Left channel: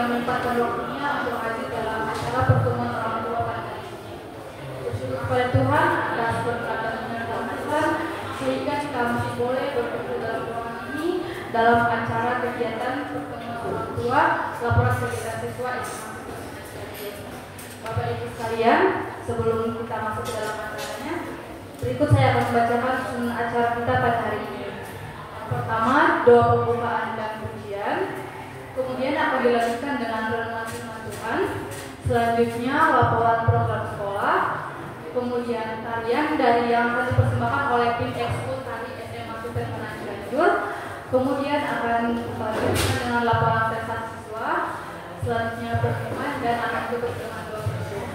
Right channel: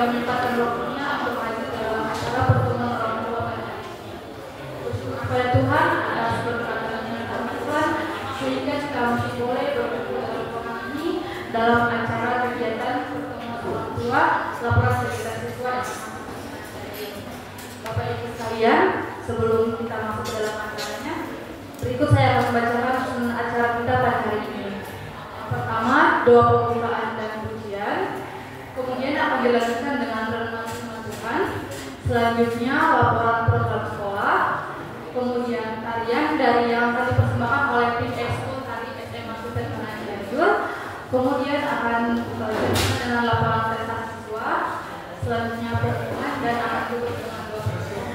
menyempatkan waktunya untuk hadir dalam acara pertemuan orang tua pada hari ini. Bersyukur kepada Tuhan atas berkat-Nya Tuhan sehingga kita masih boleh berkumpul dalam ruangan ini dalam acara kegiatan pertemuan orang tua laporan kegiatan siswa SMA. Bapak Ibu sekalian, sebelum kita masuk ke dalam acaranya, berikut saya akan membacakan susunan acara kita pada hari ini. Yang pertama, doa pembukaan dan pujian. Kemudian akan dilanjutkan dengan renungan firman Tuhan. Selanjutnya laporan program sekolah. Kemudian tarian dari yang akan dipersembahkan oleh tim ekskul tari SMA Super Cianjur. Kemudian akan dilanjutkan dengan laporan prestasi siswa. Selanjutnya pengumuman dan akan tutup dengan doa bersyukur.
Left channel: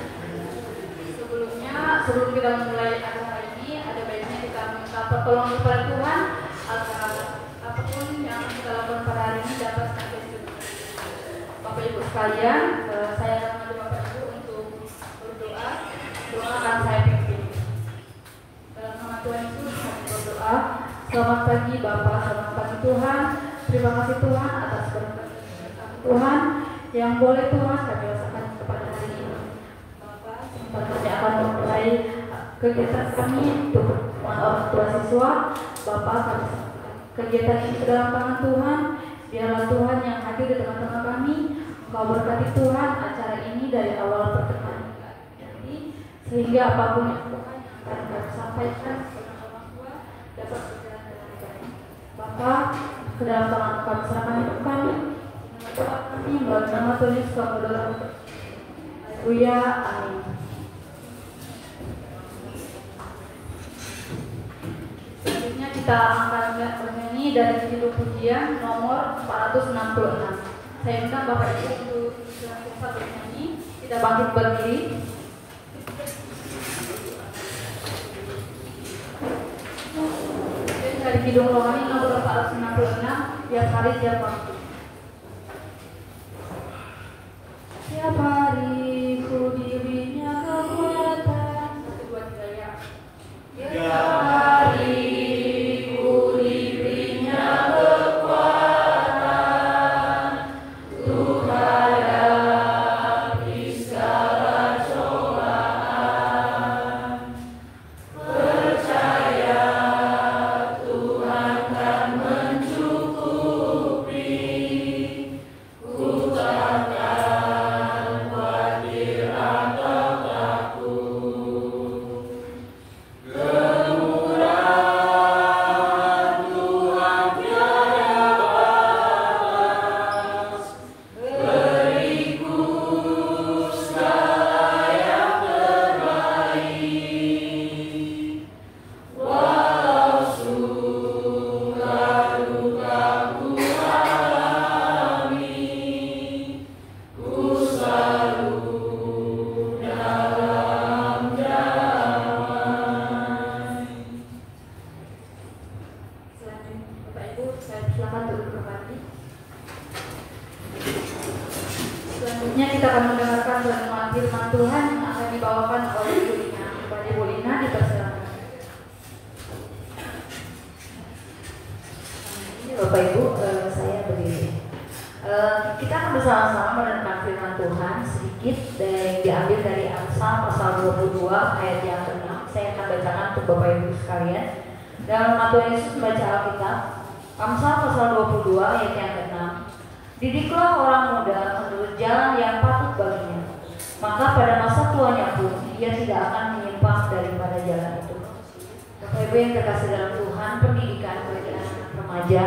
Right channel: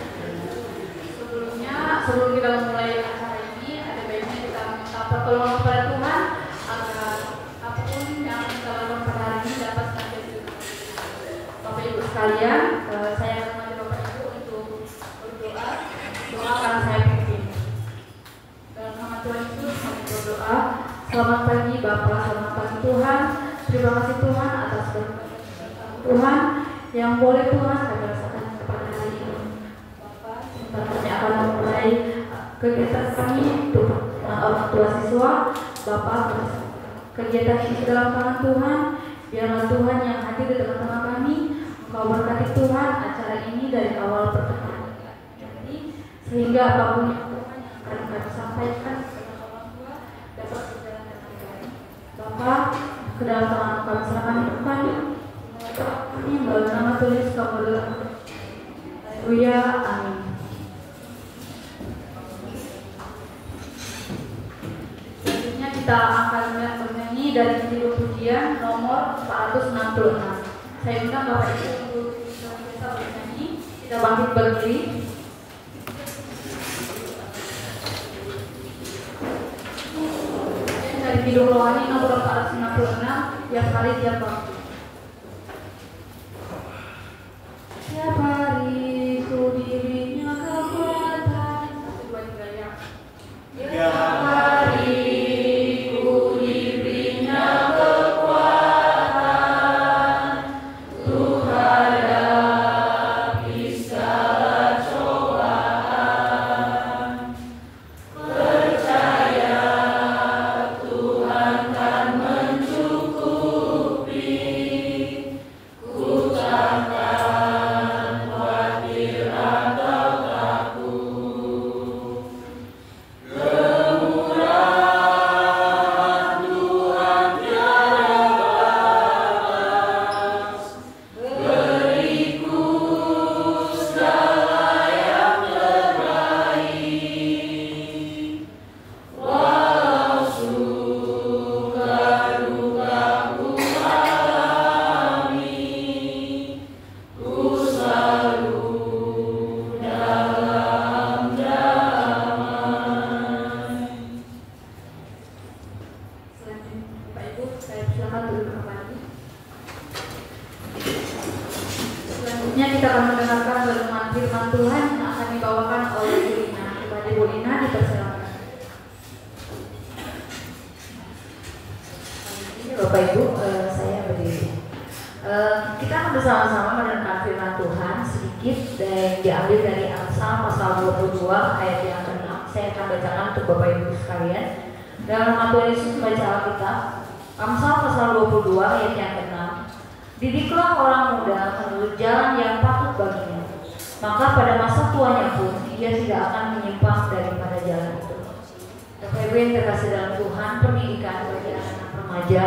Sebelum kita memulai acara ini, ada baiknya kita minta pertolongan kepada Tuhan agar apapun yang kita lakukan pada hari ini dapat menjadi Bapak Ibu sekalian, saya akan mengajak Bapak Ibu untuk berdoa. Doa akan saya pimpin. Dalam nama Tuhan Yesus kami berdoa. Selamat pagi Bapak, selamat pagi Tuhan. Terima kasih Tuhan atas berkat Tuhan yang boleh Tuhan kami rasakan kepada hari ini. Bapak, sebentar kami akan memulai kegiatan kami untuk orang tua siswa. Bapak, kegiatan ini dalam tangan Tuhan. Biarlah Tuhan yang hadir di tengah-tengah kami. Engkau berkati Tuhan acara ini dari awal pertengahan nanti, sehingga apapun yang Tuhan yang akan kami sampaikan kepada orang tua dapat berjalan dengan baik. Bapak, ke dalam tangan kami serahkan hidup kami. Kami melalui nama Tuhan Yesus kami berdoa. Haleluya, amin. Selanjutnya kita akan bernyanyi dari judul pujian nomor 466. Saya minta Bapak Ibu untuk senantiasa bernyanyi. Kita bangkit berdiri. Dari Kidung Rohani nomor 466 tiap hari tiap waktu. Tiap hari ku dirinya kekuatan. 1, 2, 3 ya. Tiap hari ku dirinya kekuatan. Tuhan hadapi segala cobaan. Percaya Tuhan kan mencukupi. Ku takkan khawatir atau takut. Kemurahan Tuhan tiada batas. Beriku segala yang terbaik. Walau suka duka ku alami, ku selalu dalam damai. Selanjutnya Bapak Ibu, saya silakan duduk kembali. Selanjutnya kita akan mendengarkan renungan firman Tuhan yang akan dibawakan oleh Bu Lina. Kepada Bu Lina dipersilakan. Bapak Ibu, saya berdiri. Kita akan bersama-sama mendengarkan firman Tuhan sedikit yang diambil dari Amsal pasal 22 ayat yang ke-6. Saya akan bacakan untuk Bapak Ibu sekalian. Dalam nama Tuhan Yesus membaca Alkitab. Amsal pasal 22 ayat yang ke-6. Didiklah orang muda menurut jalan yang patut baginya, maka pada masa tuanya pun ia tidak akan menyimpang daripada jalan itu. Bapak Ibu yang terkasih dalam Tuhan, pendidikan bagi anak remaja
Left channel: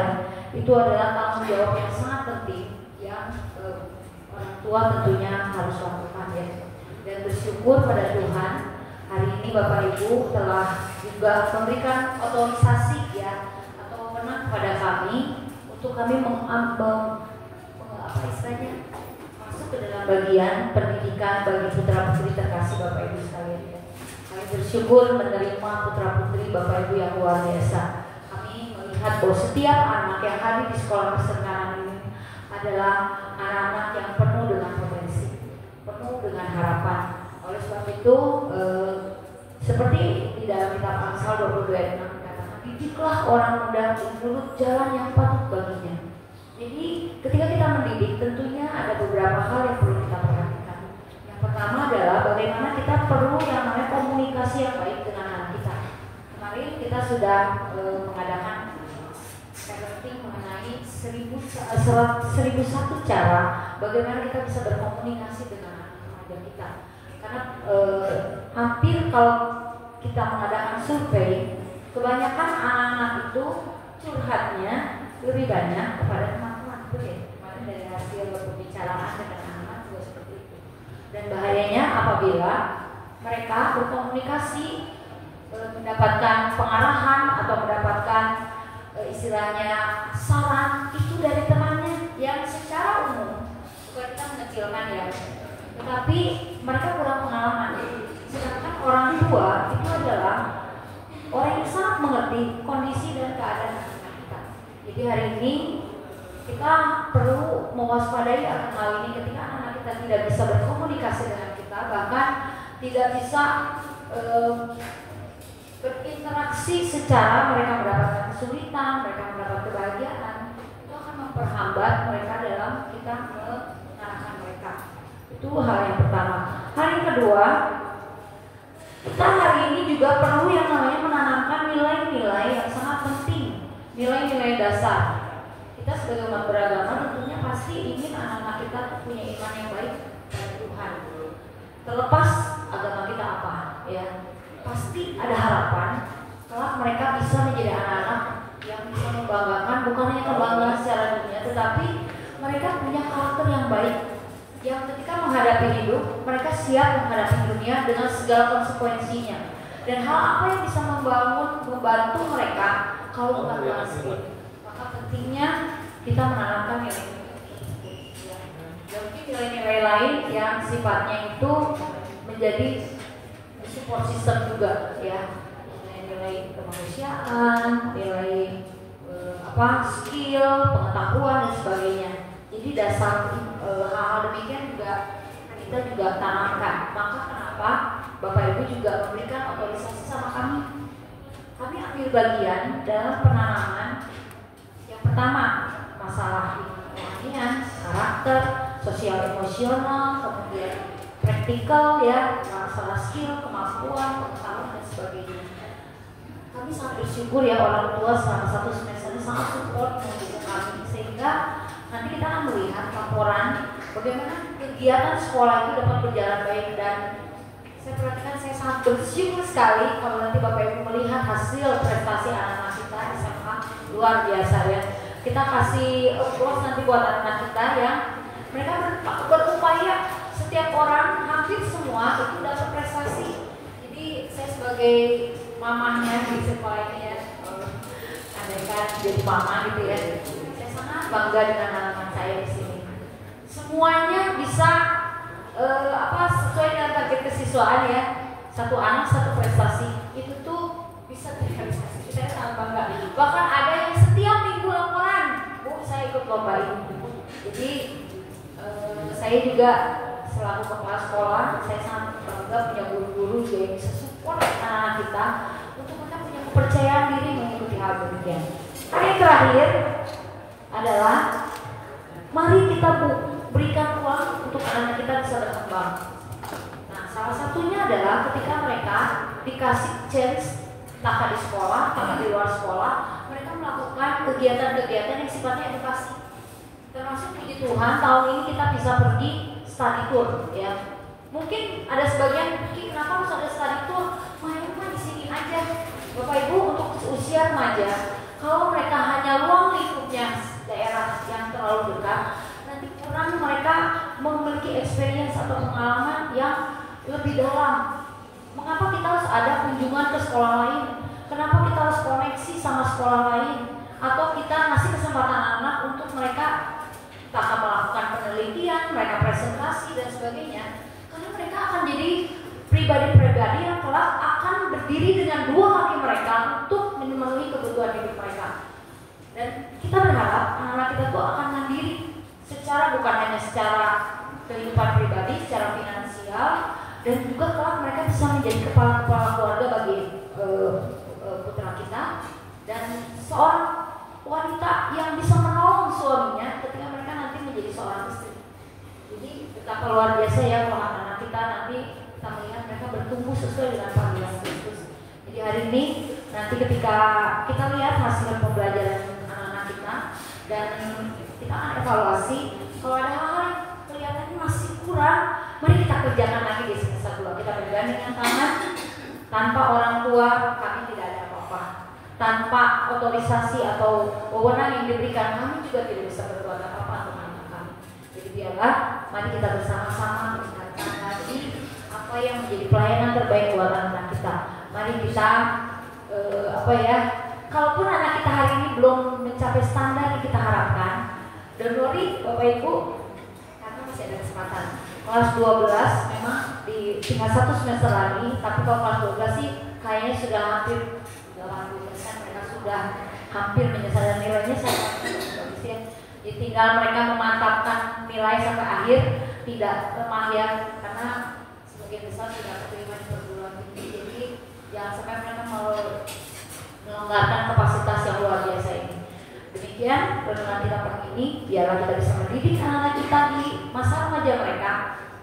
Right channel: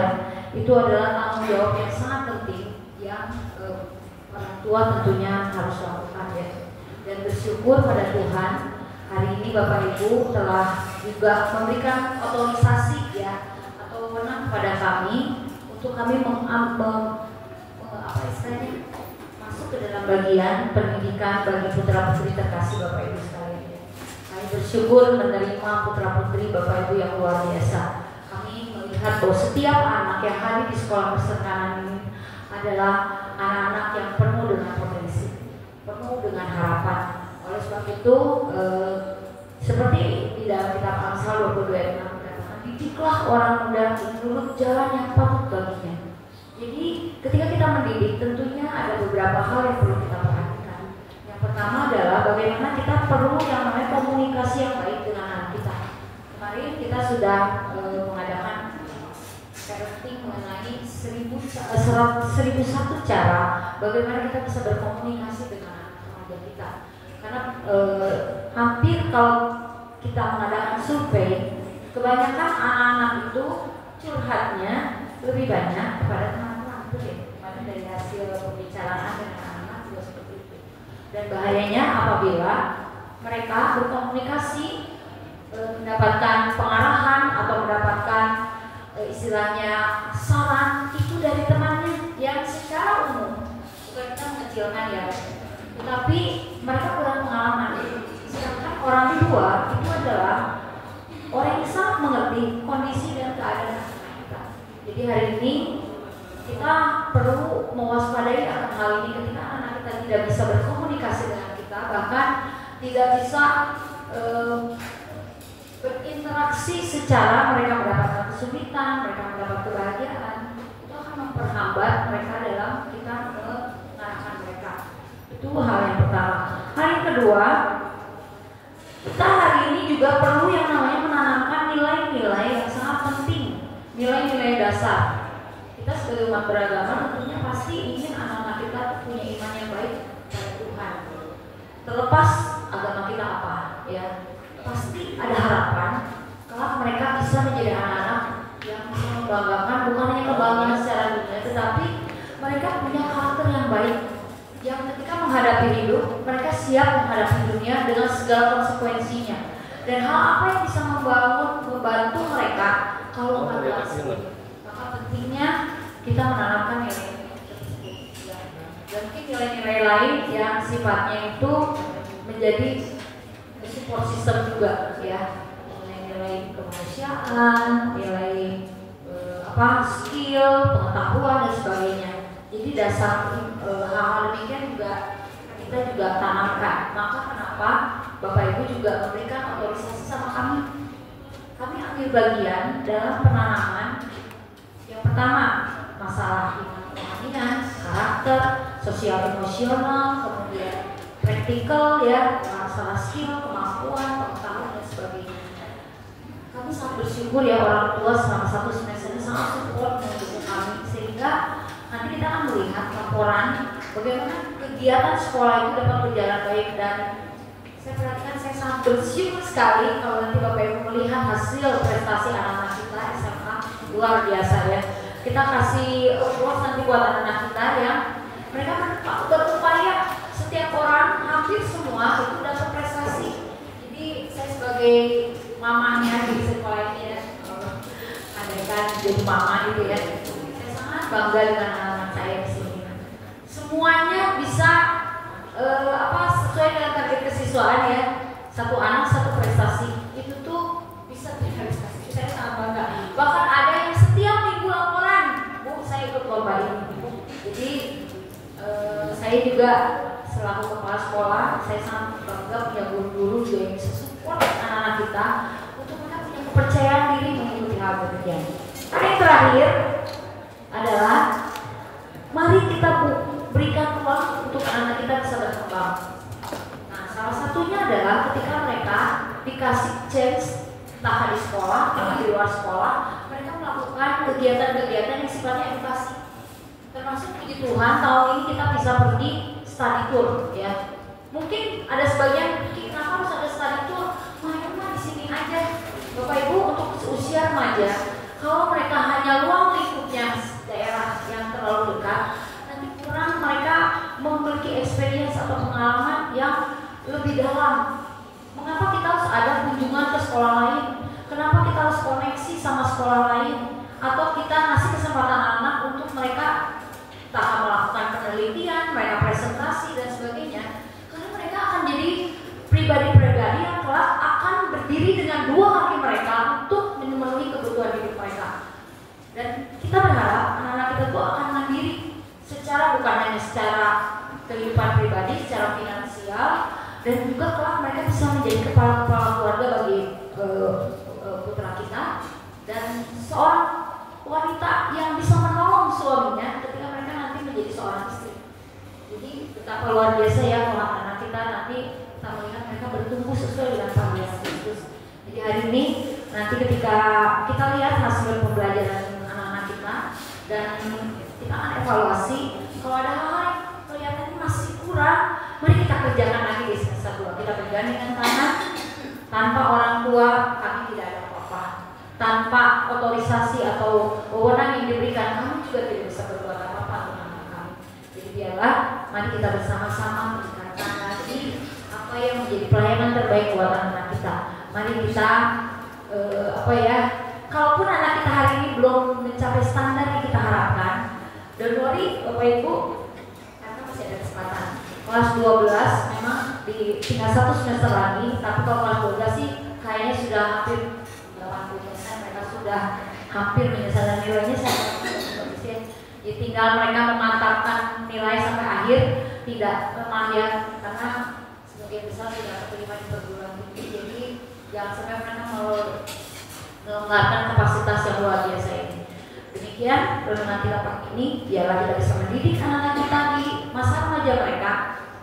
itu adalah tanggung jawab yang sangat penting yang orang tua tentunya harus lakukan ya. Dan bersyukur pada Tuhan hari ini Bapak Ibu telah juga memberikan otorisasi ya atau wewenang kepada kami untuk kami masuk ke dalam bagian pendidikan bagi putra putri terkasih Bapak Ibu sekalian ya. Kami bersyukur menerima putra putri Bapak Ibu yang luar biasa. Kami melihat bahwa setiap anak yang hadir di sekolah perserkanan ini adalah anak-anak yang penuh dengan potensi, penuh dengan harapan. Oleh sebab itu, seperti di dalam kitab Amsal 22 ayat 6 dikatakan, didiklah orang muda menurut jalan yang patut baginya. Jadi ketika kita mendidik tentunya ada beberapa hal yang perlu kita perhatikan. Yang pertama adalah bagaimana kita perlu yang namanya komunikasi yang baik dengan anak kita. Kemarin kita sudah mengadakan parenting mengenai 1001 cara bagaimana kita bisa berkomunikasi dengan anak remaja kita. Karena hampir kalau kita mengadakan survei, kebanyakan anak-anak itu curhatnya lebih banyak kepada teman-teman, betul ya? Kemarin dari hasil pembicaraan dengan anak-anak juga seperti itu. Dan bahayanya apabila mereka berkomunikasi, mendapatkan pengarahan atau mendapatkan istilahnya saran itu dari temannya yang secara umum, bukan kita mengecilkan ya, tetapi mereka kurang pengalaman. Sedangkan orang tua itu adalah orang yang sangat mengerti kondisi dan keadaan anak kita. Jadi hari ini kita perlu mewaspadai akan hal ini ketika anak kita tidak bisa berkomunikasi dengan kita, bahkan tidak bisa berinteraksi secara mereka mendapatkan kesulitan, mereka mendapat kebahagiaan, itu akan memperhambat mereka dalam kita mengarahkan mereka. Itu hal yang pertama. Hal yang kedua, kita hari ini juga perlu yang namanya menanamkan nilai-nilai yang sangat penting, nilai-nilai dasar. Kita sebagai umat beragama tentunya pasti ingin anak-anak kita punya iman yang baik pada Tuhan. Terlepas agama kita apa, ya. Pasti ada harapan kelak mereka bisa menjadi anak-anak yang bisa membanggakan, bukan hanya kebanggaan secara dunia, tetapi mereka punya karakter yang baik, yang ketika menghadapi hidup mereka siap menghadapi dunia dengan segala konsekuensinya. Dan hal apa yang bisa membantu mereka kalau nggak berhasil, maka pentingnya kita menanamkan nilai-nilai tersebut. Dan mungkin nilai-nilai lain yang sifatnya itu menjadi support system juga, ya, nilai-nilai kemanusiaan, nilai skill, pengetahuan dan sebagainya. Jadi dasar hal-hal demikian juga kita juga tanamkan. Maka kenapa Bapak Ibu juga memberikan otorisasi sama kami? Kami ambil bagian dalam penanaman yang pertama masalah kerohanian, karakter, sosial emosional, kemudian praktikal, ya, masalah skill, kemampuan, pengetahuan dan sebagainya. Kami sangat bersyukur ya orang tua selama 1 semester ini sangat support mendukung kami, sehingga nanti kita akan melihat laporan bagaimana kegiatan sekolah itu dapat berjalan baik. Dan saya perhatikan, saya sangat bersyukur sekali kalau nanti Bapak Ibu melihat hasil prestasi anak-anak kita SMA, luar biasa ya. Kita kasih applause nanti buat anak-anak kita yang mereka berupaya. Setiap orang, hampir semua itu dapat prestasi. Jadi saya sebagai mamahnya di sekolah ini ya, andaikan jadi mama gitu ya, saya sangat bangga dengan anak-anak saya di sini. Semuanya bisa sesuai dengan target kesiswaan ya. Satu anak satu prestasi, itu tuh bisa terrealisasi. Saya sangat bangga. Bahkan ada yang setiap minggu laporan, Bu, saya ikut lomba ini. Jadi saya juga selaku kepala sekolah, saya sangat bangga punya guru-guru yang bisa support anak-anak kita untuk mereka punya kepercayaan diri mengikuti hal demikian. Yang terakhir adalah mari kita berikan ruang untuk anak-anak kita bisa berkembang. Nah, salah satunya adalah ketika mereka dikasih chance, entah di sekolah atau di luar sekolah, mereka melakukan kegiatan-kegiatan yang sifatnya edukasi. Termasuk puji Tuhan tahun ini kita bisa pergi study tour, ya. Mungkin ada sebagian pikir kenapa harus ada study tour? Main-main di sini aja. Bapak Ibu, untuk usia remaja, kalau mereka hanya ruang lingkupnya daerah yang terlalu dekat, nanti kurang mereka memiliki experience atau pengalaman yang lebih dalam. Mengapa kita harus ada kunjungan ke sekolah lain? Kenapa kita harus koneksi sama sekolah lain? Atau kita ngasih kesempatan anak untuk mereka tak melakukan penelitian, mereka presentasi dan sebagainya, karena mereka akan jadi pribadi-pribadi yang kelak akan berdiri dengan 2 kaki mereka untuk memenuhi kebutuhan hidup mereka. Dan kita berharap anak-anak kita tuh akan mandiri secara, bukan hanya secara kehidupan pribadi, secara finansial, dan juga kelak mereka bisa menjadi kepala-kepala keluarga bagi putra kita. Dan seorang wanita yang bisa menolong suaminya ketika mereka nanti menjadi seorang istri. Jadi betapa luar biasa ya kalau anak kita nanti kita melihat mereka bertumbuh sesuai dengan panggilan Kristus. Jadi hari ini nanti ketika kita lihat hasil pembelajaran anak-anak kita dan kita akan evaluasi kalau ada hal yang kelihatannya masih kurang, mari kita kerjakan lagi di semester 2. Kita bergandingan tangan, tanpa orang tua kami tidak ada apa-apa, tanpa otorisasi atau wewenang yang diberikan kami juga tidak bisa berbuat apa-apa untuk anak kami. Jadi biarlah mari kita bersama-sama meningkatkan lagi apa yang menjadi pelayanan terbaik buat anak kita. Mari kita kalaupun anak kita hari ini belum mencapai standar yang kita harapkan, don't worry Bapak Ibu, karena masih ada kesempatan. Kelas 12 memang tinggal 1 semester lagi, tapi kalau kelas 12 sih kayaknya sudah hampir 80% mereka sudah hampir menyelesaikan nilainya. Saya tinggal mereka memantapkan nilai sampai akhir, tidak lemah ya, karena sebagian besar tidak terima di perguruan tinggi. Jadi jangan sampai mereka melonggarkan kapasitas yang luar biasa ini. Demikian renungan kita pagi ini, biarlah kita bisa mendidik anak-anak kita di masa remaja mereka.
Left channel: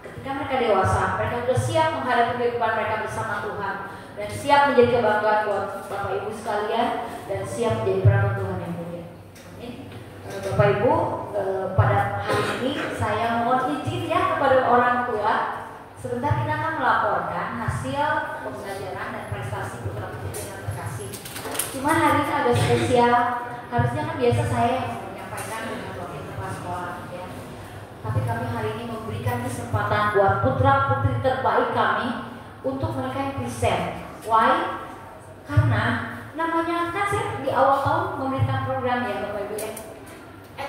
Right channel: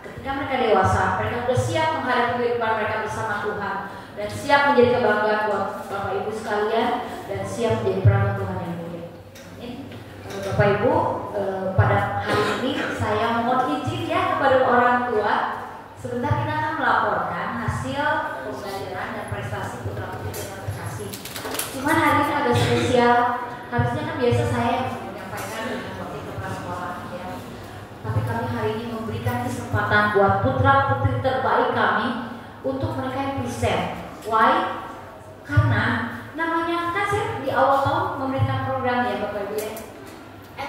Ketika mereka dewasa, mereka sudah siap menghadapi kehidupan mereka bersama Tuhan dan siap menjadi kebanggaan buat Bapak Ibu sekalian dan siap menjadi perangkat Tuhan yang mulia. Bapak Ibu, pada hari ini saya mohon izin ya kepada orang tua. Sebentar kita akan melaporkan hasil pembelajaran dan prestasi putra-putri yang terkasih. Cuman hari ini agak spesial. Harusnya kan biasa saya yang menyampaikan dengan wakil kepala sekolah ya. Tapi kami hari ini memberikan kesempatan buat putra-putri terbaik kami untuk mereka yang present. Why? Karena namanya kan saya di awal tahun memberikan program ya Bapak Ibu ya.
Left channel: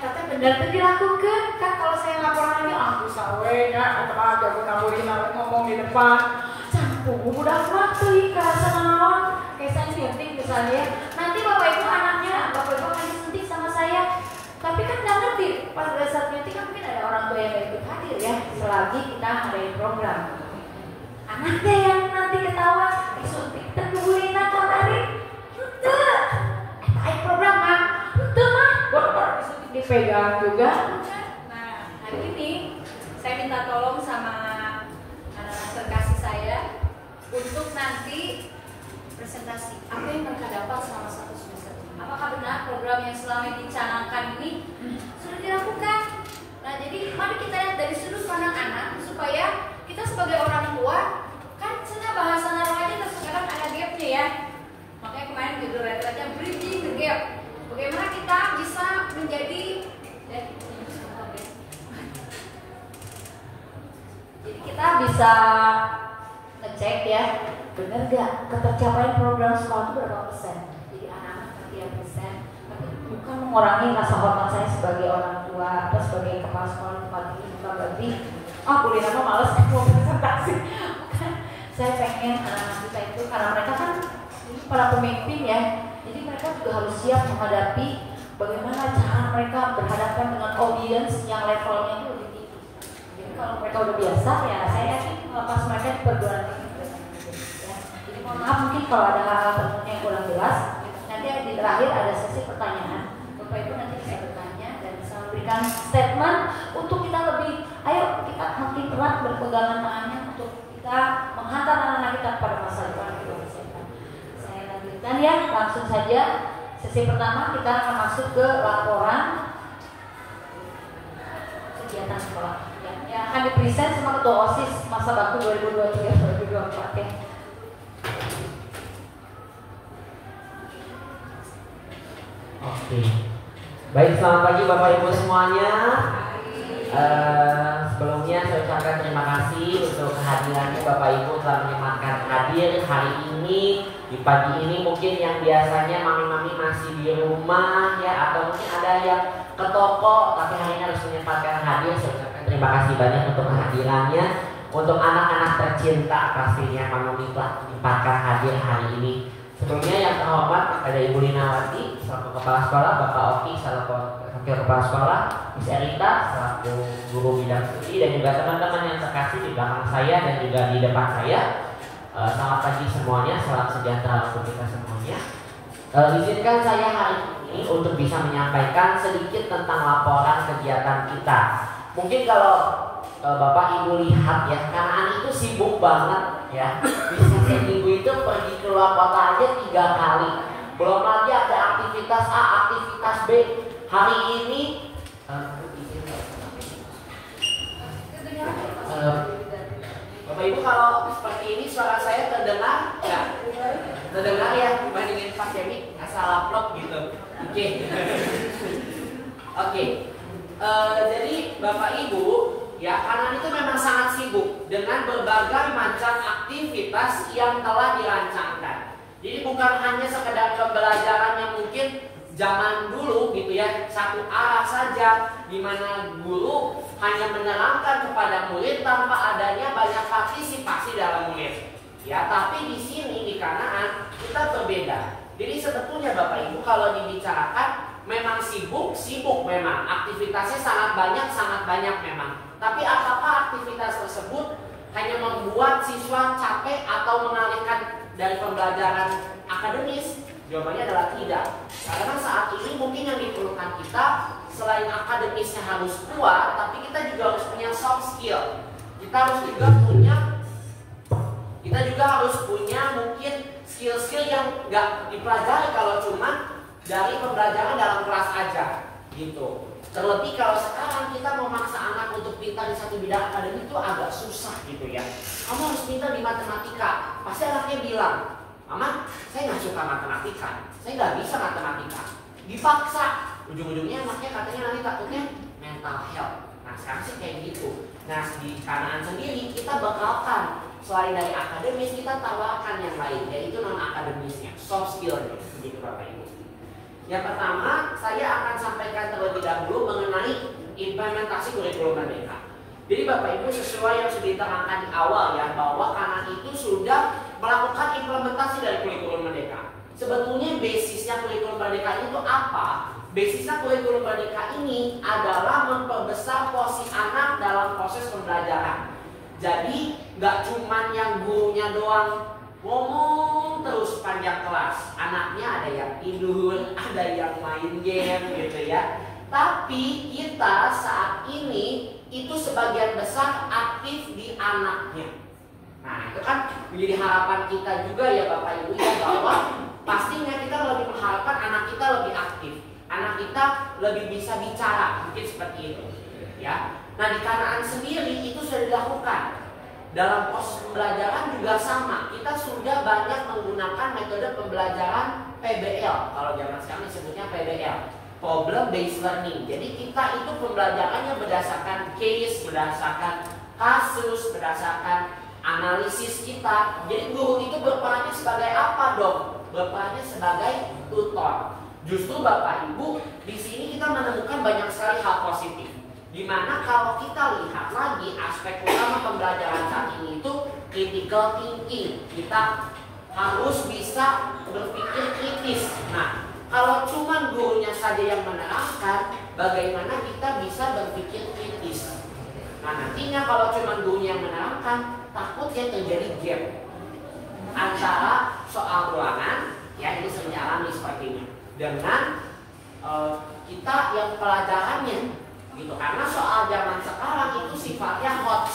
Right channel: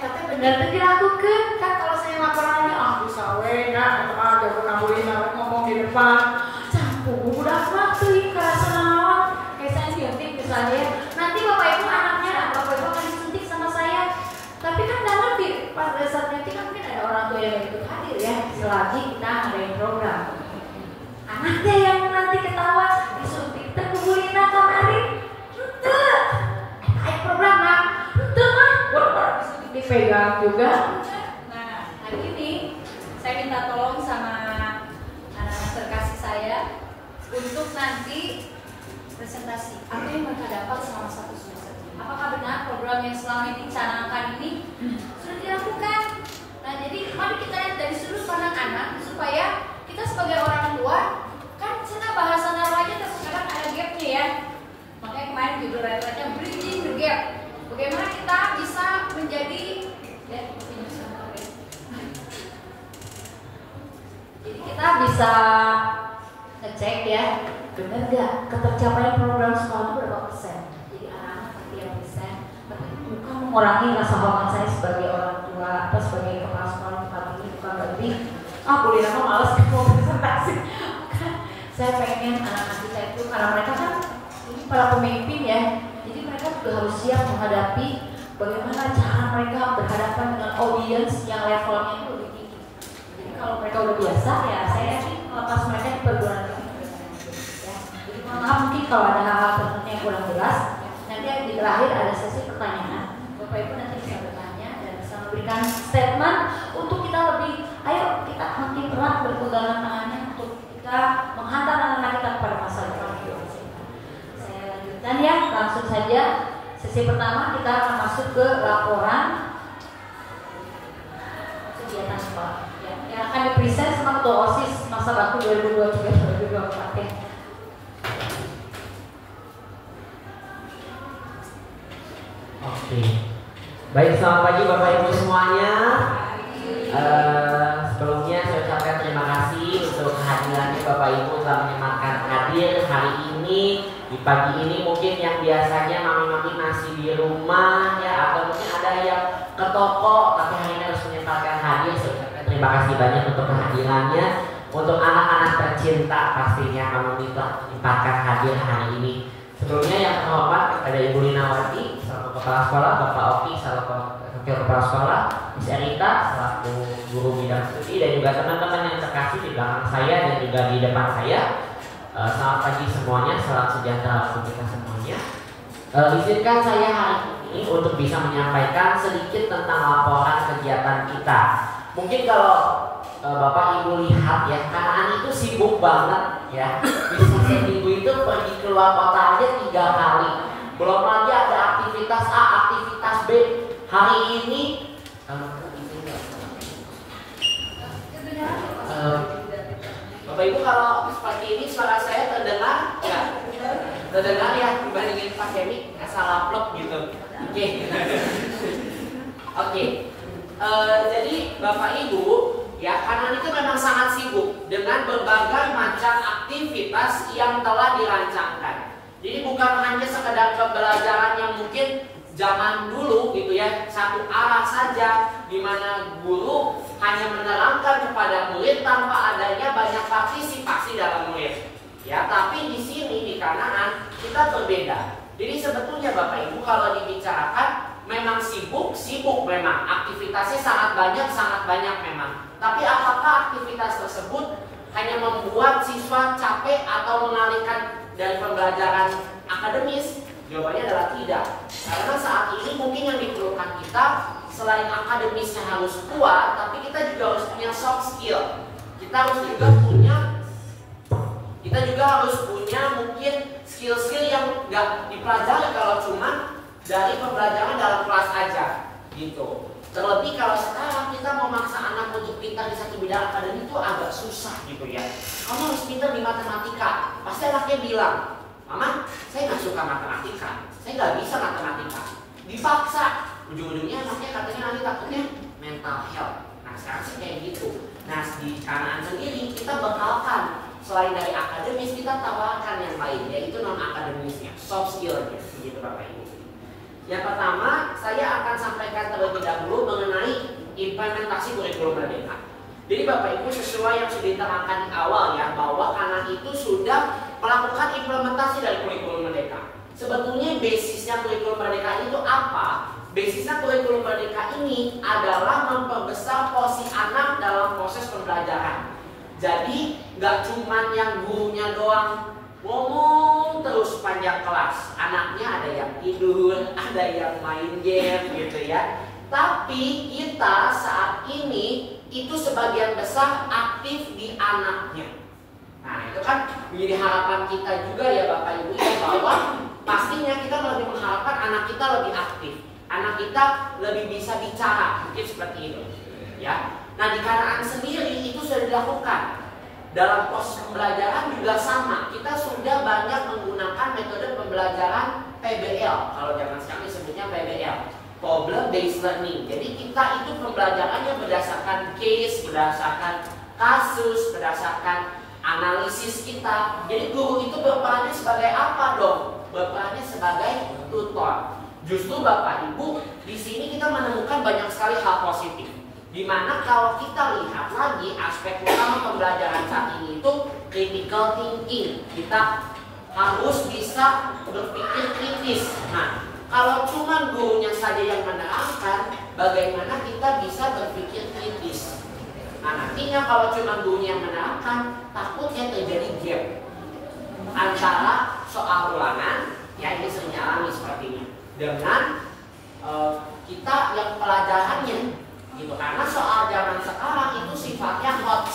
Tapi benar tuh dilakukan kan. Kalau saya laporan lagi bisa enggak atau aja boleh ngomong di depan campur udah waktu kerasa naon kayak saya suntik misalnya, nanti Bapak Ibu anaknya Bapak Ibu akan disuntik sama saya, tapi kan nggak ngerti pas saat suntik kan mungkin ada orang tua yang ikut hadir ya, selagi kita ngadain program. Anaknya yang nanti ketahuan disuntik terkuburin kemarin kayak program mah disuntik dipegang juga. Nah hari ini saya minta tolong sama anak-anak terkasih saya untuk nanti presentasi apa yang mereka dapat selama 1 semester. Apakah benar program yang selama ini dicanangkan ini sudah dilakukan? Nah jadi mari kita lihat dari sudut pandang anak supaya kita sebagai orang tua kan cina bahasa remaja terkadang ada gapnya ya. Makanya kemarin judul rata-rata bridging the gap. Bagaimana kita bisa menjadi jadi kita bisa ngecek ya, benar gak ketercapaian program sekolah itu berapa persen. Jadi anak-anak sekian persen, tapi bukan mengurangi rasa hormat saya sebagai orang tua atau sebagai kepala sekolah tempat ini, bukan berarti boleh nama malas mau presentasi. Bukan, saya pengen anak-anak kita itu karena mereka kan ini para pemimpin ya, jadi mereka juga harus siap menghadapi bagaimana cara mereka berhadapan dengan audiens yang levelnya itu lebih tinggi. Jadi kalau mereka udah biasa ya, saya yakin melepas mereka di perguruan tinggi. Ya. Jadi mohon maaf mungkin kalau ada hal-hal tertentu yang kurang jelas, nanti di terakhir ada sesi pertanyaan. Bapak Ibu nanti bisa bertanya dan bisa memberikan statement untuk kita lebih, ayo kita makin erat berpegangan tangannya untuk kita menghantar anak-anak kita kepada masa depan yang lebih sehat. Saya lanjutkan ya, langsung saja. Sesi pertama kita akan masuk ke laporan kegiatan sekolah yang akan dipresent sama Ketua OSIS masa bakti 2023-2024 ya. Oke. Baik, selamat pagi Bapak Ibu semuanya. Sebelumnya saya ucapkan terima kasih untuk kehadirannya Bapak Ibu telah menyempatkan hadir hari ini. Di pagi ini mungkin yang biasanya mami-mami masih di rumah ya, atau mungkin ada yang ke toko, tapi hari ini harus menyempatkan hadir. Saya ucapkan terima kasih banyak untuk kehadirannya. Untuk anak-anak tercinta pastinya mami telah menyempatkan hadir hari ini. Sebelumnya yang terhormat kepada Ibu Linawati selaku Kepala Sekolah, Bapak Oki selaku Wakil Kepala Sekolah, Miss Erita selaku Guru Bidang Studi, dan juga teman-teman yang terkasih di belakang saya dan juga di depan saya. Selamat pagi semuanya, salam sejahtera untuk kita semuanya. Izinkan saya hari ini ini untuk bisa menyampaikan sedikit tentang laporan kegiatan kita. Mungkin kalau Bapak Ibu lihat ya, Kanaan itu sibuk banget ya. Bisa seminggu itu pergi keluar kota aja 3 kali. Belum lagi ada aktivitas A, aktivitas B. Hari ini Bapak Ibu kalau seperti ini suara saya terdengar ya? Terdengar ya dibandingin pandemi asal upload gitu. Oke. Oke. Jadi Bapak Ibu ya, Kanaan itu memang sangat sibuk dengan berbagai macam aktivitas yang telah dirancangkan. Jadi bukan hanya sekedar pembelajaran yang mungkin zaman dulu gitu ya, satu arah saja, di mana guru hanya menerangkan kepada murid tanpa adanya banyak partisipasi dalam murid. Ya, tapi di sini di Kanaan kita berbeda. Jadi sebetulnya Bapak Ibu kalau dibicarakan memang sibuk memang, aktivitasnya sangat banyak memang. Tapi apakah aktivitas tersebut hanya membuat siswa capek atau mengalihkan dari pembelajaran akademis? Jawabannya adalah tidak. Karena saat ini mungkin yang diperlukan kita selain akademisnya harus kuat, tapi kita juga harus punya soft skill. Kita juga harus punya mungkin skill-skill yang nggak dipelajari kalau cuma dari pembelajaran dalam kelas aja, gitu. Terlebih kalau sekarang kita memaksa anak untuk pintar di satu bidang akademik itu agak susah gitu ya. Kamu harus pintar di matematika. Pasti anaknya bilang, Mama, saya nggak suka matematika, saya nggak bisa matematika. Dipaksa, ujung-ujungnya anaknya katanya nanti takutnya mental health. Nah sekarang sih kayak gitu. Nah di Kanaan sendiri kita bekalkan selain dari akademis kita tawarkan yang lain, yaitu non akademisnya, soft skillnya, begitu Bapak Ibu. Yang pertama, saya akan sampaikan terlebih dahulu mengenai implementasi kurikulum Merdeka. Jadi Bapak Ibu sesuai yang sudah diterangkan di awal ya, bahwa Kanaan itu sudah melakukan implementasi dari kurikulum Merdeka. Sebetulnya basisnya kurikulum Merdeka itu apa? Basisnya kurikulum Merdeka ini adalah memperbesar porsi anak dalam proses pembelajaran. Jadi nggak cuma yang gurunya doang ngomong terus panjang kelas, anaknya ada yang tidur, ada yang main game gitu ya. Tapi kita saat ini itu sebagian besar aktif di anaknya. Nah itu kan menjadi harapan kita juga ya Bapak Ibu ya, bahwa pastinya kita lebih mengharapkan anak kita lebih aktif, anak kita lebih bisa bicara, mungkin seperti itu ya. Nah di Kanaan sendiri itu sudah dilakukan. Dalam proses pembelajaran juga sama, kita sudah banyak menggunakan metode pembelajaran PBL. Kalau zaman sekarang disebutnya PBL, Problem Based Learning. Jadi kita itu pembelajarannya berdasarkan case, berdasarkan kasus, berdasarkan analisis kita. Jadi guru itu berperannya sebagai apa dong? Berperannya sebagai tutor. Justru Bapak Ibu, di sini kita menemukan banyak sekali hal positif. Dimana kalau kita lihat lagi aspek utama pembelajaran saat ini itu critical thinking. Kita harus bisa berpikir kritis. Nah, kalau cuma gurunya saja yang menerangkan, bagaimana kita bisa berpikir kritis? Nah, nantinya kalau cuma gurunya yang menerangkan, takutnya terjadi gap antara soal ulangan, ya ini sering alami seperti ini, dengan kita yang pelajarannya. Gitu. Karena soal zaman sekarang itu sifatnya hot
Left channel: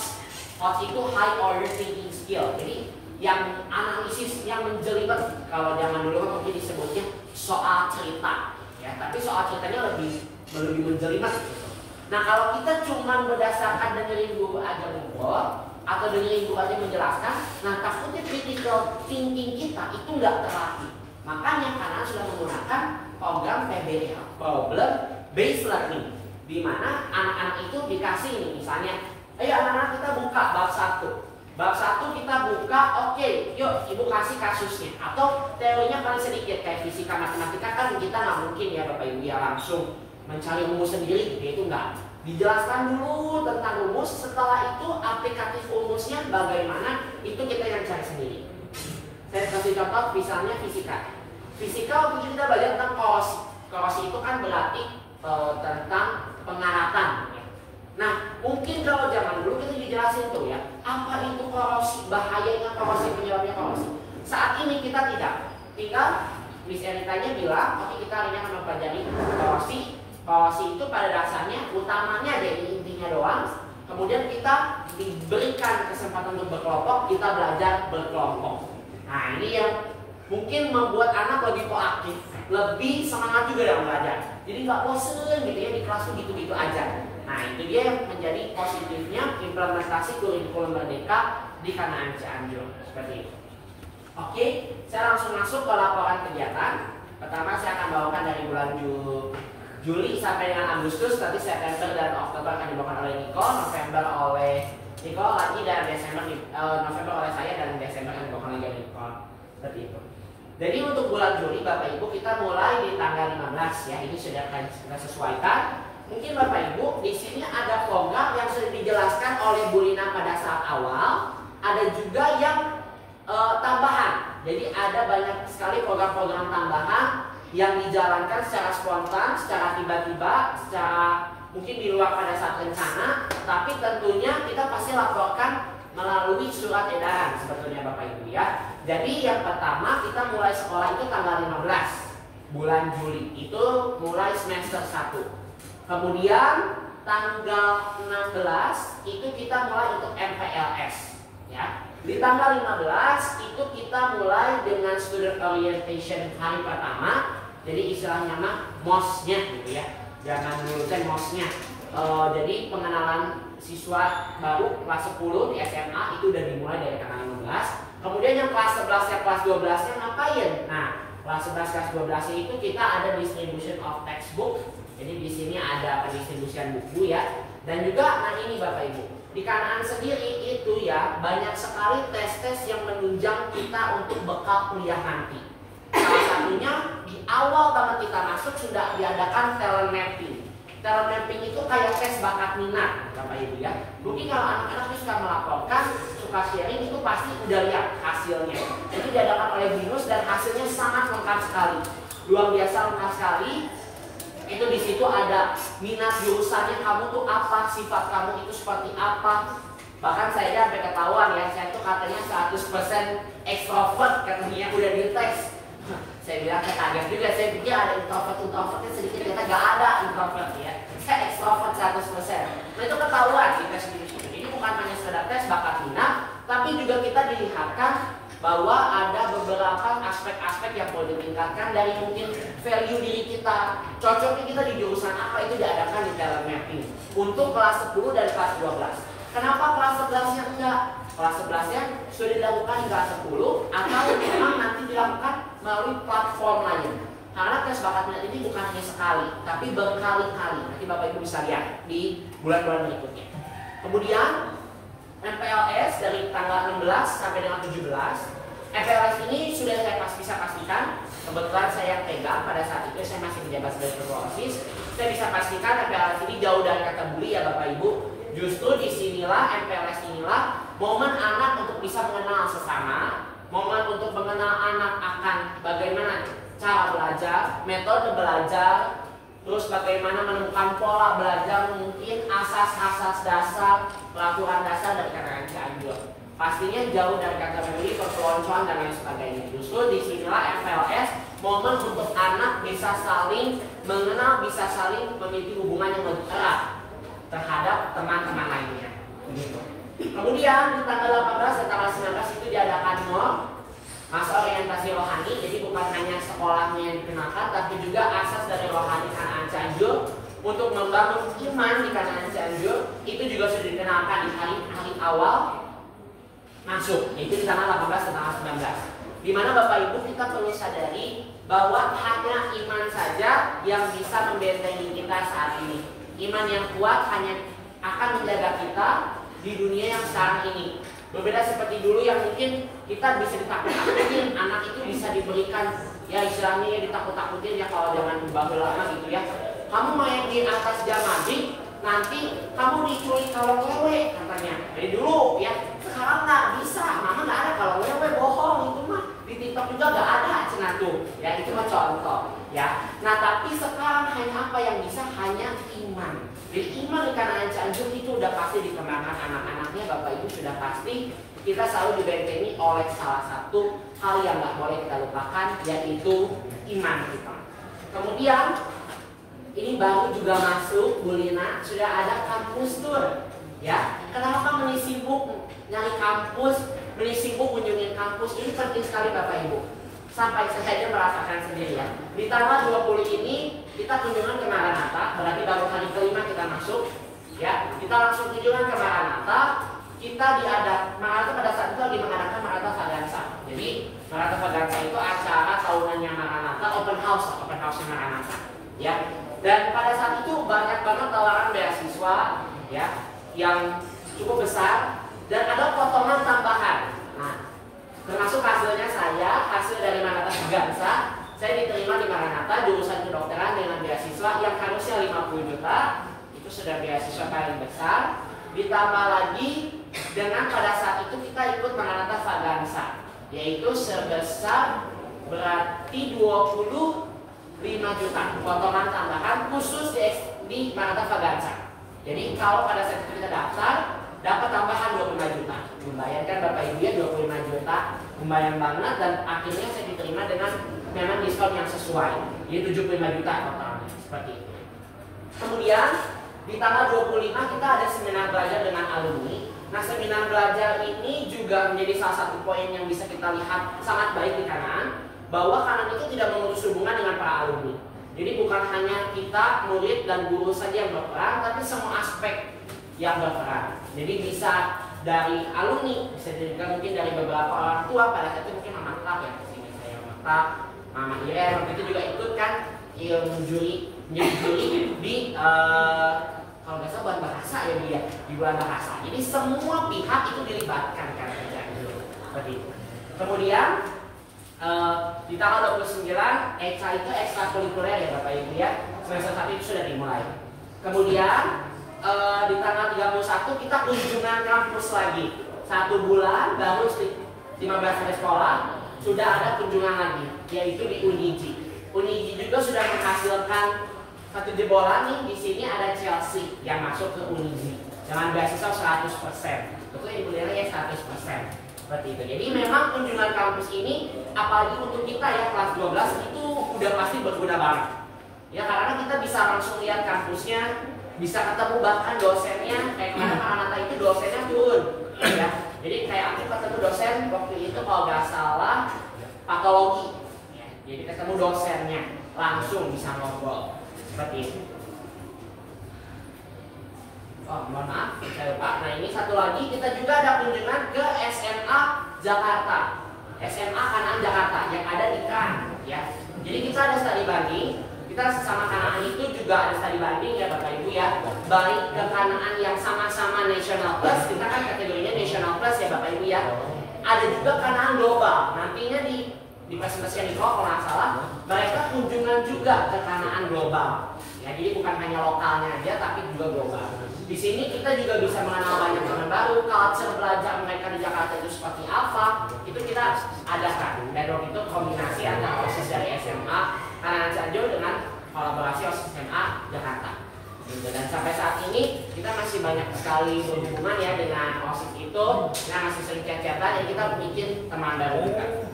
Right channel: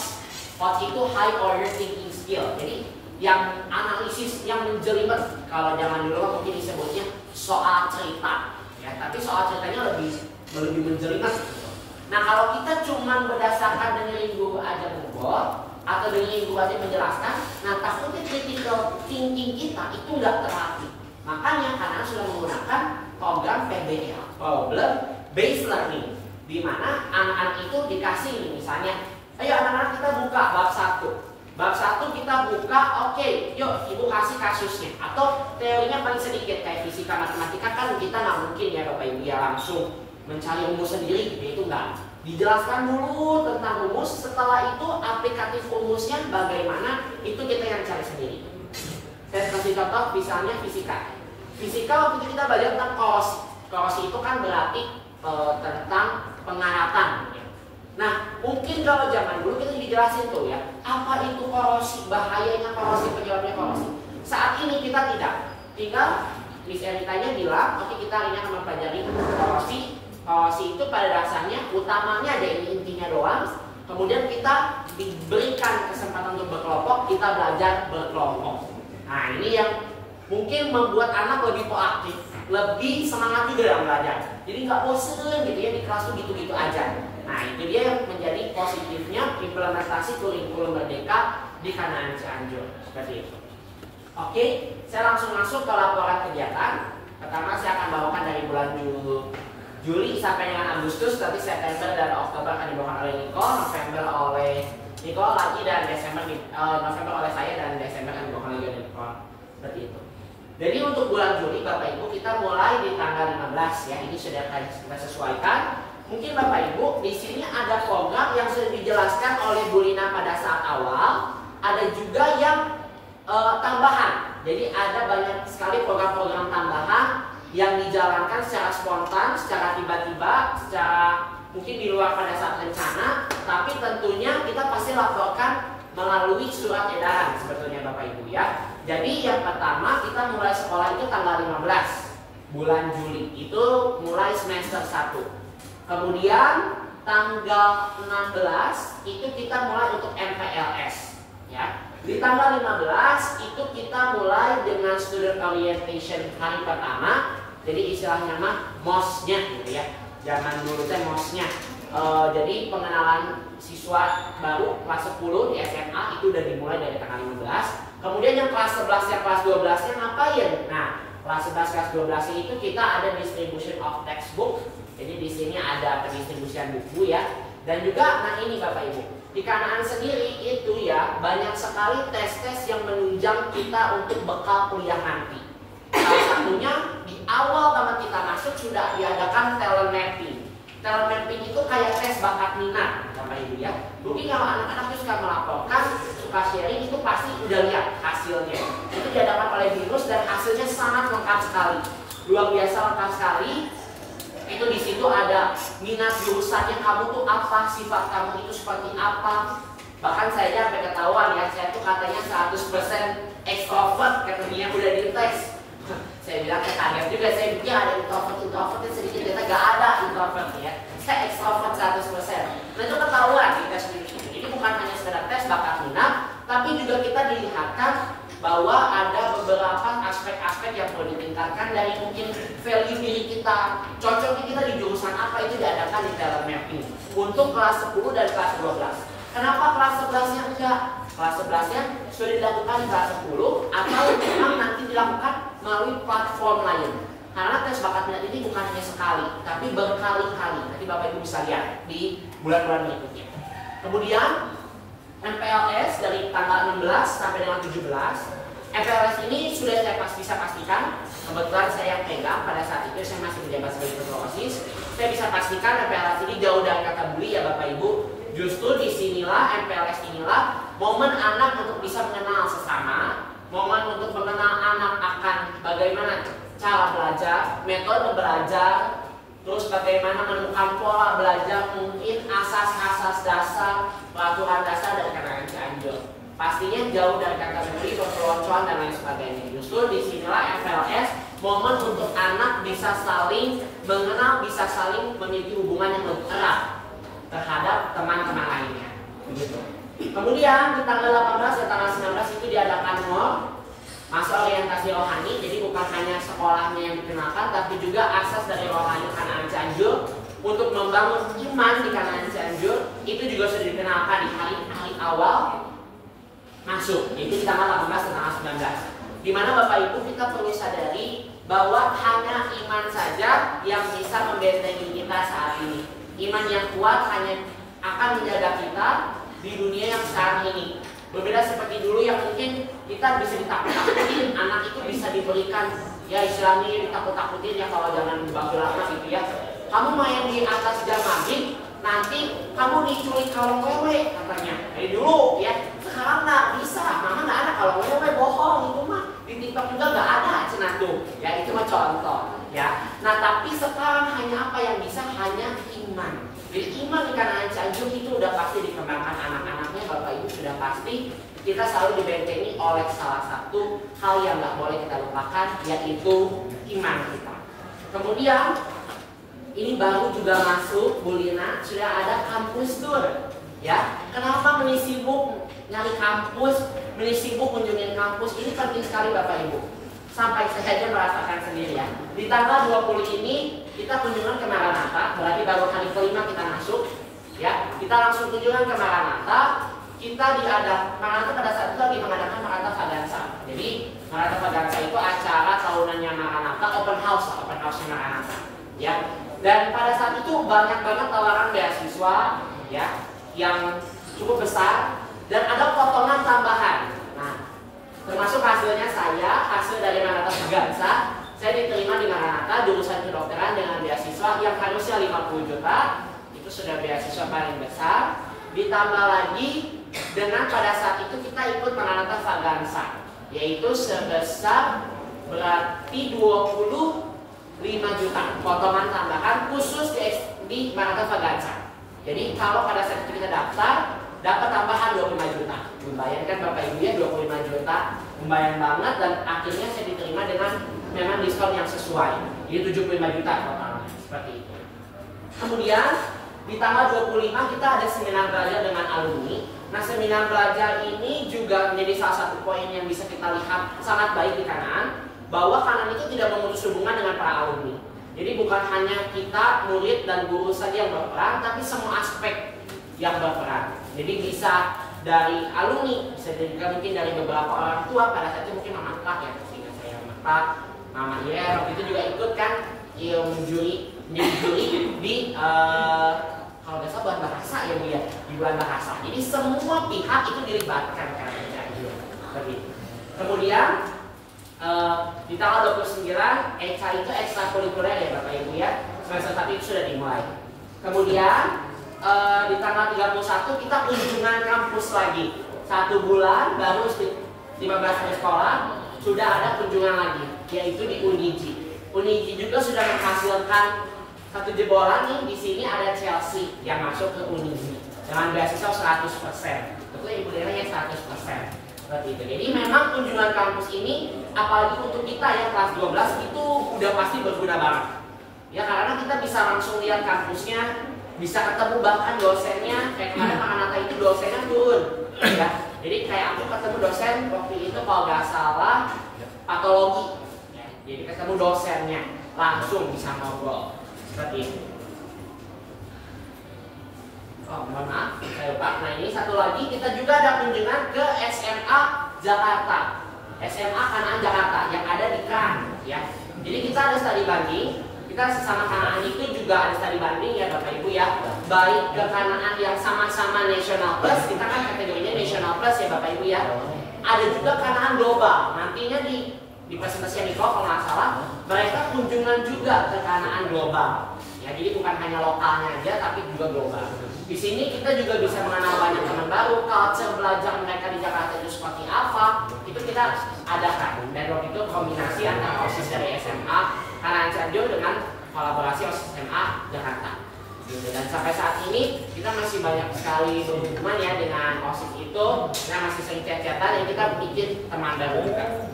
itu high order thinking skill. Jadi yang analisis yang menjelimet. Kalau zaman dulu mungkin disebutnya soal cerita ya, tapi soal ceritanya lebih menjelimet gitu. Nah kalau kita cuma berdasarkan dengerin guru aja ngobrol atau dengerin guru aja menjelaskan, nah takutnya critical thinking kita itu nggak terlatih. Makanya karena sudah menggunakan program PBL, Problem Based Learning, di mana anak-anak itu dikasih ini misalnya, ayo anak-anak kita buka bab 1. Bab 1 kita buka, oke, yuk ibu kasih kasusnya. Atau teorinya paling sedikit, kayak fisika matematika kan kita nggak mungkin ya Bapak Ibu ya langsung mencari rumus sendiri, itu enggak. Dijelaskan dulu tentang rumus, setelah itu aplikatif rumusnya bagaimana, itu kita yang cari sendiri. Saya kasih contoh misalnya fisika. Fisika waktu itu kita belajar tentang korosi. Korosi itu kan berarti tentang pengaratan. Nah, mungkin kalau zaman dulu kita dijelasin tuh ya, apa itu korosi, bahayanya korosi, penyebabnya korosi. Saat ini kita tidak, tinggal Miss Eritanya bilang, oke kita hari ini akan mempelajari policy. Policy itu pada dasarnya utamanya ada intinya doang. Kemudian kita diberikan kesempatan untuk berkelompok, kita belajar berkelompok. Nah ini yang mungkin membuat anak lebih proaktif, lebih semangat juga dalam belajar. Jadi nggak bosen gitu ya di kelas tuh gitu-gitu aja. Nah itu dia yang menjadi positifnya implementasi kurikulum Merdeka di Kanaan Cianjur seperti itu. Oke, saya langsung masuk ke laporan kegiatan. Pertama saya akan bawakan dari bulan Juli sampai dengan Agustus, nanti September dan Oktober akan dibawakan oleh Niko, November oleh Niko lagi, dan Desember November oleh saya, dan Desember akan dibawakan lagi oleh Niko. Seperti itu. Jadi untuk bulan Juli Bapak Ibu kita mulai di tanggal 15 ya. Ini sudah akan kita sesuaikan. Mungkin Bapak Ibu di sini ada program yang sudah dijelaskan oleh Bu Lina pada saat awal. Ada juga yang tambahan. Jadi ada banyak sekali program-program tambahan yang dijalankan secara spontan, secara tiba-tiba, secara mungkin di luar pada saat rencana. Tapi tentunya kita pasti laporkan melalui surat edaran sebetulnya Bapak Ibu ya. Jadi yang pertama kita mulai sekolah itu tanggal 15 bulan Juli, itu mulai semester 1. Kemudian tanggal 16 itu kita mulai untuk MPLS ya. Di tanggal 15 itu kita mulai dengan student orientation hari pertama. Jadi istilahnya mah MOS-nya gitu ya. Zaman dulu teh MOS-nya. Jadi pengenalan siswa baru kelas 10 di SMA itu udah dimulai dari tanggal 15. Kemudian yang kelas 11 ya kelas 12 nya ngapain? Nah, kelas 11 kelas 12 itu kita ada distribution of textbook. Jadi di sini ada pendistribusian buku ya. Dan juga nah ini Bapak Ibu, di Kanaan sendiri itu ya banyak sekali tes-tes yang menunjang kita untuk bekal kuliah nanti. Salah satunya di awal banget kita masuk sudah diadakan talent mapping. Talent mapping itu kayak tes bakat minat Bapak Ibu ya. Mungkin kalau anak-anak suka melaporkan, suka sharing itu pasti udah lihat hasilnya. Itu diadakan oleh BINUS dan hasilnya sangat lengkap sekali. Luar biasa lengkap sekali. Itu di situ ada minat jurusannya kamu tuh apa, sifat kamu itu seperti apa. Bahkan saya sampai ketahuan ya, saya tuh katanya 100% extrovert katanya udah dites. Saya bilang kaget juga, saya pikir ada introvertnya sedikit, ternyata gak ada introvert ya. Saya extrovert 100%. Nah itu ketahuan di tes ini. Ini bukan hanya sekedar tes bakat minat, tapi juga kita dilihatkan bahwa ada beberapa aspek-aspek yang perlu ditingkatkan dari mungkin value diri kita, cocoknya kita di jurusan apa itu diadakan di talent mapping untuk kelas 10 dan kelas 12. Kenapa kelas 11-nya enggak? Kelas 11-nya sudah dilakukan di kelas 10 atau memang nanti dilakukan melalui platform lain. Karena tes bakat minat ini bukan hanya sekali, tapi berkali-kali. Nanti Bapak Ibu bisa lihat di bulan-bulan berikutnya. Kemudian MPLS dari tanggal 16 sampai dengan 17. MPLS ini sudah saya bisa pastikan. Kebetulan saya yang pegang pada saat itu saya masih menjabat sebagai ketua OSIS. Saya bisa pastikan MPLS ini jauh dari kata bully ya Bapak Ibu. Justru disinilah MPLS inilah momen anak untuk bisa mengenal sesama, momen untuk mengenal anak akan bagaimana cara belajar, metode belajar, terus bagaimana menemukan pola belajar, mungkin asas-asas dasar, peraturan dasar dari Kanaan Cianjur. Pastinya jauh dari kata bully, perpeloncoan dan lain sebagainya. Justru disinilah MPLS momen untuk anak bisa saling mengenal, bisa saling memiliki hubungan yang lebih erat terhadap teman-teman lainnya. Begitu. Kemudian di tanggal 18 dan tanggal 19 itu diadakan MOR, masa orientasi rohani. Jadi bukan hanya sekolahnya yang dikenalkan, tapi juga asas dari rohani Kanaan Cianjur untuk membangun iman di Kanaan Cianjur itu juga sudah dikenalkan di hari-hari awal masuk, yaitu di tanggal 18 dan tanggal 19. Dimana Bapak Ibu kita perlu sadari bahwa hanya iman saja yang bisa membentengi kita saat ini. Iman yang kuat hanya akan menjaga kita di dunia yang sekarang ini. Berbeda seperti dulu yang mungkin kita bisa ditakut-takutin, anak itu bisa diberikan ya istilahnya ditakut-takutin ya kalau zaman Bang lama gitu ya. Kamu main di atas jam maghrib, nanti kamu diculik kalau wewe katanya. Dari dulu ya. Sekarang nggak bisa, mama nggak ada kalau wewe, bohong itu mah. Di TikTok juga nggak ada cenah tuh. Ya itu mah contoh ya. Nah tapi sekarang hanya apa yang bisa? Hanya iman. Jadi iman di Kanaan Cianjur itu udah pasti dikembangkan anak-anaknya Bapak Ibu sudah pasti kita selalu dibentengi oleh salah satu hal yang nggak boleh kita lupakan, yaitu iman kita. Kemudian ini baru juga masuk, Bu Lina, sudah ada kampus tour. Ya, kenapa Meni sibuk nyari kampus, Meni sibuk kunjungin kampus? Ini penting sekali Bapak Ibu. Sampai saya aja merasakan sendiri ya. Di tanggal 20 ini kita kunjungan ke Maranatha, berarti baru hari kelima kita masuk. Ya, kita langsung kunjungan ke Maranatha. Kita Maranatha pada saat itu lagi mengadakan Maranatha Vaganza. Jadi Maranatha Vaganza itu acara tahunannya Maranatha, open house-nya Maranatha. Ya, dan pada saat itu banyak banget tawaran beasiswa, ya, yang cukup besar dan ada potongan tambahan. Nah, termasuk hasilnya hasil dari Maranatha Vaganza, saya diterima di Maranatha jurusan kedokteran dengan beasiswa yang harusnya 50 juta, itu sudah beasiswa paling besar. Ditambah lagi dengan pada saat itu kita ikut Maranatha Vaganza, yaitu sebesar berarti 25 juta potongan tambahan khusus di Maranatha Vaganza. Jadi kalau pada saat itu kita daftar dapat tambahan 25 juta. Lumayan kan Bapak Ibu ya, 25 juta lumayan banget, dan akhirnya saya diterima dengan memang diskon yang sesuai. Jadi 75 juta totalnya seperti itu. Kemudian di tanggal 25 kita ada seminar belajar dengan alumni. Nah, seminar belajar ini juga menjadi salah satu poin yang bisa kita lihat sangat baik di Kanaan, bahwa Kanaan itu tidak memutus hubungan dengan para alumni. Jadi bukan hanya kita, murid dan guru saja yang berperan, tapi semua aspek yang berperan. Jadi bisa dari alumni, bisa juga mungkin dari beberapa orang tua, pada saat itu mungkin Mama Klak ya, sehingga saya Mama Klak, Mama Yer, itu juga ikut kan menjadi juri di kalau nggak salah bulan bahasa ya Bu ya, di bulan bahasa. Jadi semua pihak itu dilibatkan kan, seperti itu. Kemudian di tanggal 29 ECA itu ekstrakurikuler ya Bapak Ibu ya, semester 1 itu sudah dimulai. Kemudian di tanggal 31 kita kunjungan kampus lagi, 1 bulan baru 15 hari sekolah sudah ada kunjungan lagi, yaitu di Uniji. Uniji juga sudah menghasilkan satu jebolan nih. Di sini ada Chelsea yang masuk ke Uniji dengan beasiswa 100%. Betul Ibu Lena ya, 100%. Seperti itu. Jadi memang kunjungan kampus ini, apalagi untuk kita ya kelas 12 itu udah pasti berguna banget. Ya, karena kita bisa langsung lihat kampusnya, bisa ketemu bahkan dosennya. Kayak kemarin Maranatha itu dosennya turun. Ya. Jadi kayak aku ketemu dosen waktu itu kalau nggak salah patologi. Ya. Jadi ketemu dosennya langsung bisa ngobrol. Seperti itu. Oh, mohon maaf, saya lupa. Nah, ini satu lagi, kita juga ada kunjungan ke SMA Jakarta, SMA Kanaan Jakarta yang ada di KAN, ya. Jadi kita ada studi banding, kita sesama Kanaan itu juga ada studi banding ya Bapak Ibu ya. Baik ke Kanaan yang sama-sama National Plus, kita kan kategorinya National Plus ya Bapak Ibu ya. Ada juga Kanaan Global. Nantinya di presentasi Niko kalau nggak salah, mereka kunjungan juga ke Kanaan Global. Ya, jadi bukan hanya lokalnya aja, tapi juga global. Di sini kita juga bisa mengenal banyak teman baru, culture belajar mereka di Jakarta itu seperti apa, itu kita adakan. Dan waktu itu kombinasi antara OSIS dari SMA Kanaan Cianjur dengan kolaborasi OSIS SMA Jakarta. Gitu. Dan sampai saat ini kita masih banyak sekali berhubungan ya dengan OSIS itu, nah masih sering chat-chatan yang kita bikin teman baru juga.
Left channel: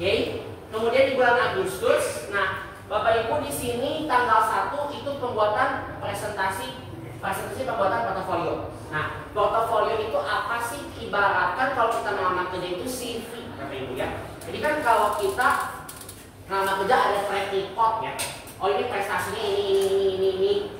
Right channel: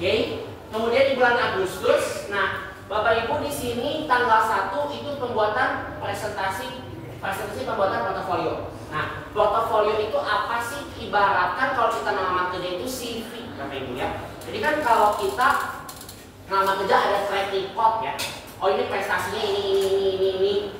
Oke, kemudian di bulan Agustus, nah Bapak Ibu di sini tanggal 1 itu pembuatan presentasi pembuatan portofolio. Nah, portofolio itu apa sih? Ibaratkan kalau kita melamar kerja itu CV, Bapak Ibu ya. Jadi kan kalau kita melamar kerja ada track record ya. Oh, ini prestasinya ini,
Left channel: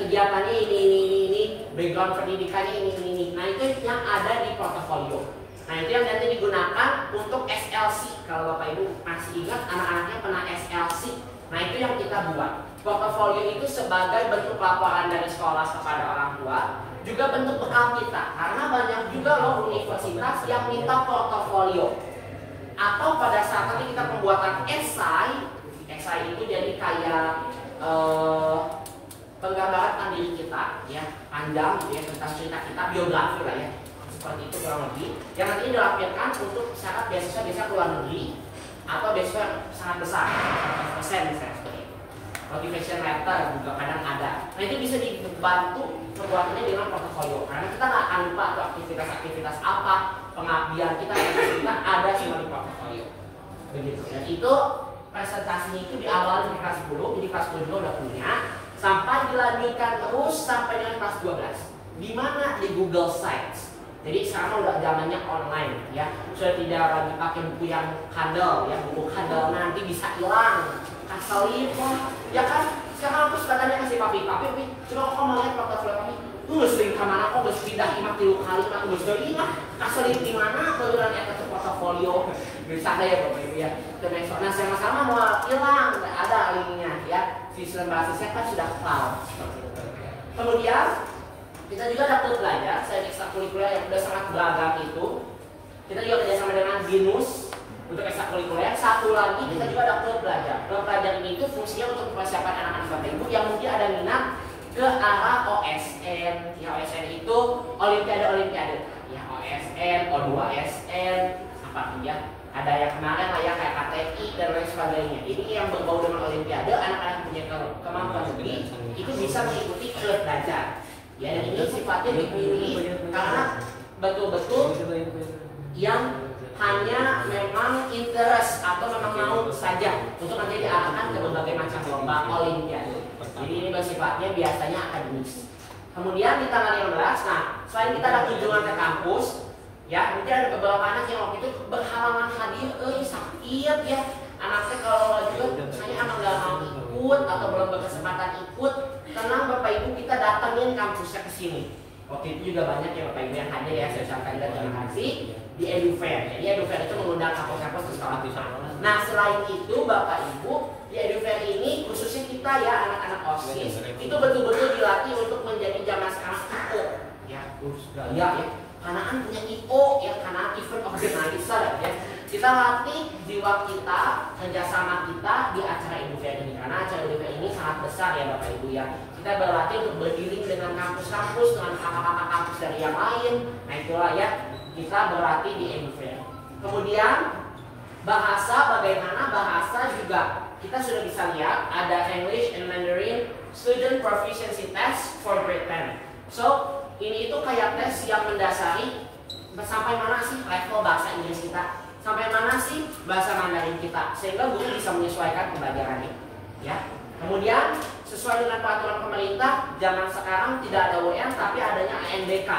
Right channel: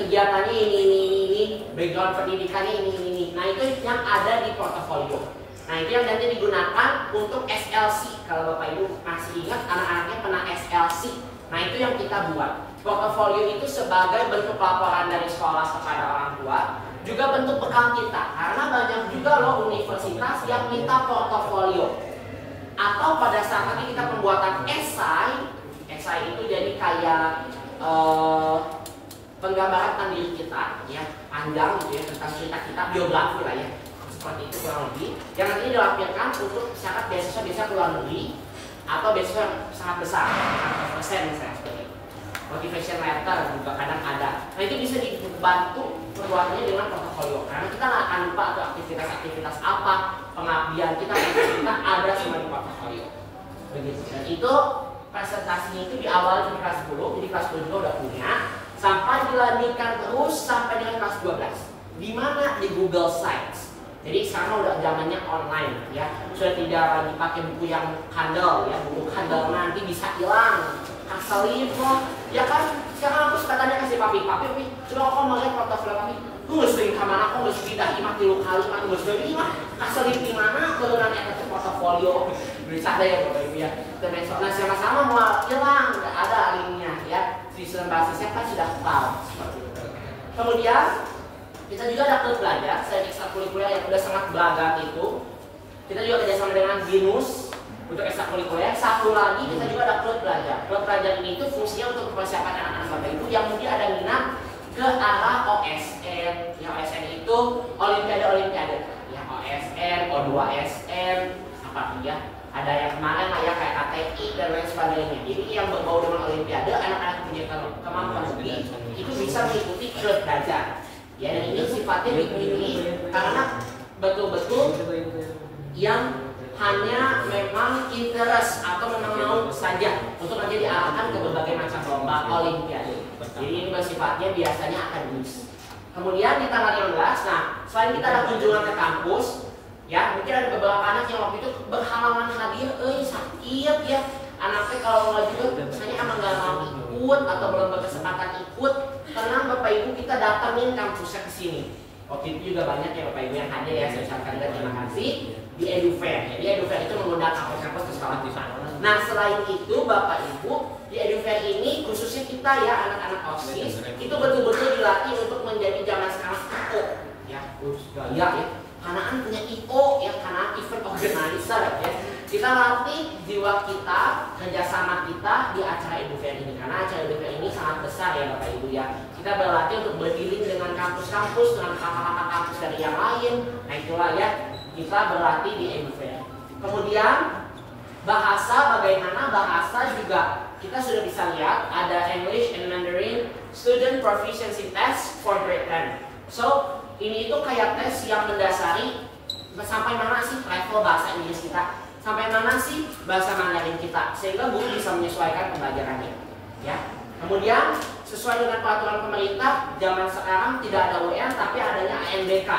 kegiatannya ini, background pendidikannya ini. Nah, itu yang ada di portofolio. Nah, itu yang nanti digunakan untuk SLC. Kalau Bapak Ibu masih ingat, anak-anaknya pernah SLC. Nah, itu yang kita buat. Portofolio itu sebagai bentuk laporan dari sekolah kepada orang tua, juga bentuk bekal kita. Karena banyak juga loh universitas yang minta portofolio. Atau pada saat nanti kita pembuatan esai itu jadi kayak penggambaran tentang diri kita, ya panjang gitu ya, tentang cerita kita, biografi lah ya. Seperti itu kurang lebih, yang nantinya dilampirkan untuk syarat beasiswa ke luar negeri atau beasiswa yang sangat besar, 100% misalnya seperti itu. motivation letter juga kadang ada. Nah itu bisa dibantu perbuatannya dengan portofolio, karena kita nggak akan lupa tuh aktivitas-aktivitas apa, pengabdian kita ada semua di portofolio. Begitu. Dan itu presentasinya itu diawali di kelas 10, jadi kelas 10 juga udah punya, sampai dilanjutkan terus sampai dengan kelas 12. Di mana? Di Google Sites. Jadi sekarang udah zamannya online ya, sudah tidak lagi pakai buku yang handal ya, buku handal nanti bisa hilang, kasalip lah, ya kan? Sekarang aku suka tanya kasih papi, coba kau mau lihat portofolio papi, lu sering kemana kau nggak pindah imah 3 kali, mah nggak sudah imah, kasalip di mana, keluaran itu portofolio, bisa ada ya bapak ibu ya, nah sama-sama mau hilang, nggak ada linknya ya, sistem basisnya kan sudah cloud seperti itu. Kemudian kita juga ada klub belajar, saya ekstrakurikuler yang udah sangat beragam itu. Kita juga kerjasama dengan BINUS untuk ekstrakurikuler. Satu lagi kita juga ada klub belajar. Klub belajar ini itu fungsinya untuk mempersiapkan anak-anak bapak ibu yang mungkin ada minat ke arah OSN. Ya OSN itu Olimpiade. Ya OSN, O2SN, apa tuh ya? Ada yang kemarin lah ya kayak KTI dan lain sebagainya. Jadi yang berbau dengan Olimpiade, anak-anak punya kemampuan lebih itu bisa mengikuti klub belajar. Ya, dan ini sifatnya begini karena betul-betul yang hanya memang interest atau memang mau saja untuk nanti diarahkan ke berbagai macam lomba olimpiade. Jadi ini bersifatnya biasanya akademis. Kemudian di tanggal 15, nah selain kita ada kunjungan ke kampus, ya mungkin ada beberapa anak yang waktu itu berhalangan hadir, sakit ya. Anaknya kalau nggak juga, misalnya emang nggak mau ikut atau belum berkesempatan ikut, tenang bapak ibu kita datangin kampusnya ke sini. Waktu itu juga banyak ya bapak ibu yang hadir ya, saya ucapkan terima kasih di EduFair. Jadi EduFair itu mengundang kampus-kampus ke sekolah di sana. Nah selain itu bapak ibu di EduFair ini khususnya kita ya anak-anak OSIS itu betul-betul dilatih untuk menjadi zaman sekarang IO ya, ya. Kanaan punya IO ya, Kanaan event organizer ya. Kita latih jiwa kita, kerjasama kita di acara EduFair ini karena acara EduFair ini sangat besar ya bapak ibu ya. Kita berlatih untuk berdiri dengan kampus-kampus, dengan kakak-kakak kampus dari yang lain. Nah itulah ya kita berlatih di EduFair. Kemudian bahasa, bagaimana bahasa juga kita sudah bisa lihat ada English and Mandarin Student Proficiency Test for Grade 10. So ini itu kayak tes yang mendasari sampai mana sih level bahasa Inggris kita, sampai mana sih bahasa Mandarin kita, sehingga guru bisa menyesuaikan pembelajarannya. Ya. Kemudian sesuai dengan peraturan pemerintah, zaman sekarang tidak ada UN tapi adanya ANBK.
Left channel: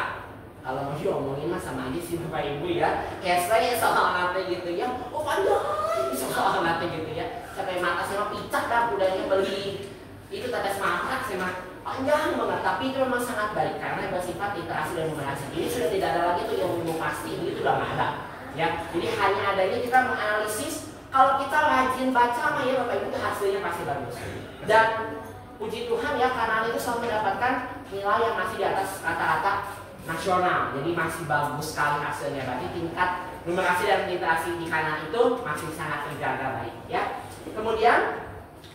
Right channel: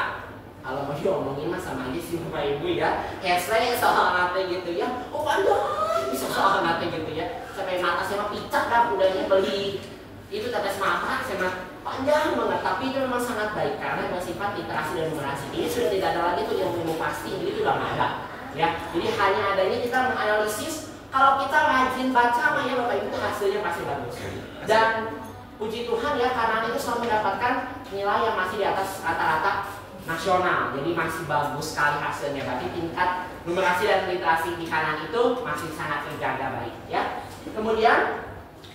Kalau mau diomongin mah sama aja sih bapak ibu ya. Saya soal nanti gitu ya. Oh pandai soal nanti gitu ya. Sampai mata saya picak dah udahnya beli itu tetes mata saya panjang banget, tapi itu memang sangat baik karena bersifat literasi dan numerasi. Ini sudah tidak ada lagi tuh yang ilmu pasti, ini sudah nggak ada. Ya, jadi hanya adanya kita menganalisis. Kalau kita rajin baca, mah ya bapak ibu hasilnya pasti bagus. Dan puji Tuhan ya, karena itu selalu mendapatkan nilai yang masih di atas rata-rata nasional. Jadi masih bagus sekali hasilnya. Berarti tingkat numerasi dan literasi di kanan itu masih sangat terjaga baik. Ya. Kemudian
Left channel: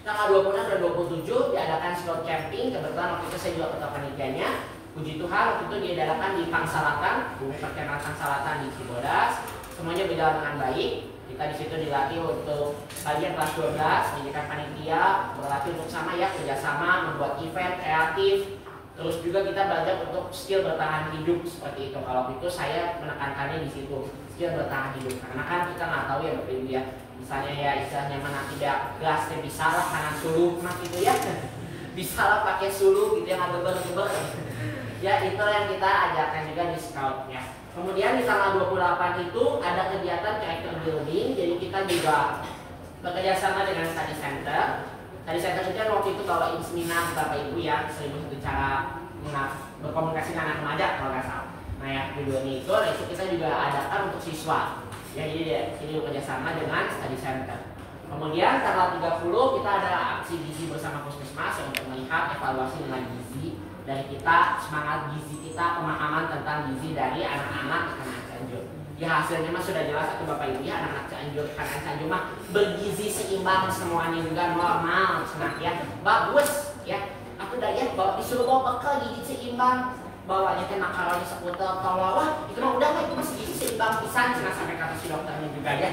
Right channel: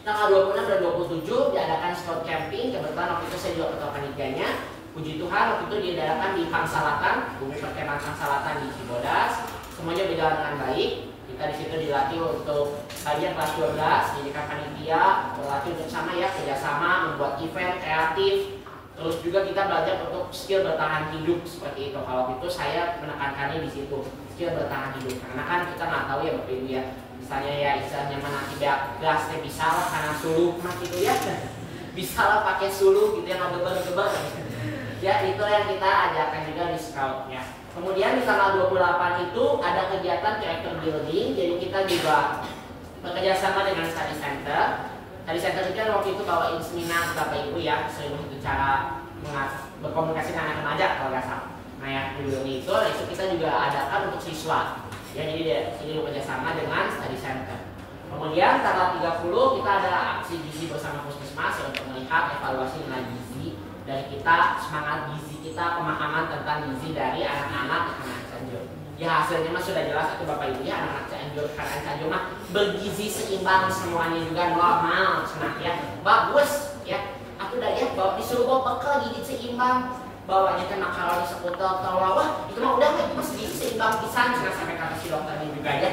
tanggal 26 dan 27 diadakan scout camping. Kebetulan waktu itu saya juga ketua panitianya. Puji Tuhan waktu itu diadakan di Pangsalatan, Bumi Perkemahan Pangsalatan di Cibodas. Semuanya berjalan dengan baik. Kita di situ dilatih untuk bagian kelas 12, pendidikan panitia, berlatih untuk sama ya, kerjasama, membuat event kreatif. Terus juga kita belajar untuk skill bertahan hidup seperti itu. Kalau itu saya menekankannya di situ, skill bertahan hidup. Karena kan kita nggak tahu ya bapak ibu ya. Misalnya ya istilahnya mana tidak gasnya bisa lah karena suluh mas gitu ya. Bisa lah pakai suluh gitu yang geber-geber. Ya itu yang kita ajarkan juga di scout ya. Kemudian di tanggal 28 itu ada kegiatan character building. Jadi kita juga bekerja sama dengan study center. Study center itu kan waktu itu bawain seminar bapak ibu ya, 1001 cara berkomunikasi dengan anak remaja kalau nggak salah. Nah ya judulnya itu, nah itu kita juga adakan untuk siswa. Ya jadi di sini bekerja sama dengan study center. Kemudian tanggal 30 kita ada aksi gizi bersama Puskesmas untuk melihat evaluasi nilai gizi dari kita, semangat gizi kita, pemahaman tentang gizi dari anak-anak Cianjur. Ya hasilnya mah sudah jelas atau bapak ibu ya, anak-anak Cianjur, anak Cianjur mah bergizi seimbang semuanya juga normal, senang ya, bagus ya. Aku udah ya bawa disuruh bawa bekal gizi seimbang, bawanya teh makaroni seputar telur, itu mah udah itu mas gizi seimbang pisan, jangan sampai kata si dokternya juga ya.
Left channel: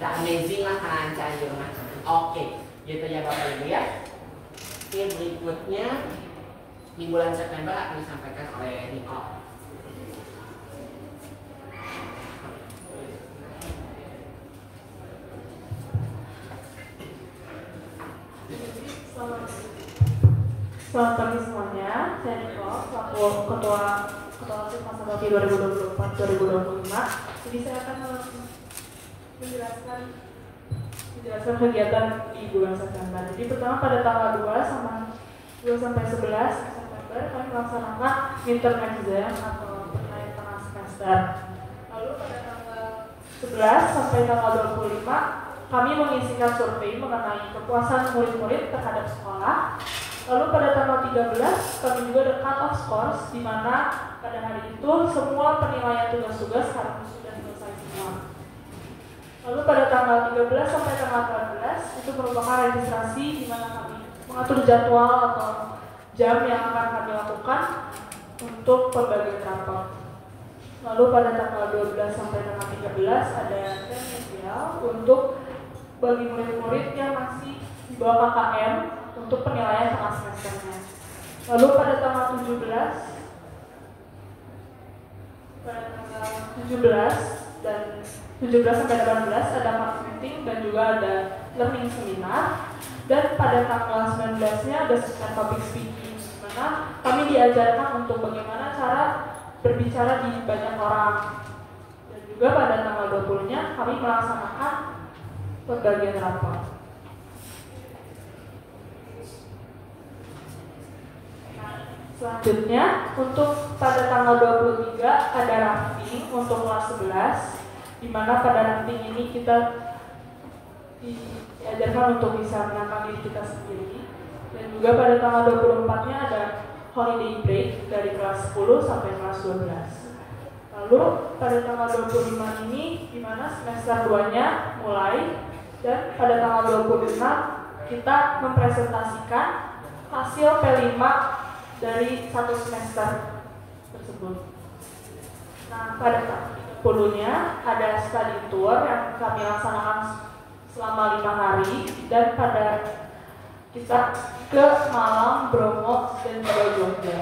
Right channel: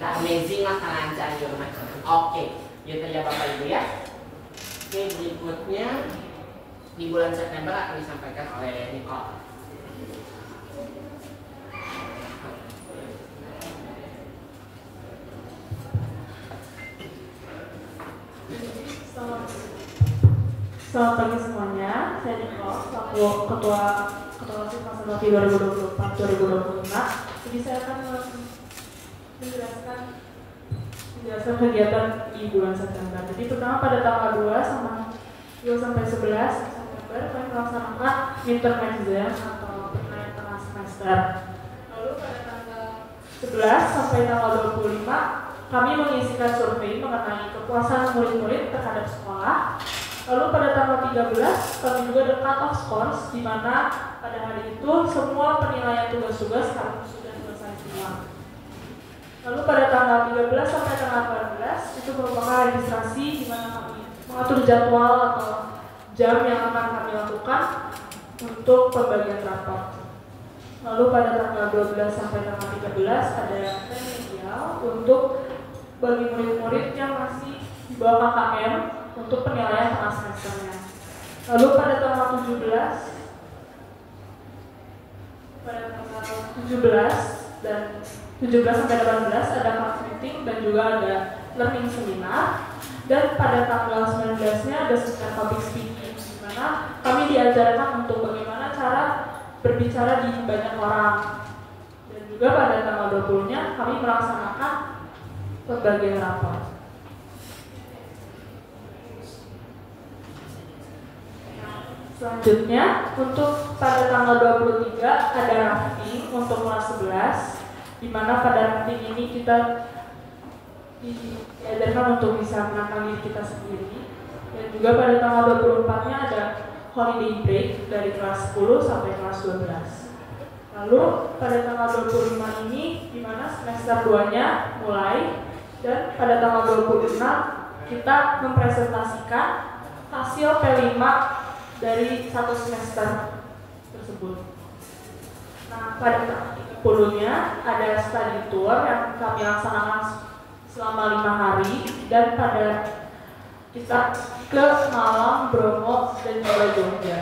Udah amazing lah anak Cianjur mah. Oke, gitu ya bapak ibu ya. Oke, berikutnya di bulan September akan disampaikan oleh Nicole. Selamat pagi semuanya, saya Nicole, selaku Ketua OSIS masa bakti 2024-2025. Jadi saya akan menjelaskan kegiatan di bulan September. Jadi pertama pada tanggal 2 sampai 11 September kami melaksanakan midterm exam atau penilaian tengah semester. Lalu pada tanggal 11 sampai tanggal 25 kami mengisikan survei mengenai kepuasan murid-murid terhadap sekolah. Lalu pada tanggal 13 kami juga ada cut off scores, di mana pada hari itu semua penilaian tugas-tugas harus sudah selesai semua. Lalu pada tanggal 13 sampai tanggal 14 itu merupakan registrasi, di mana kami mengatur jadwal atau jam yang akan kami lakukan untuk pembagian rapor. Lalu pada tanggal 12 sampai tanggal 13 ada remedial untuk bagi murid-murid yang masih di bawah KKM untuk penilaian tengah semesternya. Lalu pada tanggal 17 dan 17 sampai 18 ada class meeting dan juga ada learning seminar. Dan pada tanggal 19-nya ada seminar public speaking, di mana kami diajarkan untuk bagaimana cara berbicara di banyak orang. Dan juga pada tanggal 20-nya kami melaksanakan pembagian rapor. Selanjutnya, untuk pada tanggal 23 ada rafting untuk kelas 11, di mana pada rafting ini kita diajarkan untuk bisa menangkan diri kita sendiri. Dan juga pada tanggal 24-nya ada holiday break dari kelas 10 sampai kelas 12. Lalu pada tanggal 25 ini, di mana semester 2-nya mulai, dan pada tanggal 26 kita mempresentasikan hasil P5 dari satu semester tersebut. Nah, pada tanggal 30-nya ada study tour yang kami laksanakan selama 5 hari, dan pada kita ke Malang, Bromo, dan juga Jogja.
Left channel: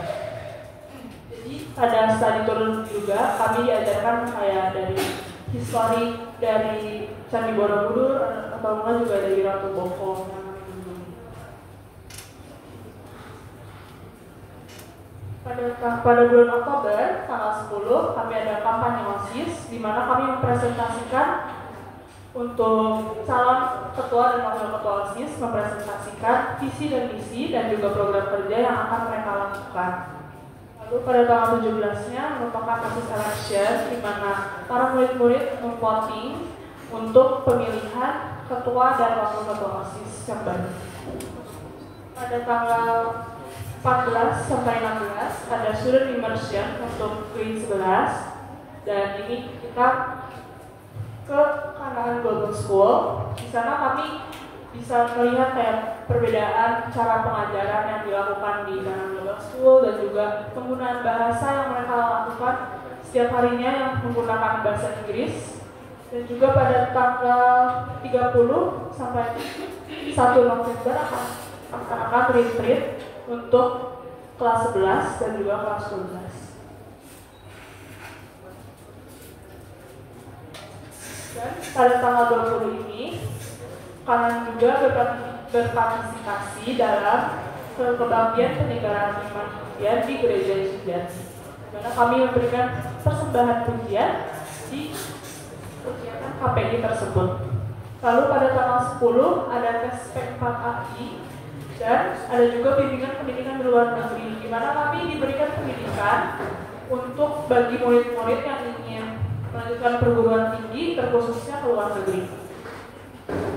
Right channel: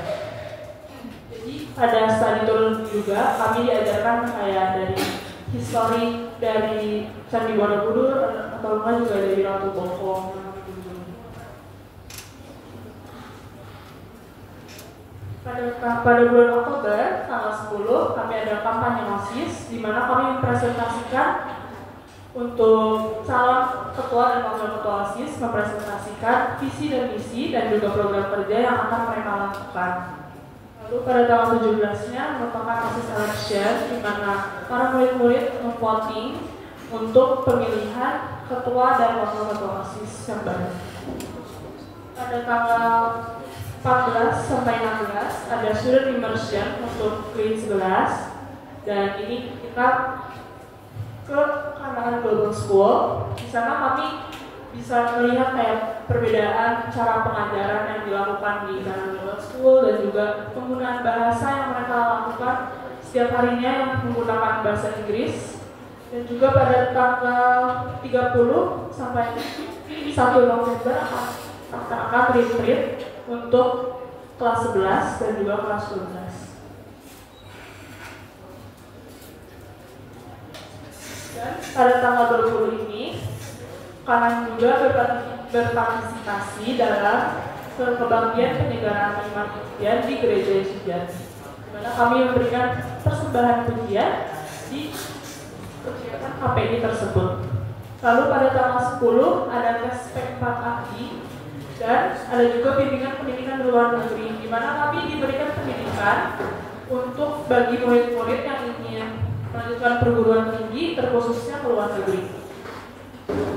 Jadi pada study tour juga kami diajarkan kayak dari histori dari Candi Borobudur atau enggak juga dari Ratu Boko yang kami kunjungi. Pada bulan Oktober tanggal 10 kami ada kampanye OSIS, di mana kami mempresentasikan untuk calon ketua dan wakil ketua OSIS, mempresentasikan visi dan misi dan juga program kerja yang akan mereka lakukan. Lalu pada tanggal 17-nya merupakan OSIS election, di mana para murid-murid memvoting untuk pemilihan ketua dan wakil ketua OSIS yang baru. Pada tanggal 14 sampai 16 ada student immersion untuk grade 11, dan ini kita ke Kanaan Global School. Di sana kami bisa melihat kayak perbedaan cara pengajaran yang dilakukan di Kanaan Global School dan juga penggunaan bahasa yang mereka lakukan setiap harinya yang menggunakan bahasa Inggris. Dan juga pada tanggal 30 sampai 1 November akan retreat untuk kelas 11 dan juga kelas 12. Dan pada tanggal 20 ini kalian juga berpartisipasi dalam kebaktian penyelenggaraan iman pujian di Gereja Sujati, di mana kami memberikan persembahan pujian di kegiatan KPI tersebut. Lalu pada tanggal 10 ada tes P4 AKI, dan ada juga pendidikan di luar negeri, di mana kami diberikan pendidikan untuk bagi murid-murid yang ingin melanjutkan perguruan tinggi, terkhususnya ke luar negeri.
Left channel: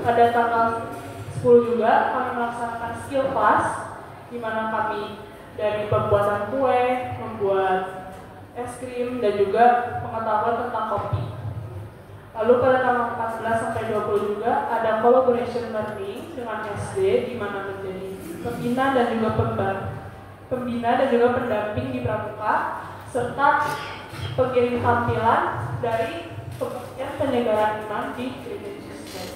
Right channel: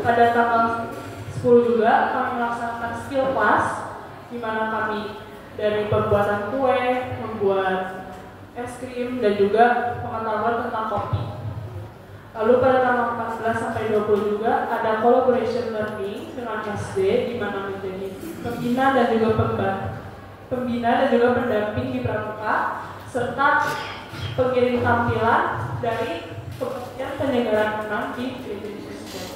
Pada tanggal 10 juga kami melaksanakan skill class, di mana kami dari pembuatan kue, membuat es krim, dan juga pengetahuan tentang kopi. Lalu pada tanggal 14 sampai 20 juga ada collaboration learning dengan SD, di mana menjadi pembina dan juga pendamping di pramuka, serta pengirim tampilan dari kebaktian penyelenggaraan iman di Gereja Yesus Kristus.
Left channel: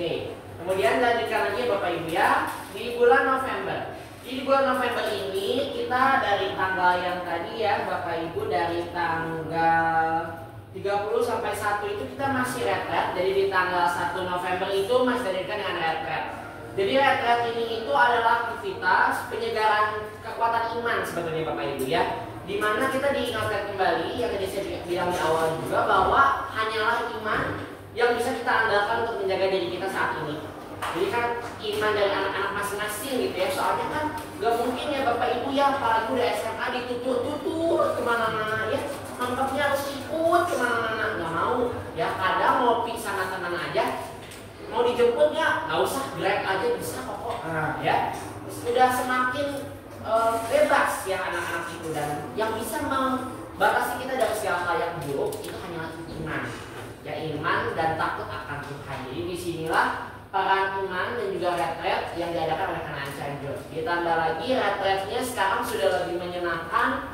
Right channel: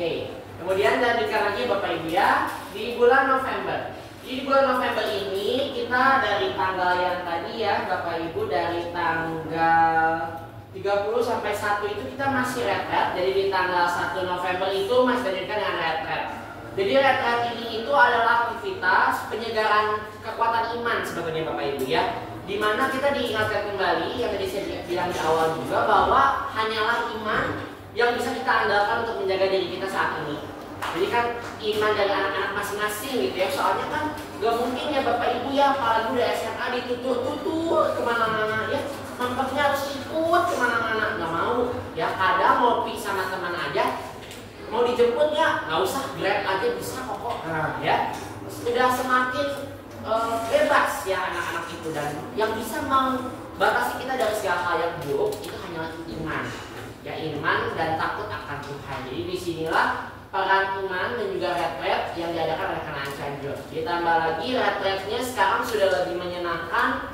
Oke. Kemudian lanjutkan lagi Bapak Ibu ya, di bulan November. Di bulan November ini kita dari tanggal yang tadi ya Bapak Ibu, dari tanggal 30 sampai 1 itu kita masih retret. Jadi di tanggal 1 November itu masih dilanjutkan dengan retret. Jadi retret ini itu adalah aktivitas penyegaran kekuatan iman sebetulnya Bapak Ibu ya, dimana kita diingatkan kembali yang tadi saya bilang di awal juga, bahwa hanyalah iman yang bisa kita andalkan untuk menjaga diri kita saat ini. Jadi kan iman dari anak-anak masing-masing gitu ya. Soalnya kan gak mungkin ya Bapak Ibu ya, apalagi udah SMA ditutur-tutur kemana-mana ya, tampaknya harus ikut kemana-mana. Gak mau ya, kadang ngopi sama teman aja, mau dijemput ya gak usah, Grab aja bisa kok. Ya sudah semakin bebas ya anak-anak itu, dan yang bisa membatasi kita dari segala hal yang buruk itu hanyalah iman ya, iman dan takut akan Tuhan. Jadi disinilah peran iman dan juga retret yang diadakan oleh Kanaan Cianjur. Ditambah lagi retretnya sekarang sudah lebih menyenangkan,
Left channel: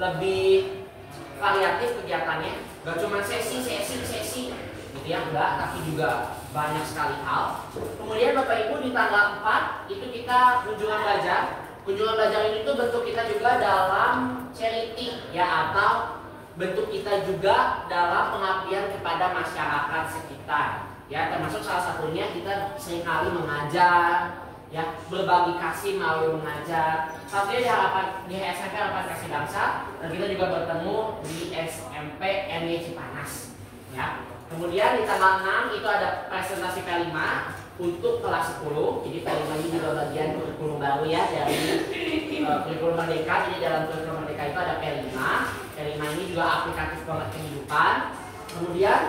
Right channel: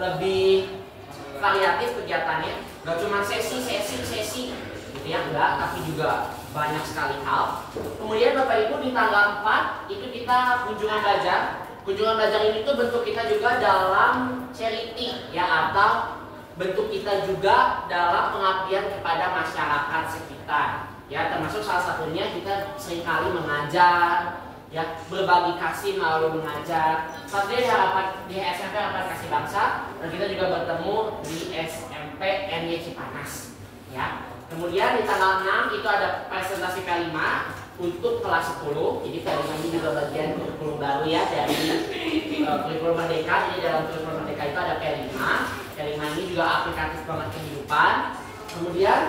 lebih variatif kegiatannya, gak cuma sesi gitu ya, enggak, tapi juga banyak sekali hal. Kemudian Bapak Ibu di tanggal 4 itu kita kunjungan belajar. Kunjungan belajar ini tuh bentuk kita juga dalam charity ya, atau bentuk kita juga dalam pengabdian kepada masyarakat sekitar. Ya, termasuk salah satunya kita seringkali mengajar, ya, berbagi kasih melalui mengajar. Pastinya di SMP Harapan Kasih Bangsa, dan kita juga bertemu di SMP NY Cipanas. Ya. Kemudian di tanggal 6 itu ada presentasi P5 untuk kelas 10. Jadi P5 ini juga bagian kurikulum baru ya dari kurikulum Merdeka. Jadi dalam kurikulum Merdeka itu ada P5. P5 ini juga aplikatif banget kehidupan. Kemudian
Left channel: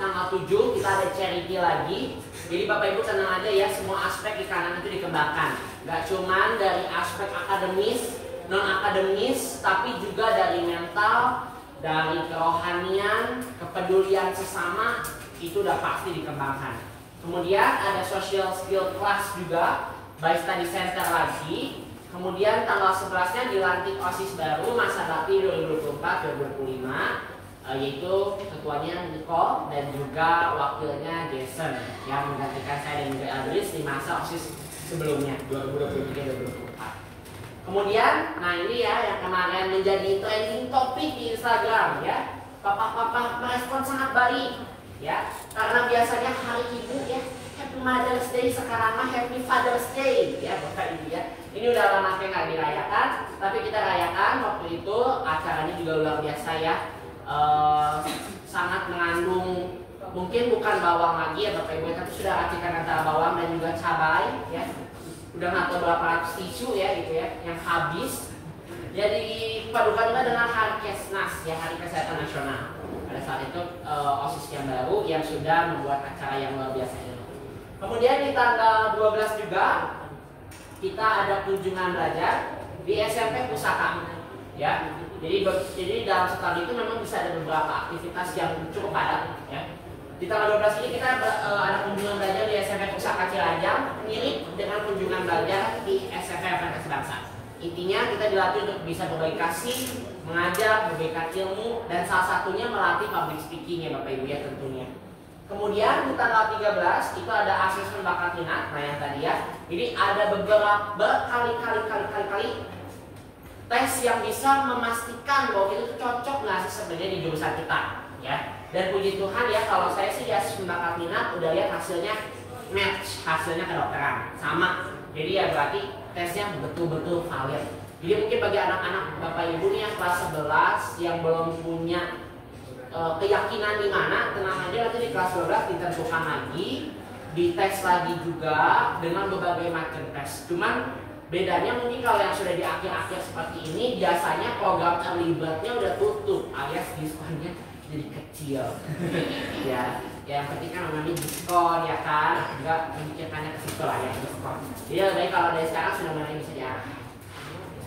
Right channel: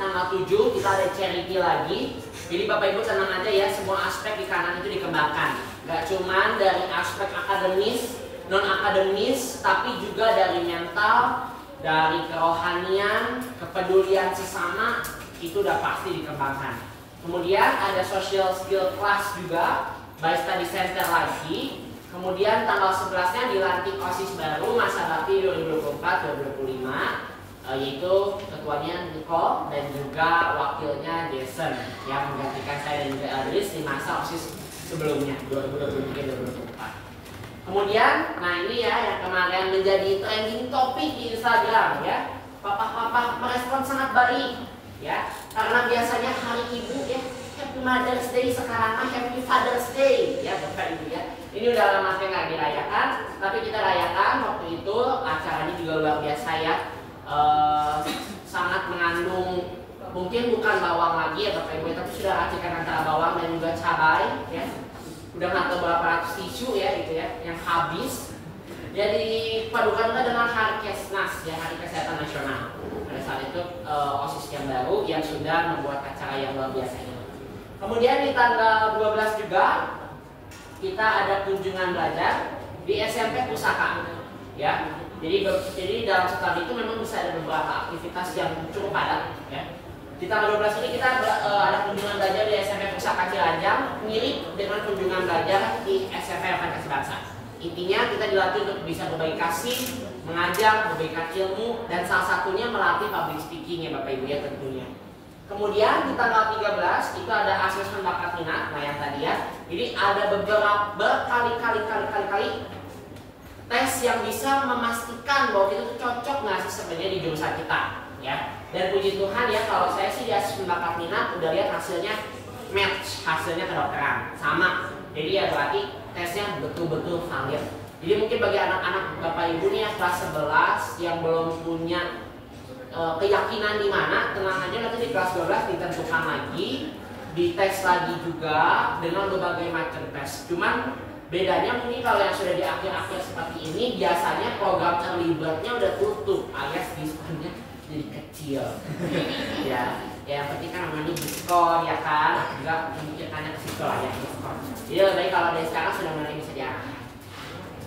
tanggal 7 kita ada charity lagi. Jadi Bapak Ibu tenang aja ya, semua aspek di kanan itu dikembangkan. Gak cuman dari aspek akademis, non akademis, tapi juga dari mental, dari kerohanian, kepedulian sesama, itu udah pasti dikembangkan. Kemudian ada social skill class juga, by study center lagi. Kemudian tanggal 11-nya dilantik OSIS baru masa bakti 2024-2025. Yaitu ketuanya Nicole dan juga wakilnya Jason yang menggantikan saya dan juga Aldris di masa OSIS sebelumnya 2023-2024. Kemudian, nah ini ya yang kemarin menjadi trending topik di Instagram ya, papa-papa merespon sangat baik ya, karena biasanya hari ibu ya, Happy Mother's Day, sekarang mah Happy Father's Day ya Bapak Ibu ya. Ini udah lama nggak dirayakan, tapi kita rayakan waktu itu. Acaranya juga luar biasa ya. Sangat mengandung, mungkin bukan bawang lagi ya Bapak Ibu, tapi sudah racikan antara bawang dan juga cabai ya. Udah nggak tahu berapa ratus tisu ya gitu ya yang habis. Jadi padukan juga dengan Hari Kesnas ya, Hari Kesehatan Nasional. Pada saat itu OSIS yang baru yang sudah membuat acara yang luar biasa ini. Kemudian di tanggal 12 juga kita ada kunjungan belajar di SMP Pusaka ya. Jadi dalam setahun itu memang bisa ada beberapa aktivitas yang cukup padat ya. Di tanggal 12 ini kita ada kunjungan belajar di SMP Pusaka Cilajang, mirip dengan kunjungan belajar di SMP Harapan Kasih Bangsa. Intinya kita dilatih untuk bisa berbagi kasih, mengajar, berbagi ilmu, dan salah satunya melatih public speaking ya Bapak Ibu ya tentunya. Kemudian di tanggal 13 itu ada asesmen bakat minat, nah yang tadi ya. Jadi ada beberapa berkali-kali tes yang bisa memastikan bahwa kita tuh cocok nggak sih sebenarnya di jurusan kita ya. Dan puji Tuhan ya, kalau saya sih di asesmen bakat minat udah lihat hasilnya match, hasilnya kedokteran sama. Jadi ya berarti tesnya betul-betul valid. Jadi mungkin bagi anak-anak Bapak Ibu nih yang kelas 11 yang belum punya keyakinan di mana, tenang aja, nanti di kelas 12 ditentukan lagi, dites lagi juga dengan berbagai macam tes. Cuman bedanya mungkin kalau yang sudah di akhir-akhir seperti ini, biasanya program early bird-nya udah tutup, alias diskonnya jadi kecil. Ya yang penting kan namanya diskon ya kan, juga memikirkannya ke situ lah ya, diskon. Jadi baik kalau dari sekarang sudah mulai bisa diarahkan.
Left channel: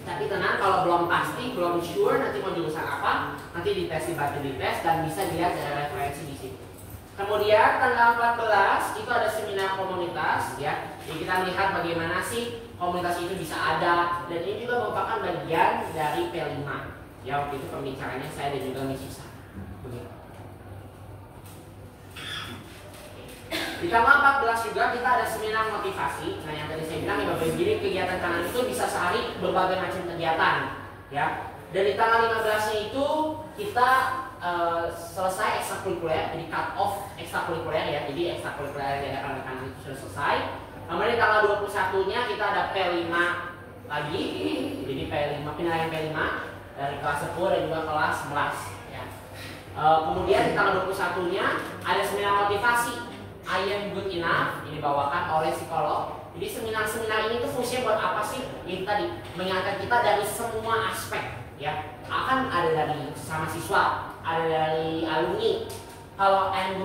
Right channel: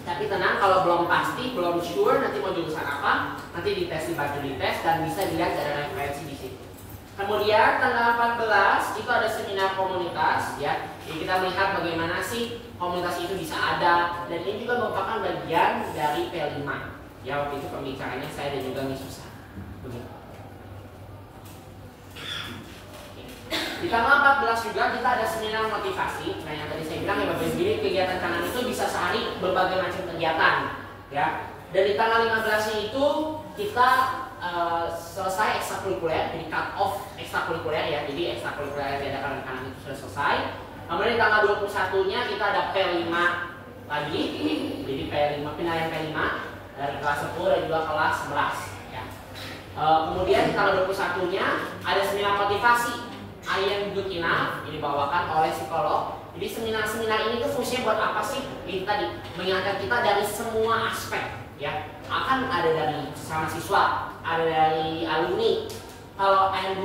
Tapi tenang, kalau belum pasti, belum sure nanti mau jurusan apa, nanti dites, dibantu dites, dan bisa dilihat ada referensi di situ. Kemudian tanggal 14 itu ada seminar komunitas ya. Jadi kita melihat bagaimana sih komunitas itu bisa ada, dan ini juga merupakan bagian dari P5. Ya waktu itu pembicaranya saya dan juga Miss Susan. Begitu. Di tanggal 14 juga kita ada seminar motivasi. Nah, yang tadi saya bilang ya Bapak Ibu, jadi kegiatan kanan itu bisa sehari berbagai macam kegiatan, ya. Dan di tanggal 15-nya itu kita selesai ekstrakurikuler, jadi cut off ekstrakurikuler ya. Jadi ekstrakurikuler yang diadakan kanan itu sudah selesai. Kemudian di tanggal 21-nya kita ada P5 lagi. Jadi P5 penilaian P5 dari kelas 10 dan juga kelas 11 ya. Kemudian di tanggal 21-nya ada seminar motivasi I am good enough, ini dibawakan oleh psikolog. Jadi seminar-seminar ini tuh fungsinya buat apa sih? Ini tadi mengingatkan kita dari semua aspek ya. Akan ada dari sama siswa, ada dari alumni. Kalau Am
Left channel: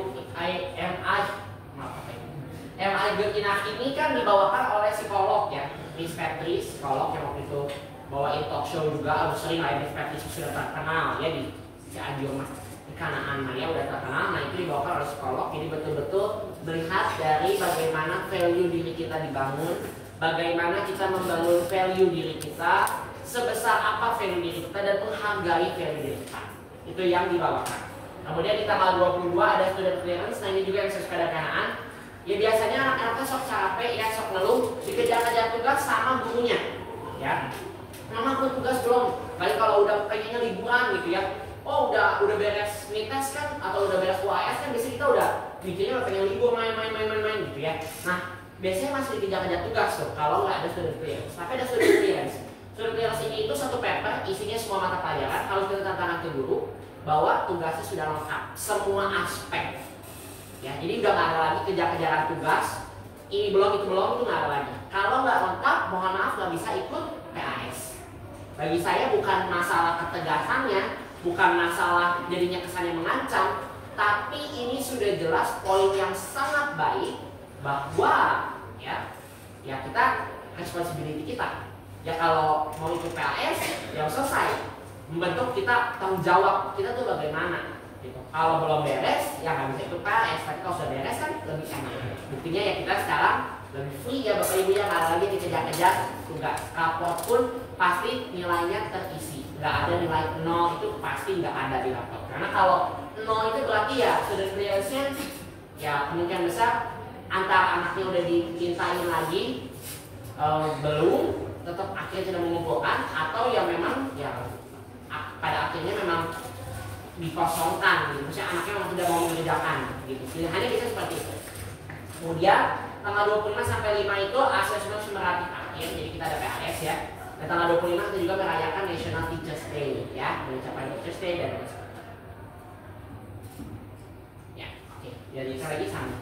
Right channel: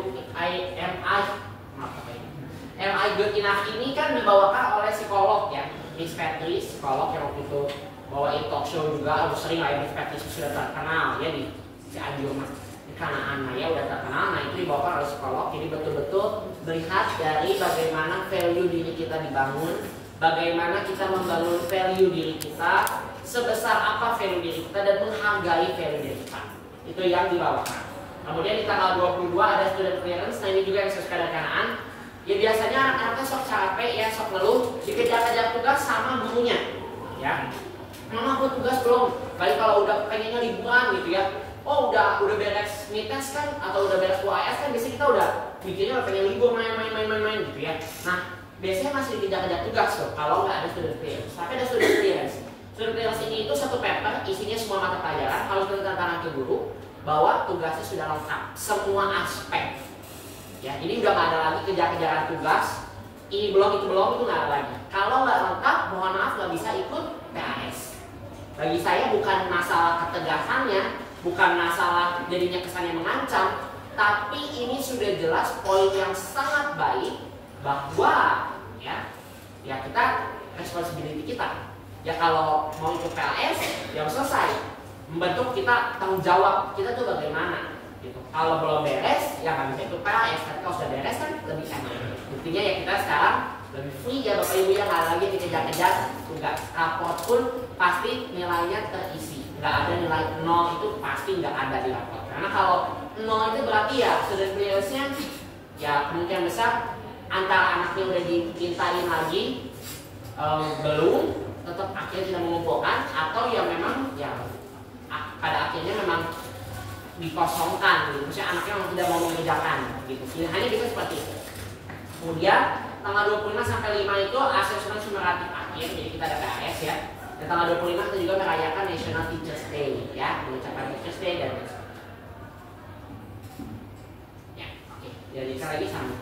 I good enough ini kan dibawakan oleh psikolog ya. Miss Patrice, psikolog yang waktu itu bawain talk show juga, harus sering lah ya. Miss Patrice sudah terkenal ya di Cianjur Mas. Di Kanaan Maya udah terkenal. Nah itu dibawakan oleh psikolog. Jadi betul-betul melihat dari bagaimana value diri kita dibangun, bagaimana kita membangun value diri kita, sebesar apa value diri kita dan menghargai value diri kita. Itu yang dibawakan. Kemudian di tanggal 22 ada student clearance. Nah ini juga yang saya suka dari Kanaan. Ya biasanya anak-anaknya sok capek ya, sok ngeluh, dikejar-kejar tugas sama gurunya. Ya, mama belum tugas belum. Kali kalau udah pengennya liburan gitu ya. Oh udah beres mites kan atau udah beres UAS kan biasanya kita udah mikirnya pengen libur main gitu ya. Nah biasanya masih dikejar-kejar tugas tuh kalau nggak ada student clearance. Tapi ada student clearance. Student clearance ini itu satu paper isinya semua mata pelajaran. Harus kita tantangan ke guru bahwa tugasnya sudah lengkap semua aspek. Ya ini udah nggak ada lagi kejar-kejaran tugas. Ini belum itu nggak ada lagi. Kalau nggak lengkap mohon maaf nggak bisa ikut PAS. Bagi saya bukan masalah ketegasannya, bukan masalah jadinya kesannya mengancam, tapi ini sudah jelas poin yang sangat baik bahwa ya kita responsibility kita. Ya kalau mau ikut PLS ya selesai, membentuk kita tanggung jawab kita tuh bagaimana. Gitu. Kalau belum beres ya nggak bisa ikut PLS, tapi kalau sudah beres kan lebih enak. Buktinya ya kita sekarang lebih free ya Bapak Ibu ya, nggak ada lagi dikejar-kejar tugas. Raport pun pasti nilainya terisi. Nggak ada nilai 0 itu pasti nggak ada di rapor. Karena kalau 0 itu berarti ya student clearance-nya ya kemungkinan besar antara anaknya udah dipintain lagi belum, tetap akhirnya tidak mengumpulkan, atau ya memang ya pada akhirnya memang dikosongkan gitu. Maksudnya anaknya memang tidak mau mengerjakan gitu. Hanya bisa seperti itu. Kemudian tanggal 25 sampai 5 itu asesmen sumeratif akhir, jadi kita ada PAS ya. Dan tanggal 25 kita juga merayakan National Teachers Day ya, mengucapkan Teachers Day dan ya, oke. Jadi sekali lagi sama.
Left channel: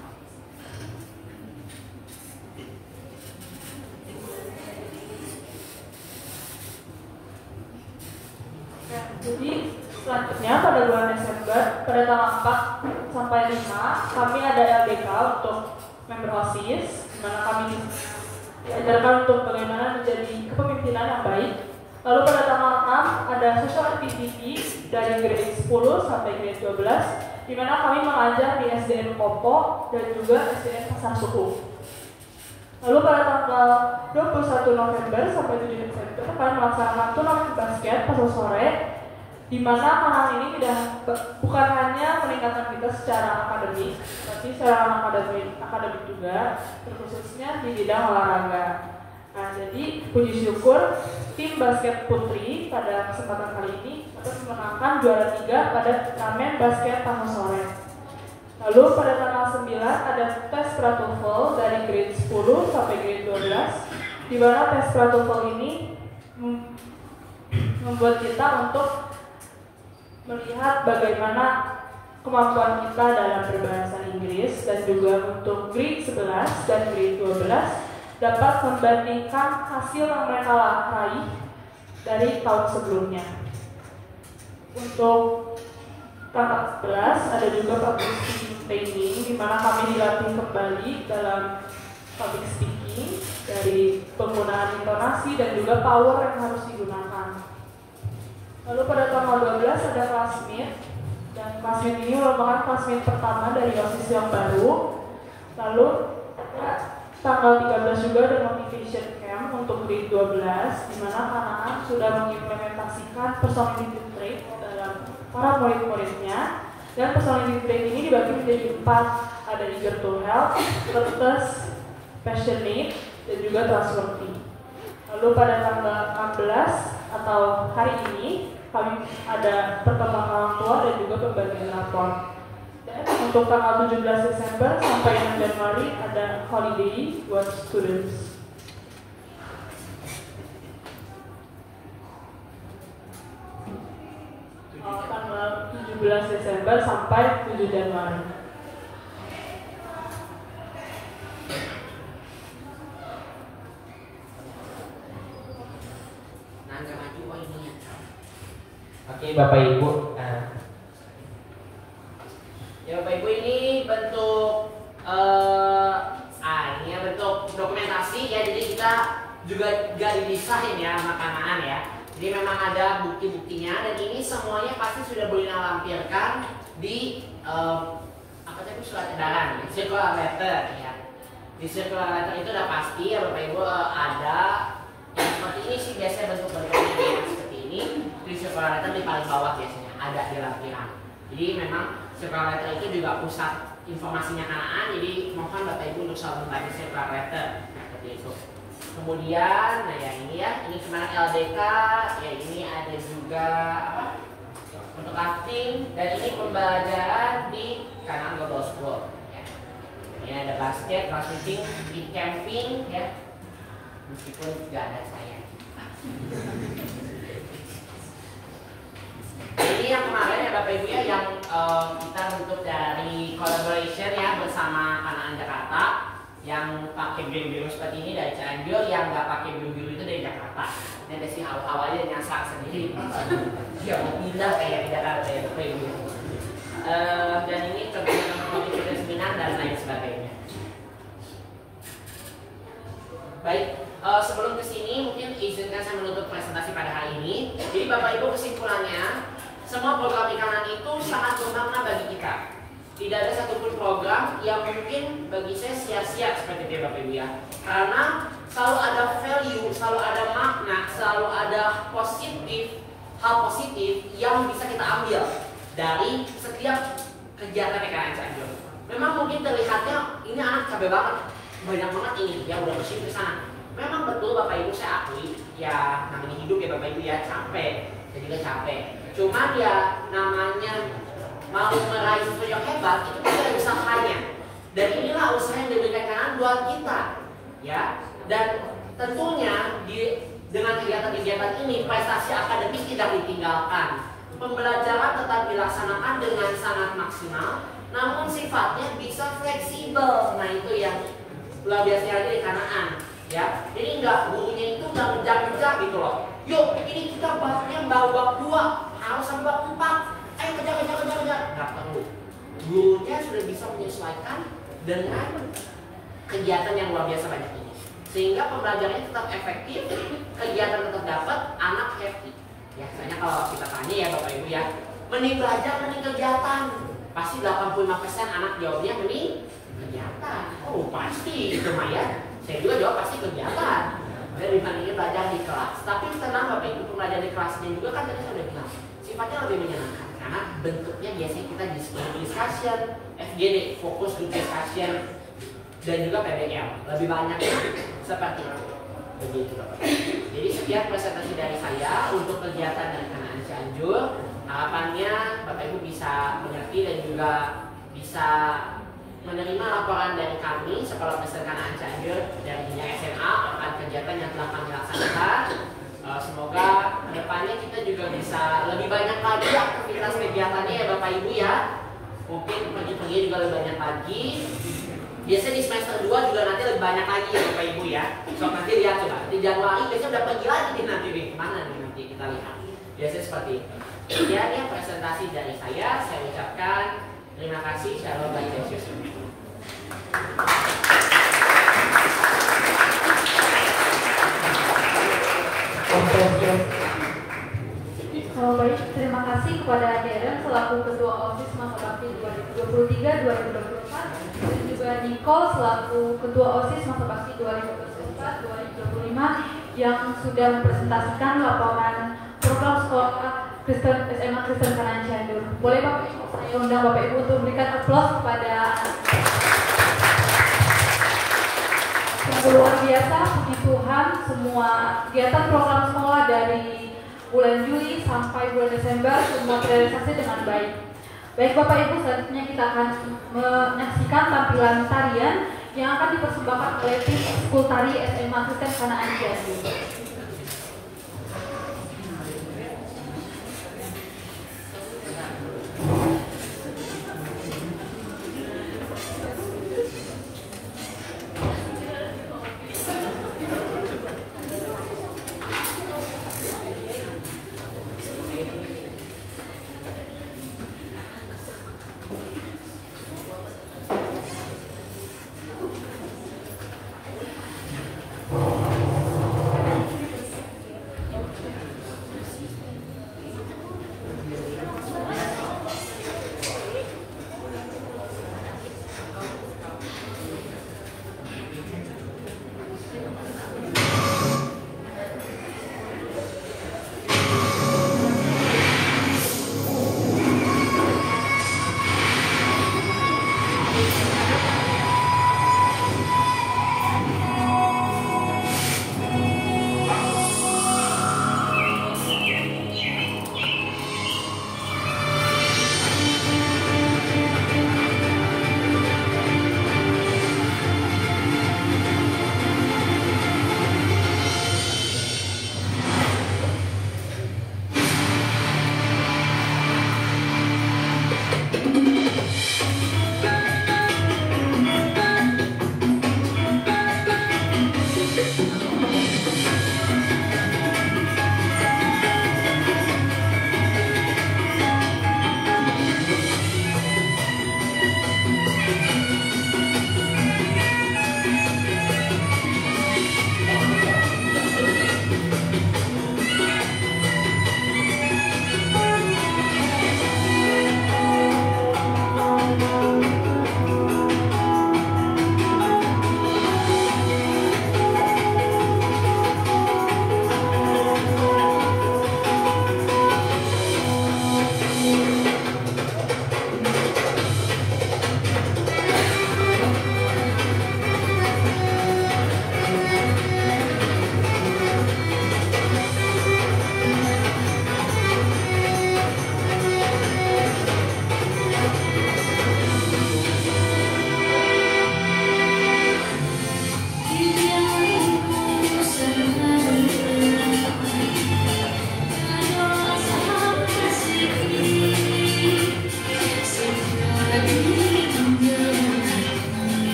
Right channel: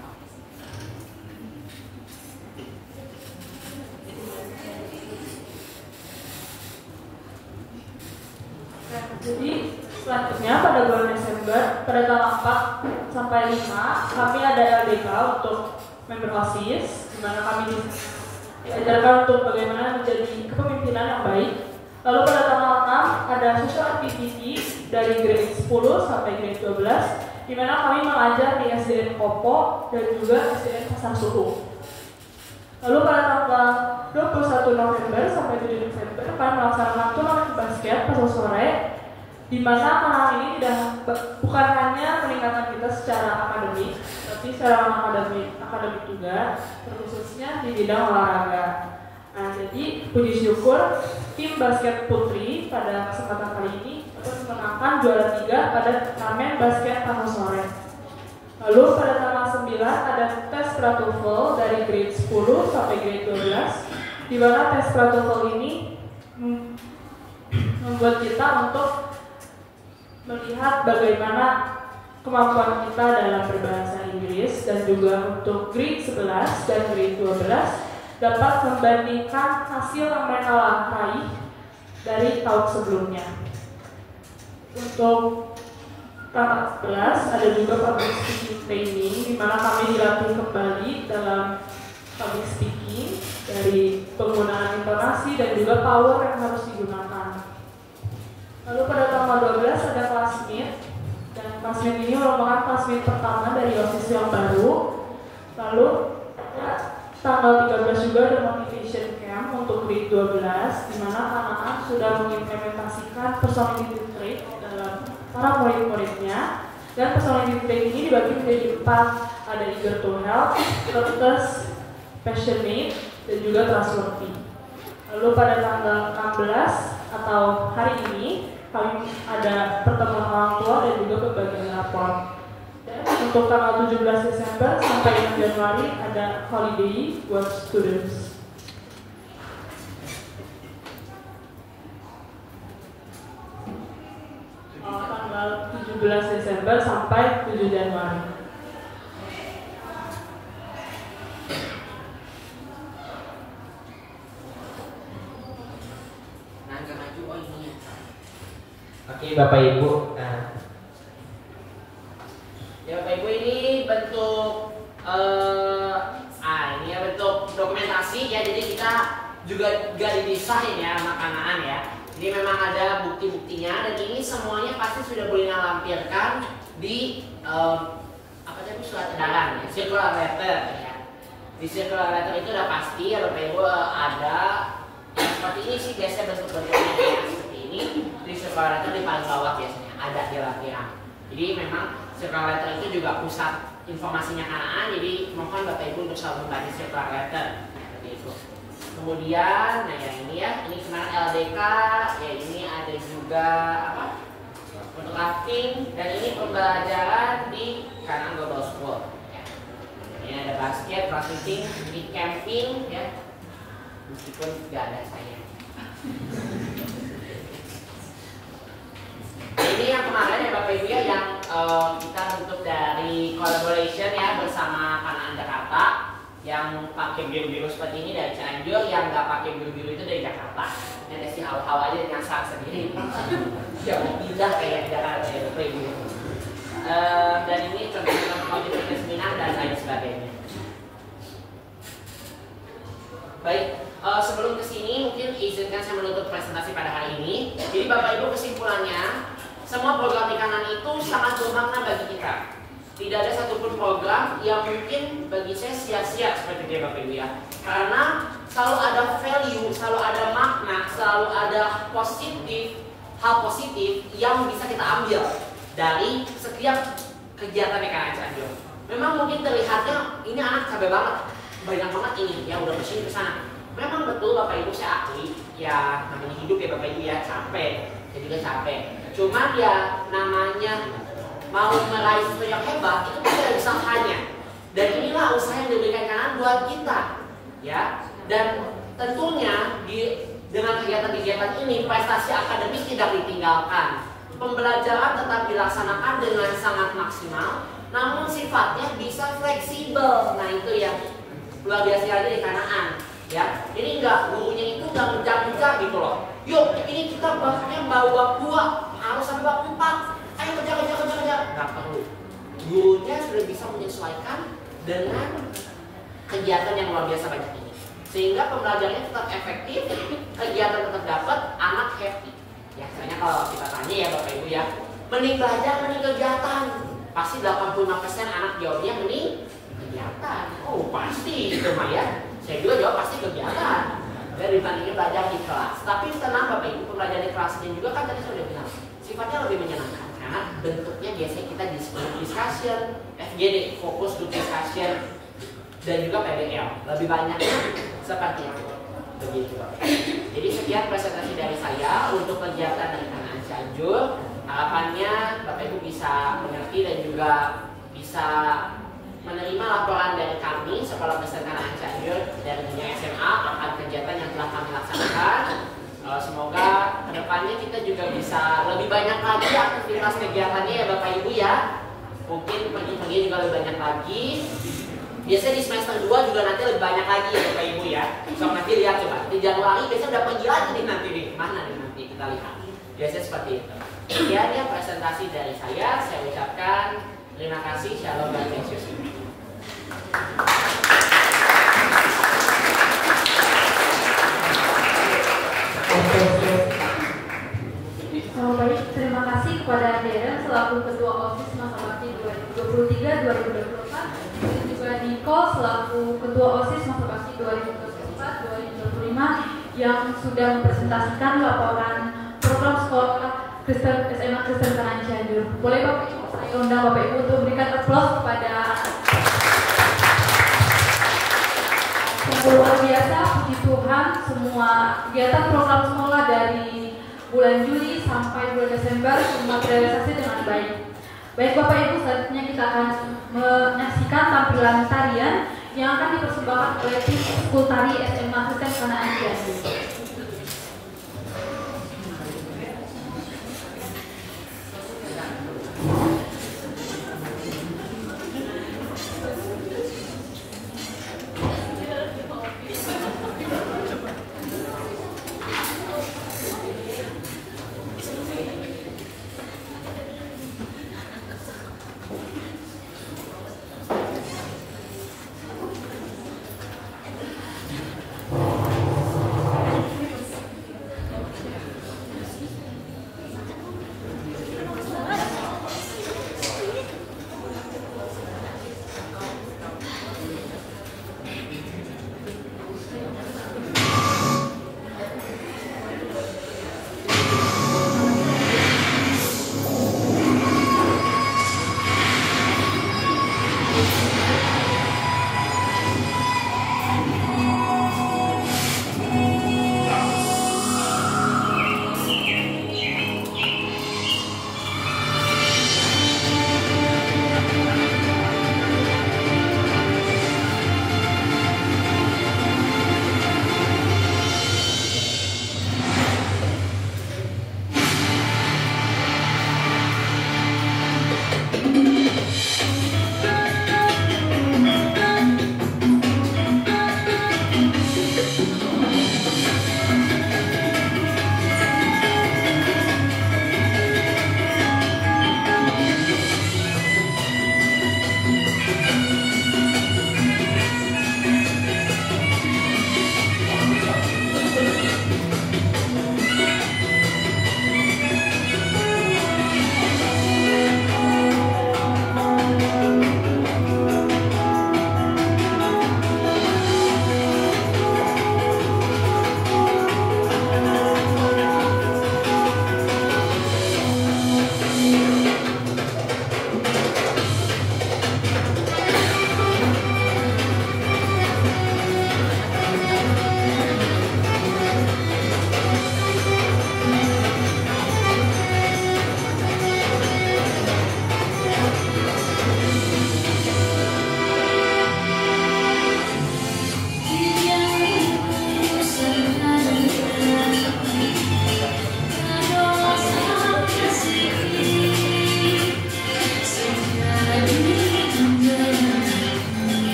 Jadi selanjutnya pada bulan Desember pada tanggal 4 sampai 5 kami ada LDK untuk member OSIS, di mana kami diajarkan untuk bagaimana menjadi kepemimpinan yang baik. Lalu pada tanggal 6 ada social activity dari grade 10 sampai grade 12, di mana kami mengajar di SDN Kopo dan juga SDN Pasar Suhu. Lalu pada tanggal 21 November sampai 7 Desember kami melaksanakan turnamen basket pas sore, di mana kanal ini bukan hanya meningkatkan kita secara akademik, tapi secara akademik juga, terkhususnya di bidang olahraga. Nah, jadi puji syukur tim basket putri pada kesempatan kali ini dapat memenangkan juara 3 pada turnamen basket pas sore. Lalu pada tanggal 9 ada tes pra-TOEFL dari grade 10 sampai grade 12, di mana tes pra-TOEFL ini membuat kita untuk melihat bagaimana kemampuan kita dalam berbahasa Inggris, dan juga untuk grade 11 dan grade 12 dapat membandingkan hasil yang mereka raih dari tahun sebelumnya. Untuk tanggal 11 ada juga public speaking training, di mana kami dilatih kembali dalam public speaking dari penggunaan intonasi dan juga power yang harus digunakan. Lalu pada tanggal 12 ada class meet, dan class meet ini merupakan class meet pertama dari OSIS yang baru. Lalu tanggal 13 juga ada motivation camp untuk grade 12, di mana anak-anak sudah mengimplementasikan personality trait dalam para murid-muridnya. Dan personality trait ini dibagi menjadi 4, ada eager to help, courteous, passionate, dan juga trustworthy. Lalu pada tanggal 16 atau hari ini kami ada pertemuan orang tua dan juga pembagian rapor. Dan untuk tanggal 17 Desember sampai 6 Januari ada holiday buat students. Tanggal 17 Desember sampai 7 Januari. Oke, Bapak Ibu. Ya Bapak Ibu, ini bentuk ini ya bentuk dokumentasi ya. Jadi kita juga gak dipisahin ya anak-anak ya. Jadi memang ada bukti-buktinya dan ini semuanya pasti sudah boleh lampirkan di apa tadi surat edaran ya, circular letter ya. Di circular letter itu udah pasti ya Bapak Ibu ada yang seperti ini sih biasanya bentuk-bentuknya seperti ini. Di circular letter di paling bawah biasanya ada di lampiran. Jadi memang circular letter itu juga pusat informasinya kanaan. Jadi mohon Bapak Ibu untuk selalu membaca circular letter seperti itu. Kemudian, nah ya ini ya, ini kemarin LDK, ya ini ada juga apa? Untuk acting dan ini pembelajaran di Kanaan Global School. Ya. Ini ada basket, crossfitting, di camping, ya. Meskipun nggak ada saya. Ini yang kemarin ya Bapak Ibu ya, yang kita bentuk dari collaboration ya bersama Kanaan Jakarta. Yang pakai biru-biru seperti ini dari Cianjur, yang nggak pakai biru-biru itu dari Jakarta. Ini ada sih awal-awal aja nyasar sendiri. Ya mau pindah kayak di Jakarta ya Bapak Ibu. Dan ini tentang motivasi seminar dan lain sebagainya. Baik, sebelum kesini mungkin izinkan saya menutup presentasi pada hari ini. Jadi Bapak Ibu, kesimpulannya, semua program ikanan itu sangat bermakna bagi kita. Tidak ada satupun program yang mungkin bagi saya sia-sia seperti itu ya Bapak Ibu ya. Karena selalu ada value, selalu ada makna, selalu ada hal positif yang bisa kita ambil dari setiap kegiatan PKN Cianjur. Memang mungkin terlihatnya ini anak capek banget, banyak banget ini ya udah kesini kesana. Memang betul Bapak Ibu, saya akui ya namanya hidup ya Bapak Ibu ya, capek, jadi juga capek. Cuman ya namanya mau meraih sesuatu yang hebat itu kan ada usahanya, dan inilah usaha yang diberikan kanan buat kita ya. Dan tentunya dengan kegiatan-kegiatan ini prestasi akademis tidak ditinggalkan, pembelajaran tetap dilaksanakan dengan sangat maksimal, namun sifatnya bisa fleksibel. Nah itu yang luar biasa aja di Kanaan ya. Jadi enggak, gurunya itu enggak ngejar-ngejar gitu loh. Yuk ini kita bahasnya bab 2 harus sampai bab 4. Ayo kerja, nggak perlu. Gurunya sudah bisa menyesuaikan dengan kegiatan yang luar biasa banyak ini, sehingga pembelajarannya tetap efektif, kegiatan tetap dapat, anak happy. Ya, soalnya kalau kita tanya ya Bapak Ibu ya, mending belajar, mending kegiatan. Pasti 85% anak jawabnya mending kegiatan. Oh pasti itu mah ya. Saya juga jawab pasti kegiatan. Dari dibandingin belajar di kelas. Tapi tenang Bapak Ibu, pembelajaran di kelasnya juga kan tadi saya udah bilang sifatnya lebih menyenangkan. Karena bentuknya biasanya kita discussion, FGD, fokus group discussion, dan juga PDL. Lebih banyaknya seperti itu. Begitu. Jadi sekian presentasi dari saya untuk kegiatan dari Kanaan Cianjur. Harapannya Bapak Ibu bisa mengerti dan juga bisa menerima laporan dari kami Sekolah Pesantren Kanaan Cianjur dari jenjang SMA akan kegiatan yang telah kami laksanakan. Semoga kedepannya kita juga bisa lebih banyak lagi aktivitas kegiatannya ya Bapak Ibu ya. Mungkin pergi-pergi juga lebih banyak lagi. Biasanya di semester 2 juga nanti lebih banyak lagi ya Bapak Ibu ya. So nanti lihat coba di Januari biasanya udah pergi lagi nih nanti nih. Kemana nih nanti kita lihat. Biasanya seperti itu. Sekian ya presentasi dari saya. Saya ucapkan terima kasih. Shalom dan Yesus. Baik, terima kasih kepada Darren selaku Ketua OSIS Masa Bakti 2023-2024 dan juga Nicole selaku Ketua OSIS Masa Bakti 2024-2025 yang sudah mempresentasikan laporan program sekolah SMA Kristen Kanan Cianjur. Boleh Bapak Ibu, saya undang Bapak Ibu untuk memberikan aplaus kepada luar biasa, puji Tuhan, semua kegiatan program sekolah dari bulan Juli sampai bulan Desember semua terrealisasi dengan baik. Baik Bapak Ibu, selanjutnya kita akan menyaksikan tampilan tarian yang akan dipersembahkan oleh tim School Tari SMA Kristen Kanan Cianjur.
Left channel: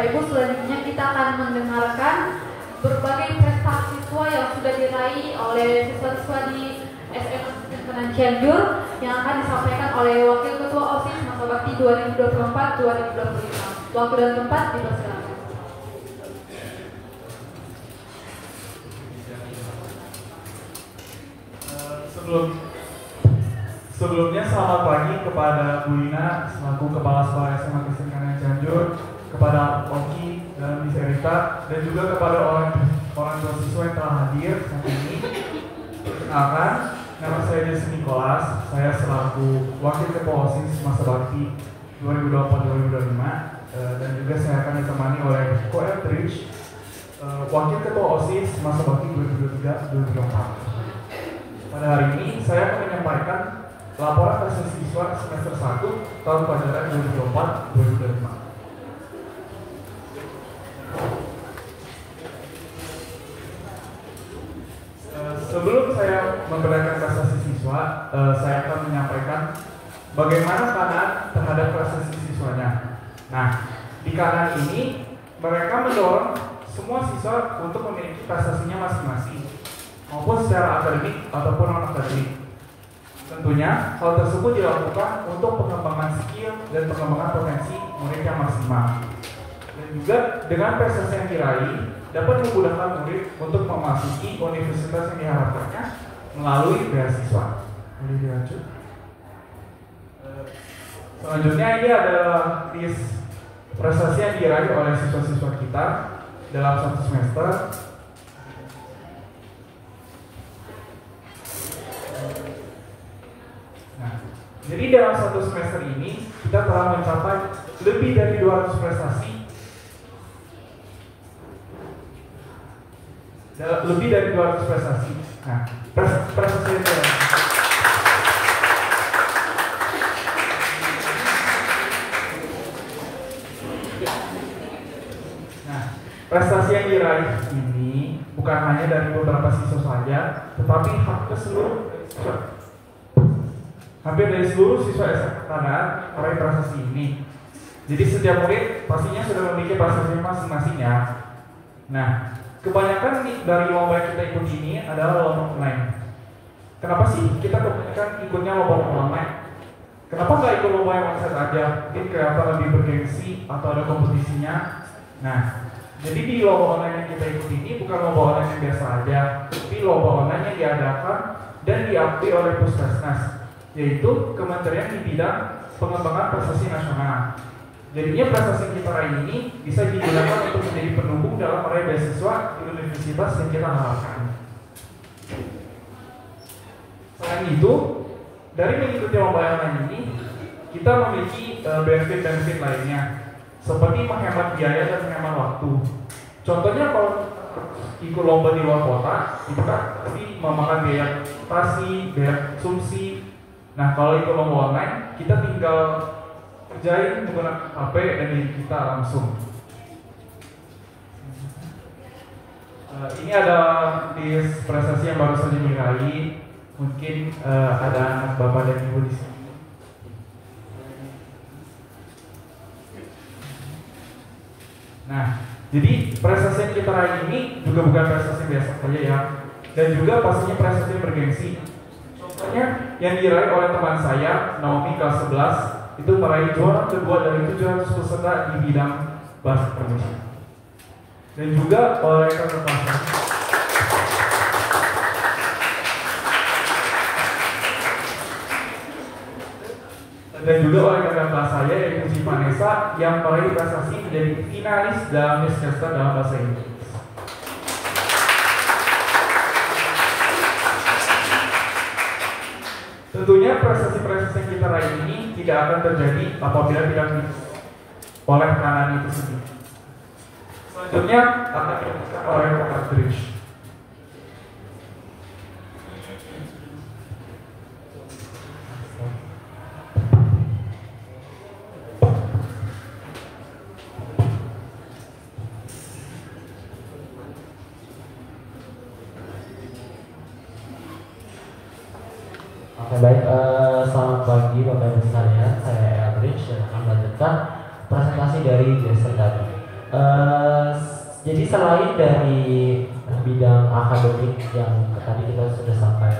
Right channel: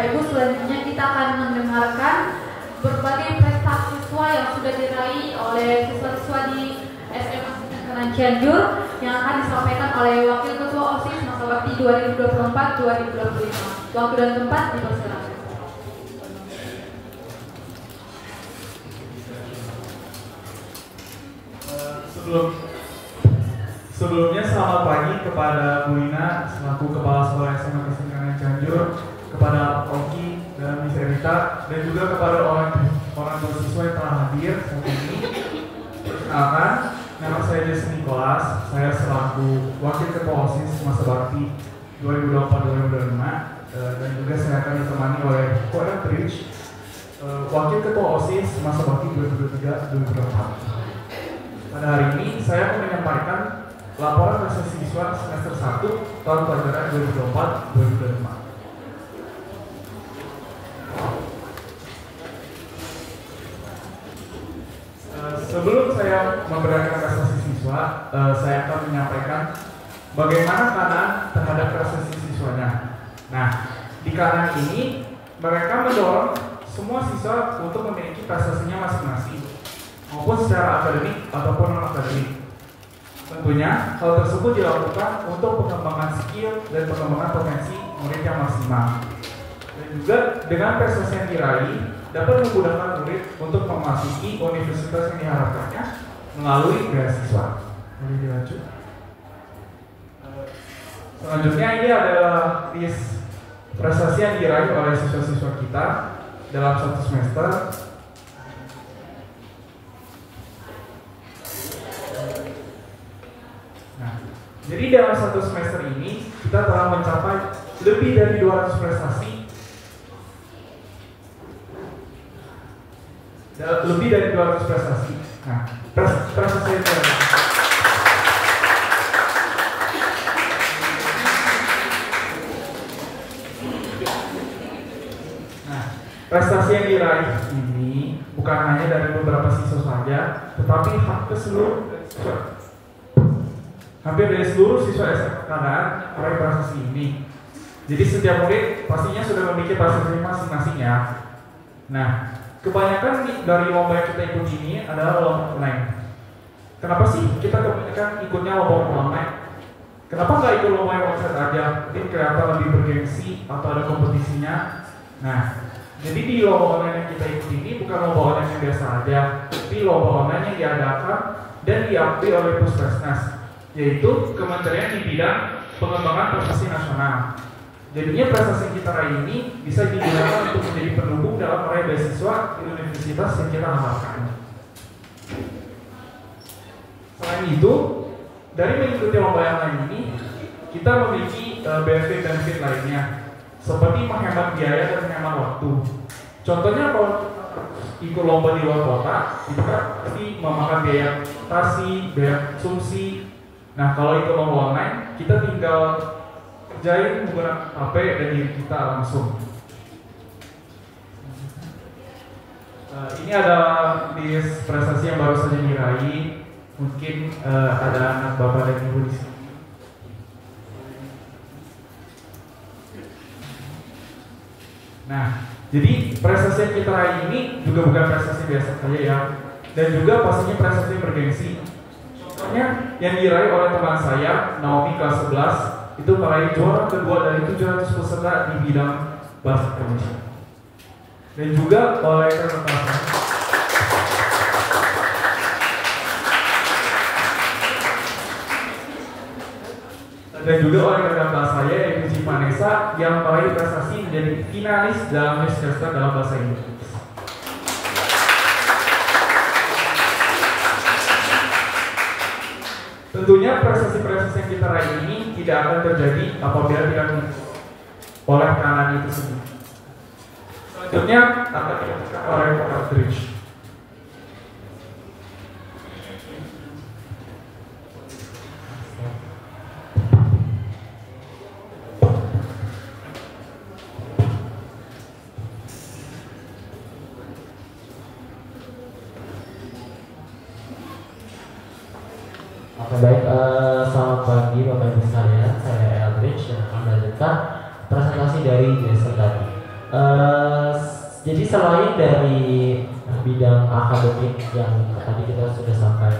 Bapak Ibu, selanjutnya kita akan mendengarkan berbagai prestasi siswa yang sudah diraih oleh siswa-siswa di SMA Kanan Cianjur yang akan disampaikan oleh Wakil Ketua OSIS masa bakti 2024-2025. Waktu dan tempat dipersilakan. Sebelumnya selamat pagi kepada Bu Lina selaku Kepala Sekolah SMA Kristen Kanan Cianjur, kepada Oki dan Miss Erita, dan juga kepada orang tua siswa yang telah hadir saat ini. Perkenalkan, nama saya Jason Nicholas. Saya selaku Wakil Ketua OSIS masa bakti 2024-2025, dan juga saya akan ditemani oleh Ko Eldridge, Wakil Ketua OSIS masa bakti 2023-2024. Pada hari ini saya akan menyampaikan laporan prestasi siswa semester 1 tahun pelajaran 2024-2025. Sebelum saya memperlihatkan prestasi siswa, saya akan menyampaikan bagaimana kanan terhadap prestasi siswanya. Nah, di kanan ini mereka mendorong semua siswa untuk memiliki prestasinya masing-masing, maupun secara akademik ataupun non-akademik. Tentunya hal tersebut dilakukan untuk pengembangan skill dan pengembangan potensi murid yang maksimal. Dan juga dengan prestasi yang diraih dapat memudahkan murid untuk memasuki universitas yang diharapkannya melalui beasiswa. Boleh dilanjut. Selanjutnya ini adalah list prestasi yang diraih oleh siswa-siswa kita dalam satu semester. Nah, jadi dalam satu semester ini kita telah mencapai lebih dari 200 prestasi. Lebih dari 200 prestasi. Nah, prestasi itu. Nah, prestasi yang diraih ini bukan hanya dari beberapa siswa saja, tetapi hampir dari seluruh siswa SMA Kanan meraih prestasi ini. Jadi setiap murid pastinya sudah memiliki prestasi masing-masing ya. Nah, kebanyakan dari lomba yang kita ikuti ini adalah lomba online. Kenapa sih kita kebanyakan ikutnya lomba online? Kenapa nggak ikut lomba yang website aja? Mungkin kelihatan lebih bergengsi atau ada kompetisinya. Nah, jadi di lomba online yang kita ikuti ini bukan lomba online yang biasa aja, tapi lomba online yang diadakan dan diakui oleh Puskesmas, yaitu Kementerian di bidang pengembangan prestasi nasional. Jadinya prestasi yang kita raih ini bisa digunakan untuk menjadi pendukung dalam meraih beasiswa di universitas yang kita harapkan. Selain itu, dari mengikuti lomba yang lain ini, kita memiliki benefit-benefit lainnya, seperti menghemat biaya dan menghemat waktu. Contohnya kalau ikut lomba di luar kota, itu kan pasti memakan biaya transportasi, biaya konsumsi. Nah, kalau ikut lomba online, kita tinggal kerjain menggunakan HP dan diri kita langsung. Ini ada list prestasi yang baru saja diraih. Mungkin ada anak bapak dan ibu di sini. Nah, jadi prestasi yang kita raih ini juga bukan prestasi biasa saja ya, dan juga pastinya prestasi yang bergengsi. Contohnya yang diraih oleh teman saya, Naomi kelas 11. Itu meraih juara kedua dari 700 peserta di bidang bahasa Indonesia. Dan juga oleh kakak kelas saya yaitu Ci Vanessa yang meraih prestasi menjadi finalis dalam Miss Chester dalam bahasa Inggris. Tentunya prestasi-prestasi yang kita raih ini tidak akan terjadi apabila tidak oleh kanan itu sendiri. Selanjutnya akan dilakukan oleh Eldridge. Baik, selamat pagi Bapak Ibu sekalian, saya Eldridge dan akan melanjutkan presentasi dari Jason tadi. Jadi selain dari bidang akademik yang tadi kita sudah sampai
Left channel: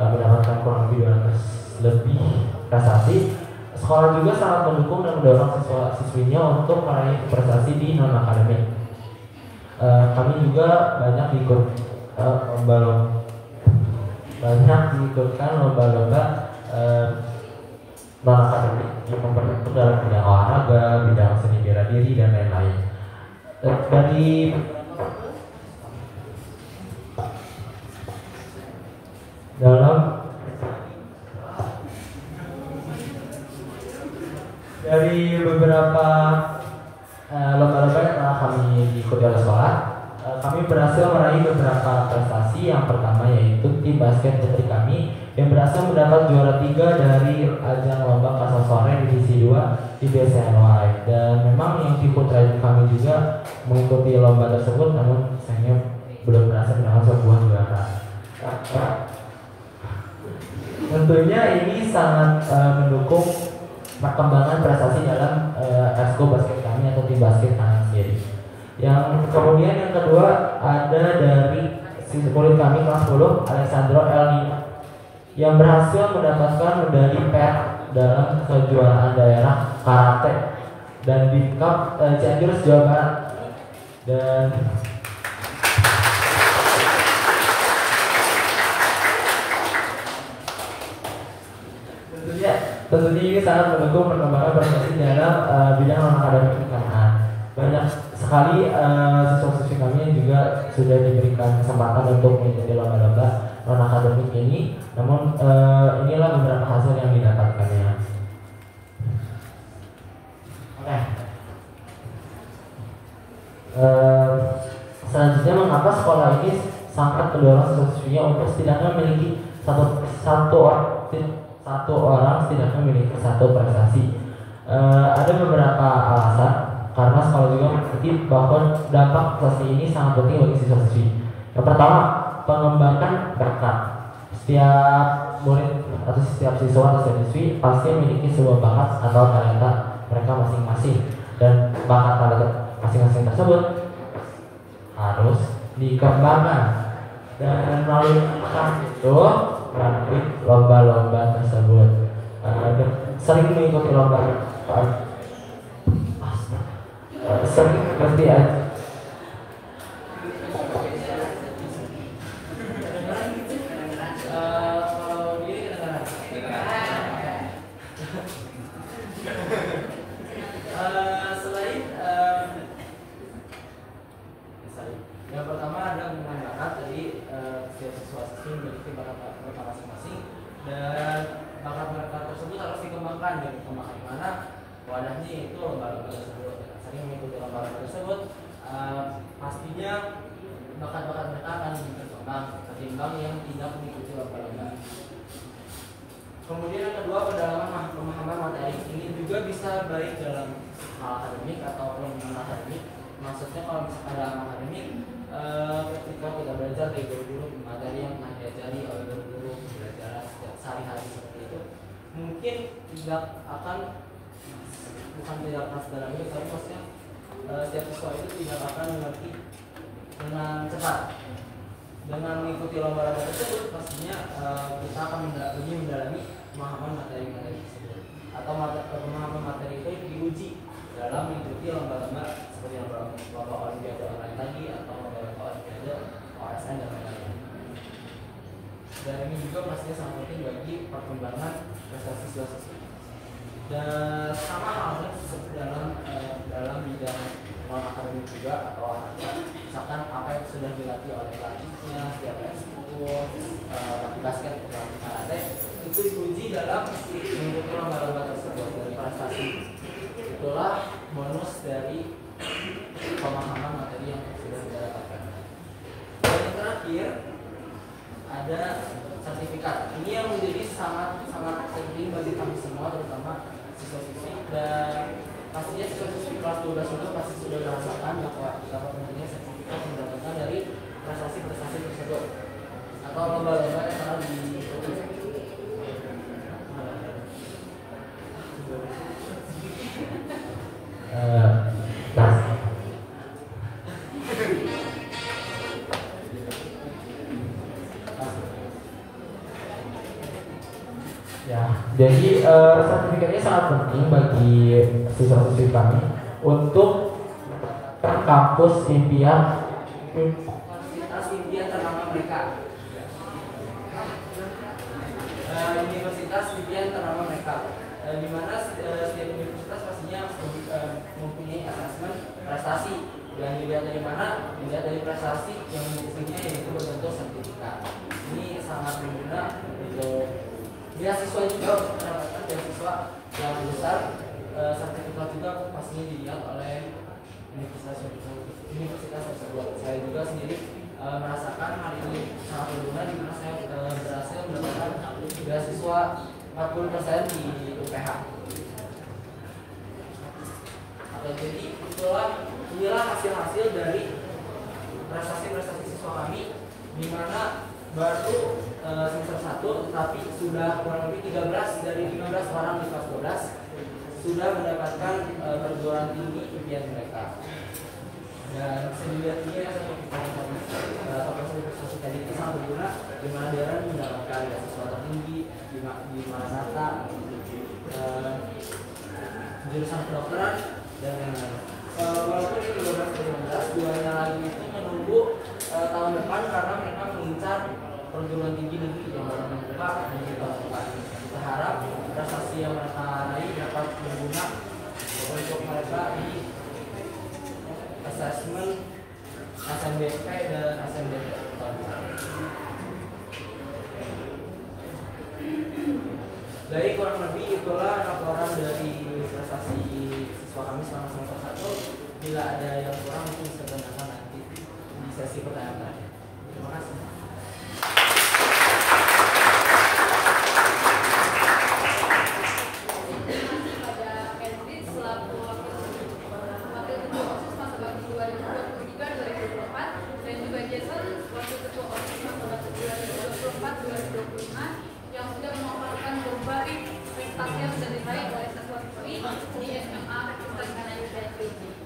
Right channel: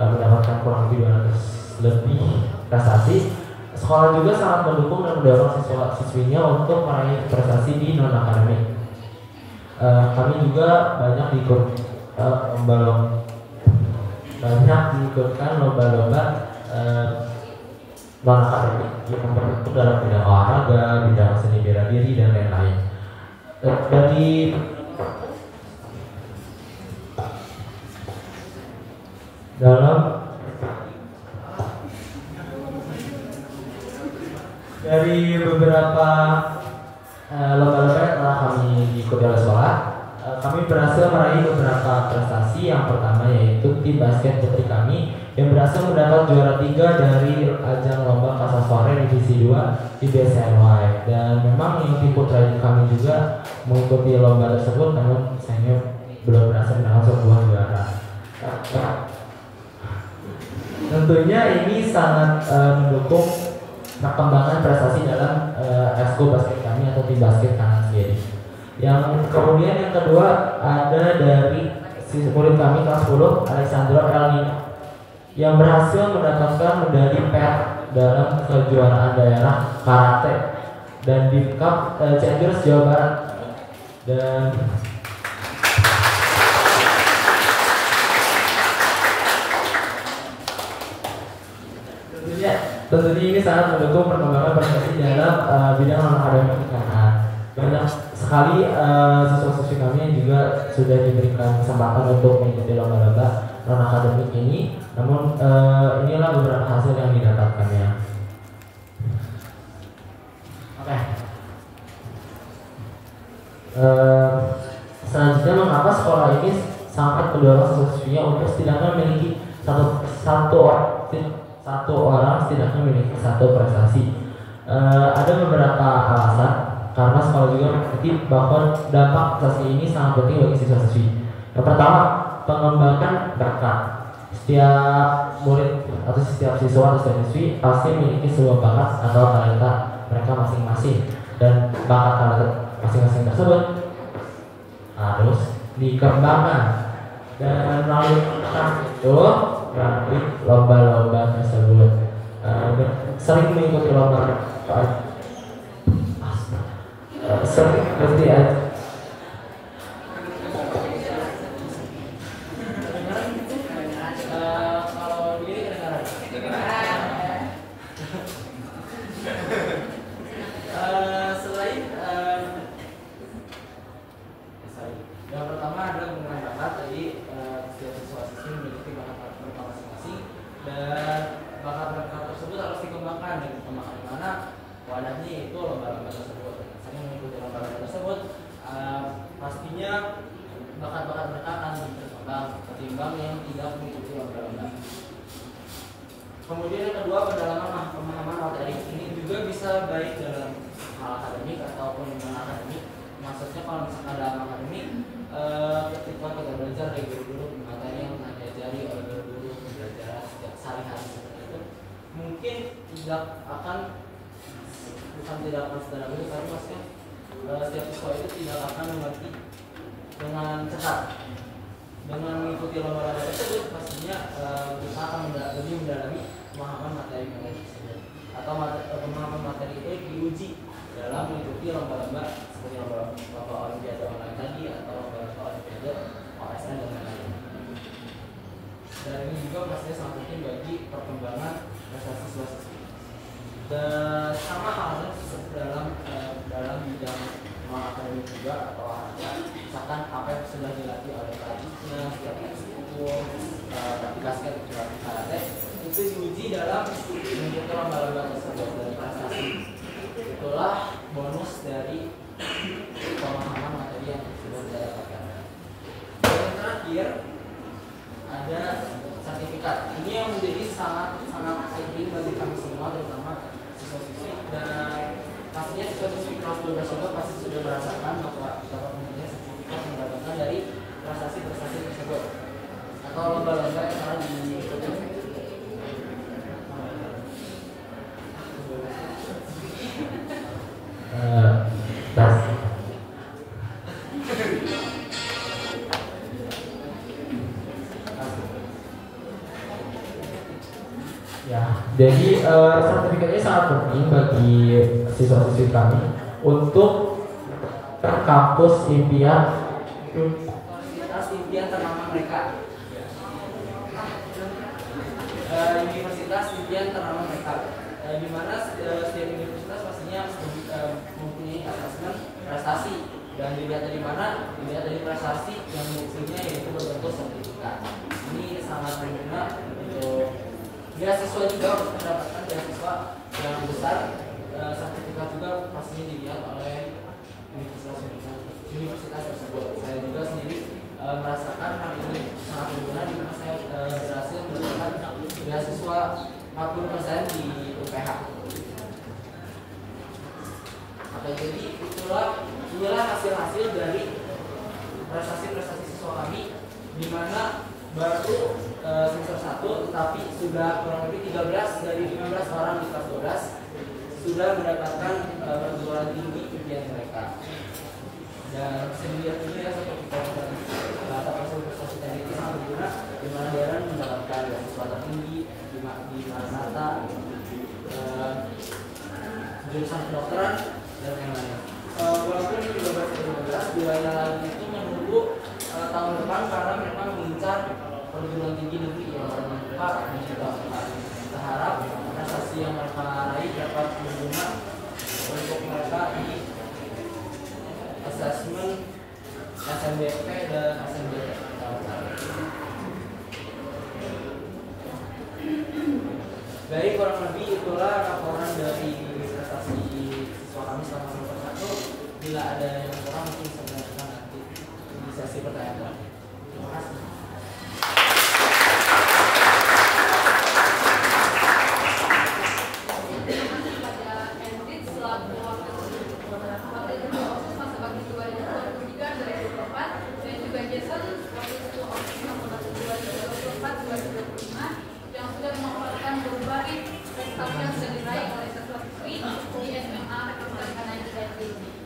mendapatkan kurang lebih 200 lebih prestasi, sekolah juga sangat mendukung dan mendorong siswa-siswinya untuk meraih prestasi di non akademik. Kami juga banyak diikutkan lomba-lomba non akademik yang memperbentuk dalam bidang olahraga, bidang seni bela diri dan lain-lain. Dari beberapa lomba-lomba yang telah kami ikuti oleh sekolah, kami berhasil meraih beberapa prestasi. Yang pertama yaitu tim basket putri kami yang berhasil mendapat juara 3 dari ajang lomba Pasar Sore divisi 2 di BSNY. Dan memang yang tim putra kami juga mengikuti lomba tersebut, namun sayangnya belum berhasil mendapat sebuah juara. Tentunya ini sangat mendukung perkembangan prestasi dalam ekskul basket kami atau tim basket kanan sendiri. Yang kemudian yang kedua ada dari murid kami kelas 10 Alexandro El Nino yang berhasil mendapatkan medali perak dalam kejuaraan daerah karate dan di Cup Cianjur Jawa Barat. Dan tentunya ini sangat mendukung perkembangan prestasi dalam bidang non akademik karena banyak sekali siswa-siswi kami yang juga sudah diberikan kesempatan untuk mengikuti lomba-lomba non akademik ini. Namun inilah beberapa hasil yang didapatkannya. Oke. Selanjutnya, mengapa sekolah ini sangat mendorong siswa-siswinya untuk setidaknya memiliki satu orang setidaknya memiliki satu prestasi? Ada beberapa alasan, karena sekolah juga mengerti bahwa dampak prestasi ini sangat penting bagi siswa-siswi. Yang pertama, pengembangan bakat. Setiap murid atau setiap siswa atau setiap siswi pasti memiliki sebuah bakat atau talenta mereka masing-masing, dan bakat talenta masing-masing tersebut harus dikembangkan dan melalui lomba-lomba tersebut. Sering mengikuti lomba sering berarti aja. Kalau diri kedengaran. Selain yang pertama adalah mengenai bakat. Tadi setiap siswa-siswi memiliki bakat mereka masing-masing dan bakat mereka tersebut harus dikembangkan. Dan dikembangkan di mana? Wadahnya itu lomba-lomba tersebut. Sering mengikuti lomba-lomba tersebut, pastinya bakat-bakat mereka akan lebih berkembang ketimbang yang tidak mengikuti lomba-lomba. Kemudian yang kedua, pendalaman pemahaman materi. Ini juga bisa baik dalam hal akademik ataupun non akademik. Maksudnya kalau misalkan dalam akademik, ketika kita belajar dari guru-guru materi yang telah diajari oleh guru-guru pembelajaran setiap sehari-hari seperti itu, mungkin tidak akan sedalam itu, tapi maksudnya setiap siswa itu tidak akan mengerti dengan cepat. Dengan mengikuti lomba-lomba tersebut, pastinya kita akan lebih mendalami pemahaman materi-materi tersebut, atau pemahaman materi itu diuji dalam mengikuti lomba-lomba seperti lomba olimpiade online tadi atau lomba olimpiade OSN dan lain-lain. Dan ini juga pastinya sangat penting bagi perkembangan prestasi siswa-siswi. Dan sama halnya dalam bidang non akademik juga atau olahraga, misalkan apa yang sudah dilatih oleh pelatihnya setiap ekskul, basket atau karate, itu diuji dalam mengikuti lomba-lomba tersebut dan prestasi. Itulah bonus dari pemahaman materi yang sudah kita dapatkan. Dan yang terakhir ada sertifikat. Ini yang menjadi sangat penting bagi kami semua, terutama siswa-siswi, dan pastinya siswa-siswi kelas 12 juga pasti sudah merasakan bahwa betapa pentingnya sertifikat yang mendapatkan dari prestasi-prestasi tersebut atau lomba-lomba yang telah diikuti. Jadi sertifikatnya sangat penting bagi siswa-siswi kami untuk kampus impian Universitas impian ternama mereka. Universitas impian ternama mereka. Di mana setiap universitas pastinya mempunyai asesmen prestasi, dan dilihat dari mana? Dilihat dari prestasi yang buktinya yaitu berbentuk sertifikat. Ini sangat berguna untuk beasiswa juga, untuk mendapatkan beasiswa yang besar. Sertifikat juga pastinya dilihat oleh universitas tersebut. Saya juga sendiri merasakan hal ini sangat berguna, di mana saya berhasil mendapatkan beasiswa 40% di UPH. Jadi inilah hasil-hasil dari prestasi-prestasi siswa kami, di mana baru semester 1 tetapi sudah kurang lebih 13 dari 15 orang di kelas 12 sudah mendapatkan perguruan tinggi impian mereka. Dan sejatinya seperti kata prestasi tadi itu sangat berguna, di mana Darren mendapatkan beasiswa tertinggi di Manasata, jurusan kedokteran dan lain-lain. Walaupun ini 12 duanya lagi itu menunggu tahun depan karena mereka mengincar perguruan tinggi negeri yang baru membuka di tahun depan. Kita harap prestasi yang mereka raih dapat berguna untuk mereka di asesmen SNBP dan SNBP. Baik, kurang lebih itulah laporan dari prestasi siswa kami selama semester 1. Bila ada yang kurang mungkin bisa ditanyakan nanti di sesi pertanyaan. Terima kasih.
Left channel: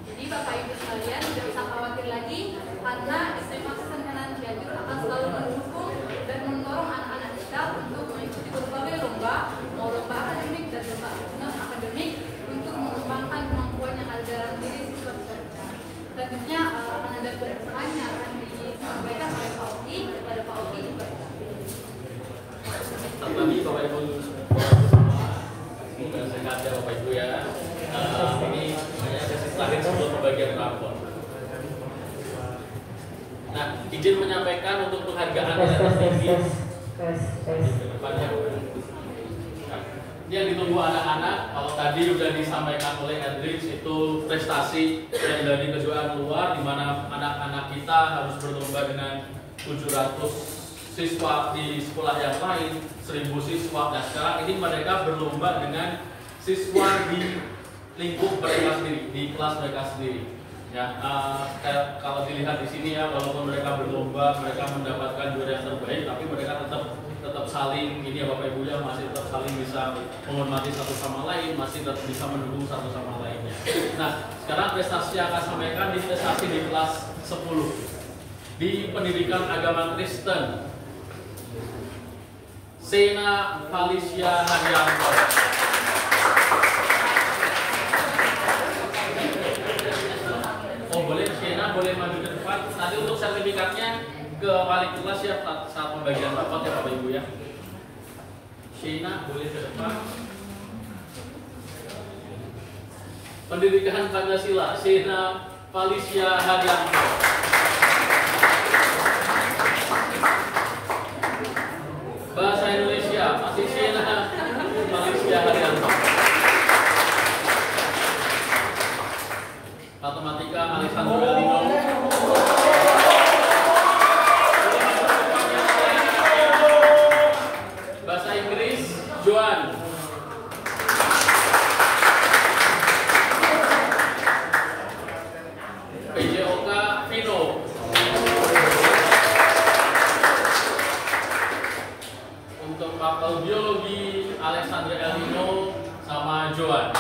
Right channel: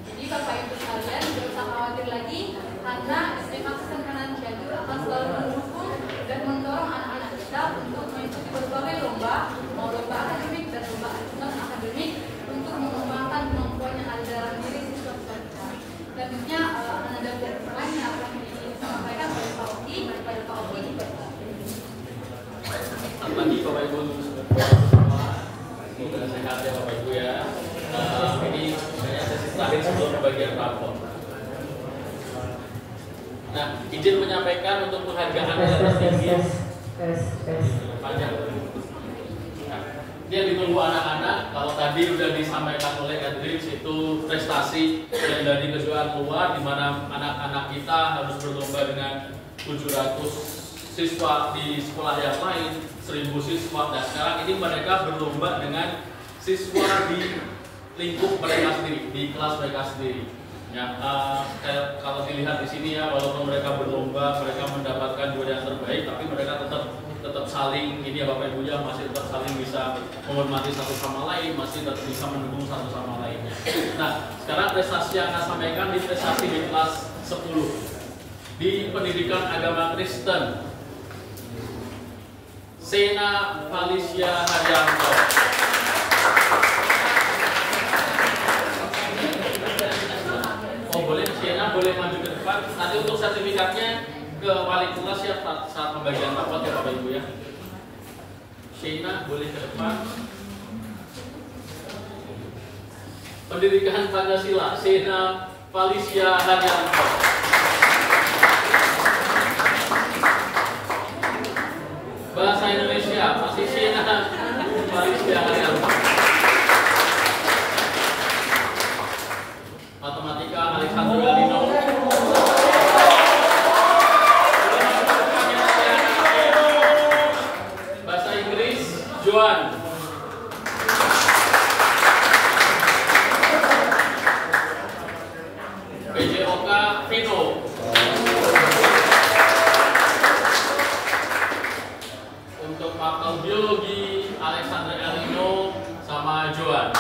Jadi Bapak Ibu sekalian tidak usah khawatir lagi, karena SMA Kesan Kanan Cianjur akan selalu mendukung dan mendorong anak-anak kita untuk mengikuti berbagai lomba, mau lomba akademik dan lomba non akademik, untuk mengembangkan kemampuan yang ada dalam diri siswa-siswa kita. Tentunya ada beberapa yang akan disampaikan oleh Pak Oki, kepada Pak Oki. Selamat pagi Bapak Ibu, semoga sehat ya Bapak Ibu ya. Ini sebenarnya sesi terakhir sebelum pembagian rapor. Nah, izin menyampaikan untuk penghargaan atas tinggi. Ini yang ditunggu anak-anak. Kalau tadi sudah disampaikan oleh Hendrix, itu prestasi yang dari kejuaraan luar, di mana anak-anak kita harus berlomba dengan 700 siswa di sekolah yang lain, 1000 siswa. Nah, sekarang ini mereka berlomba dengan siswa di lingkup mereka sendiri, di kelas mereka sendiri. Ya, kalau dilihat di sini ya, walaupun mereka berlomba, mereka mendapatkan juara yang terbaik, tapi mereka tetap saling, ini ya Bapak Ibu ya, masih tetap saling bisa menghormati satu sama lain, masih tetap bisa mendukung satu sama lainnya. Nah, sekarang prestasi yang akan sampaikan di prestasi di kelas 10 di pendidikan agama Kristen. Sena Felicia Haryanto. Boleh Siena boleh maju ke depan. Nanti untuk sertifikatnya ke wali kelas ya saat pembagian rapot ya Bapak Ibu ya. Siena boleh ke depan. Pendidikan Pancasila, Sena Felicia Haryanto. Bahasa Indonesia masih Sena Felicia Haryanto. Matematika Alexandra Lino. Bahasa Inggris Joan. PJOK Vino. Untuk mata biologi Alexandra Elino sama Joan.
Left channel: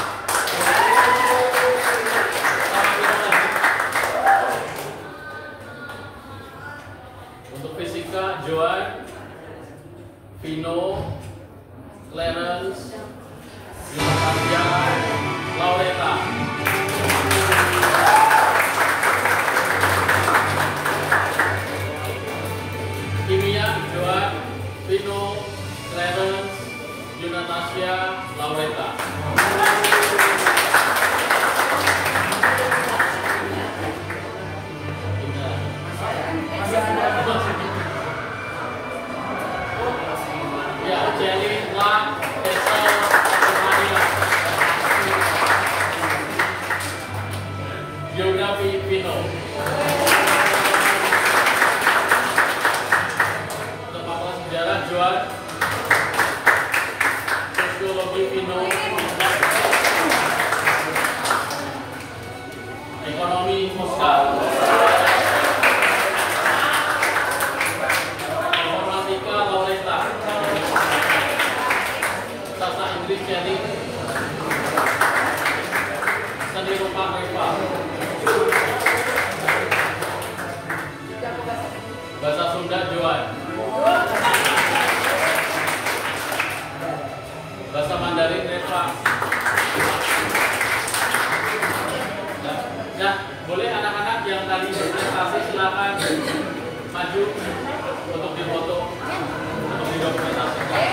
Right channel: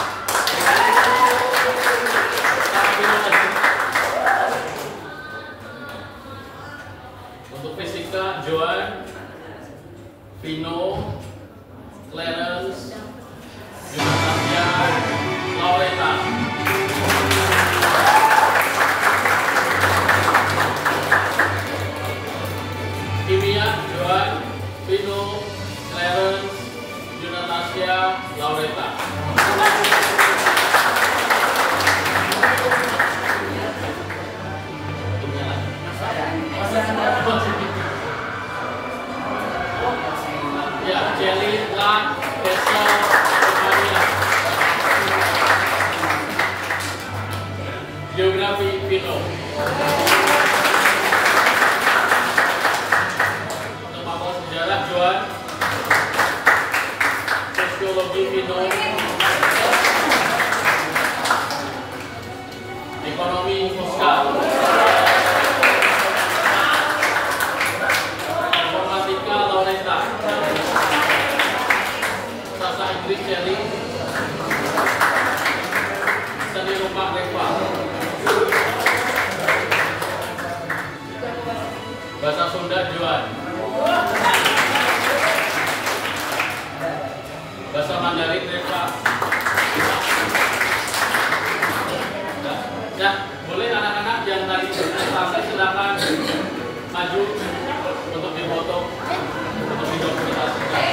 Untuk fisika Joan, Vino, Clarence, Yuvino. Ekonomi Oscar. Informatika Laureta. Bahasa Inggris Cherry. Seni rupa Reva. Bahasa Sunda Joan. Bahasa Mandarin Reva. Ya, boleh anak-anak yang tadi presentasi silakan maju untuk difoto, untuk didokumentasikan.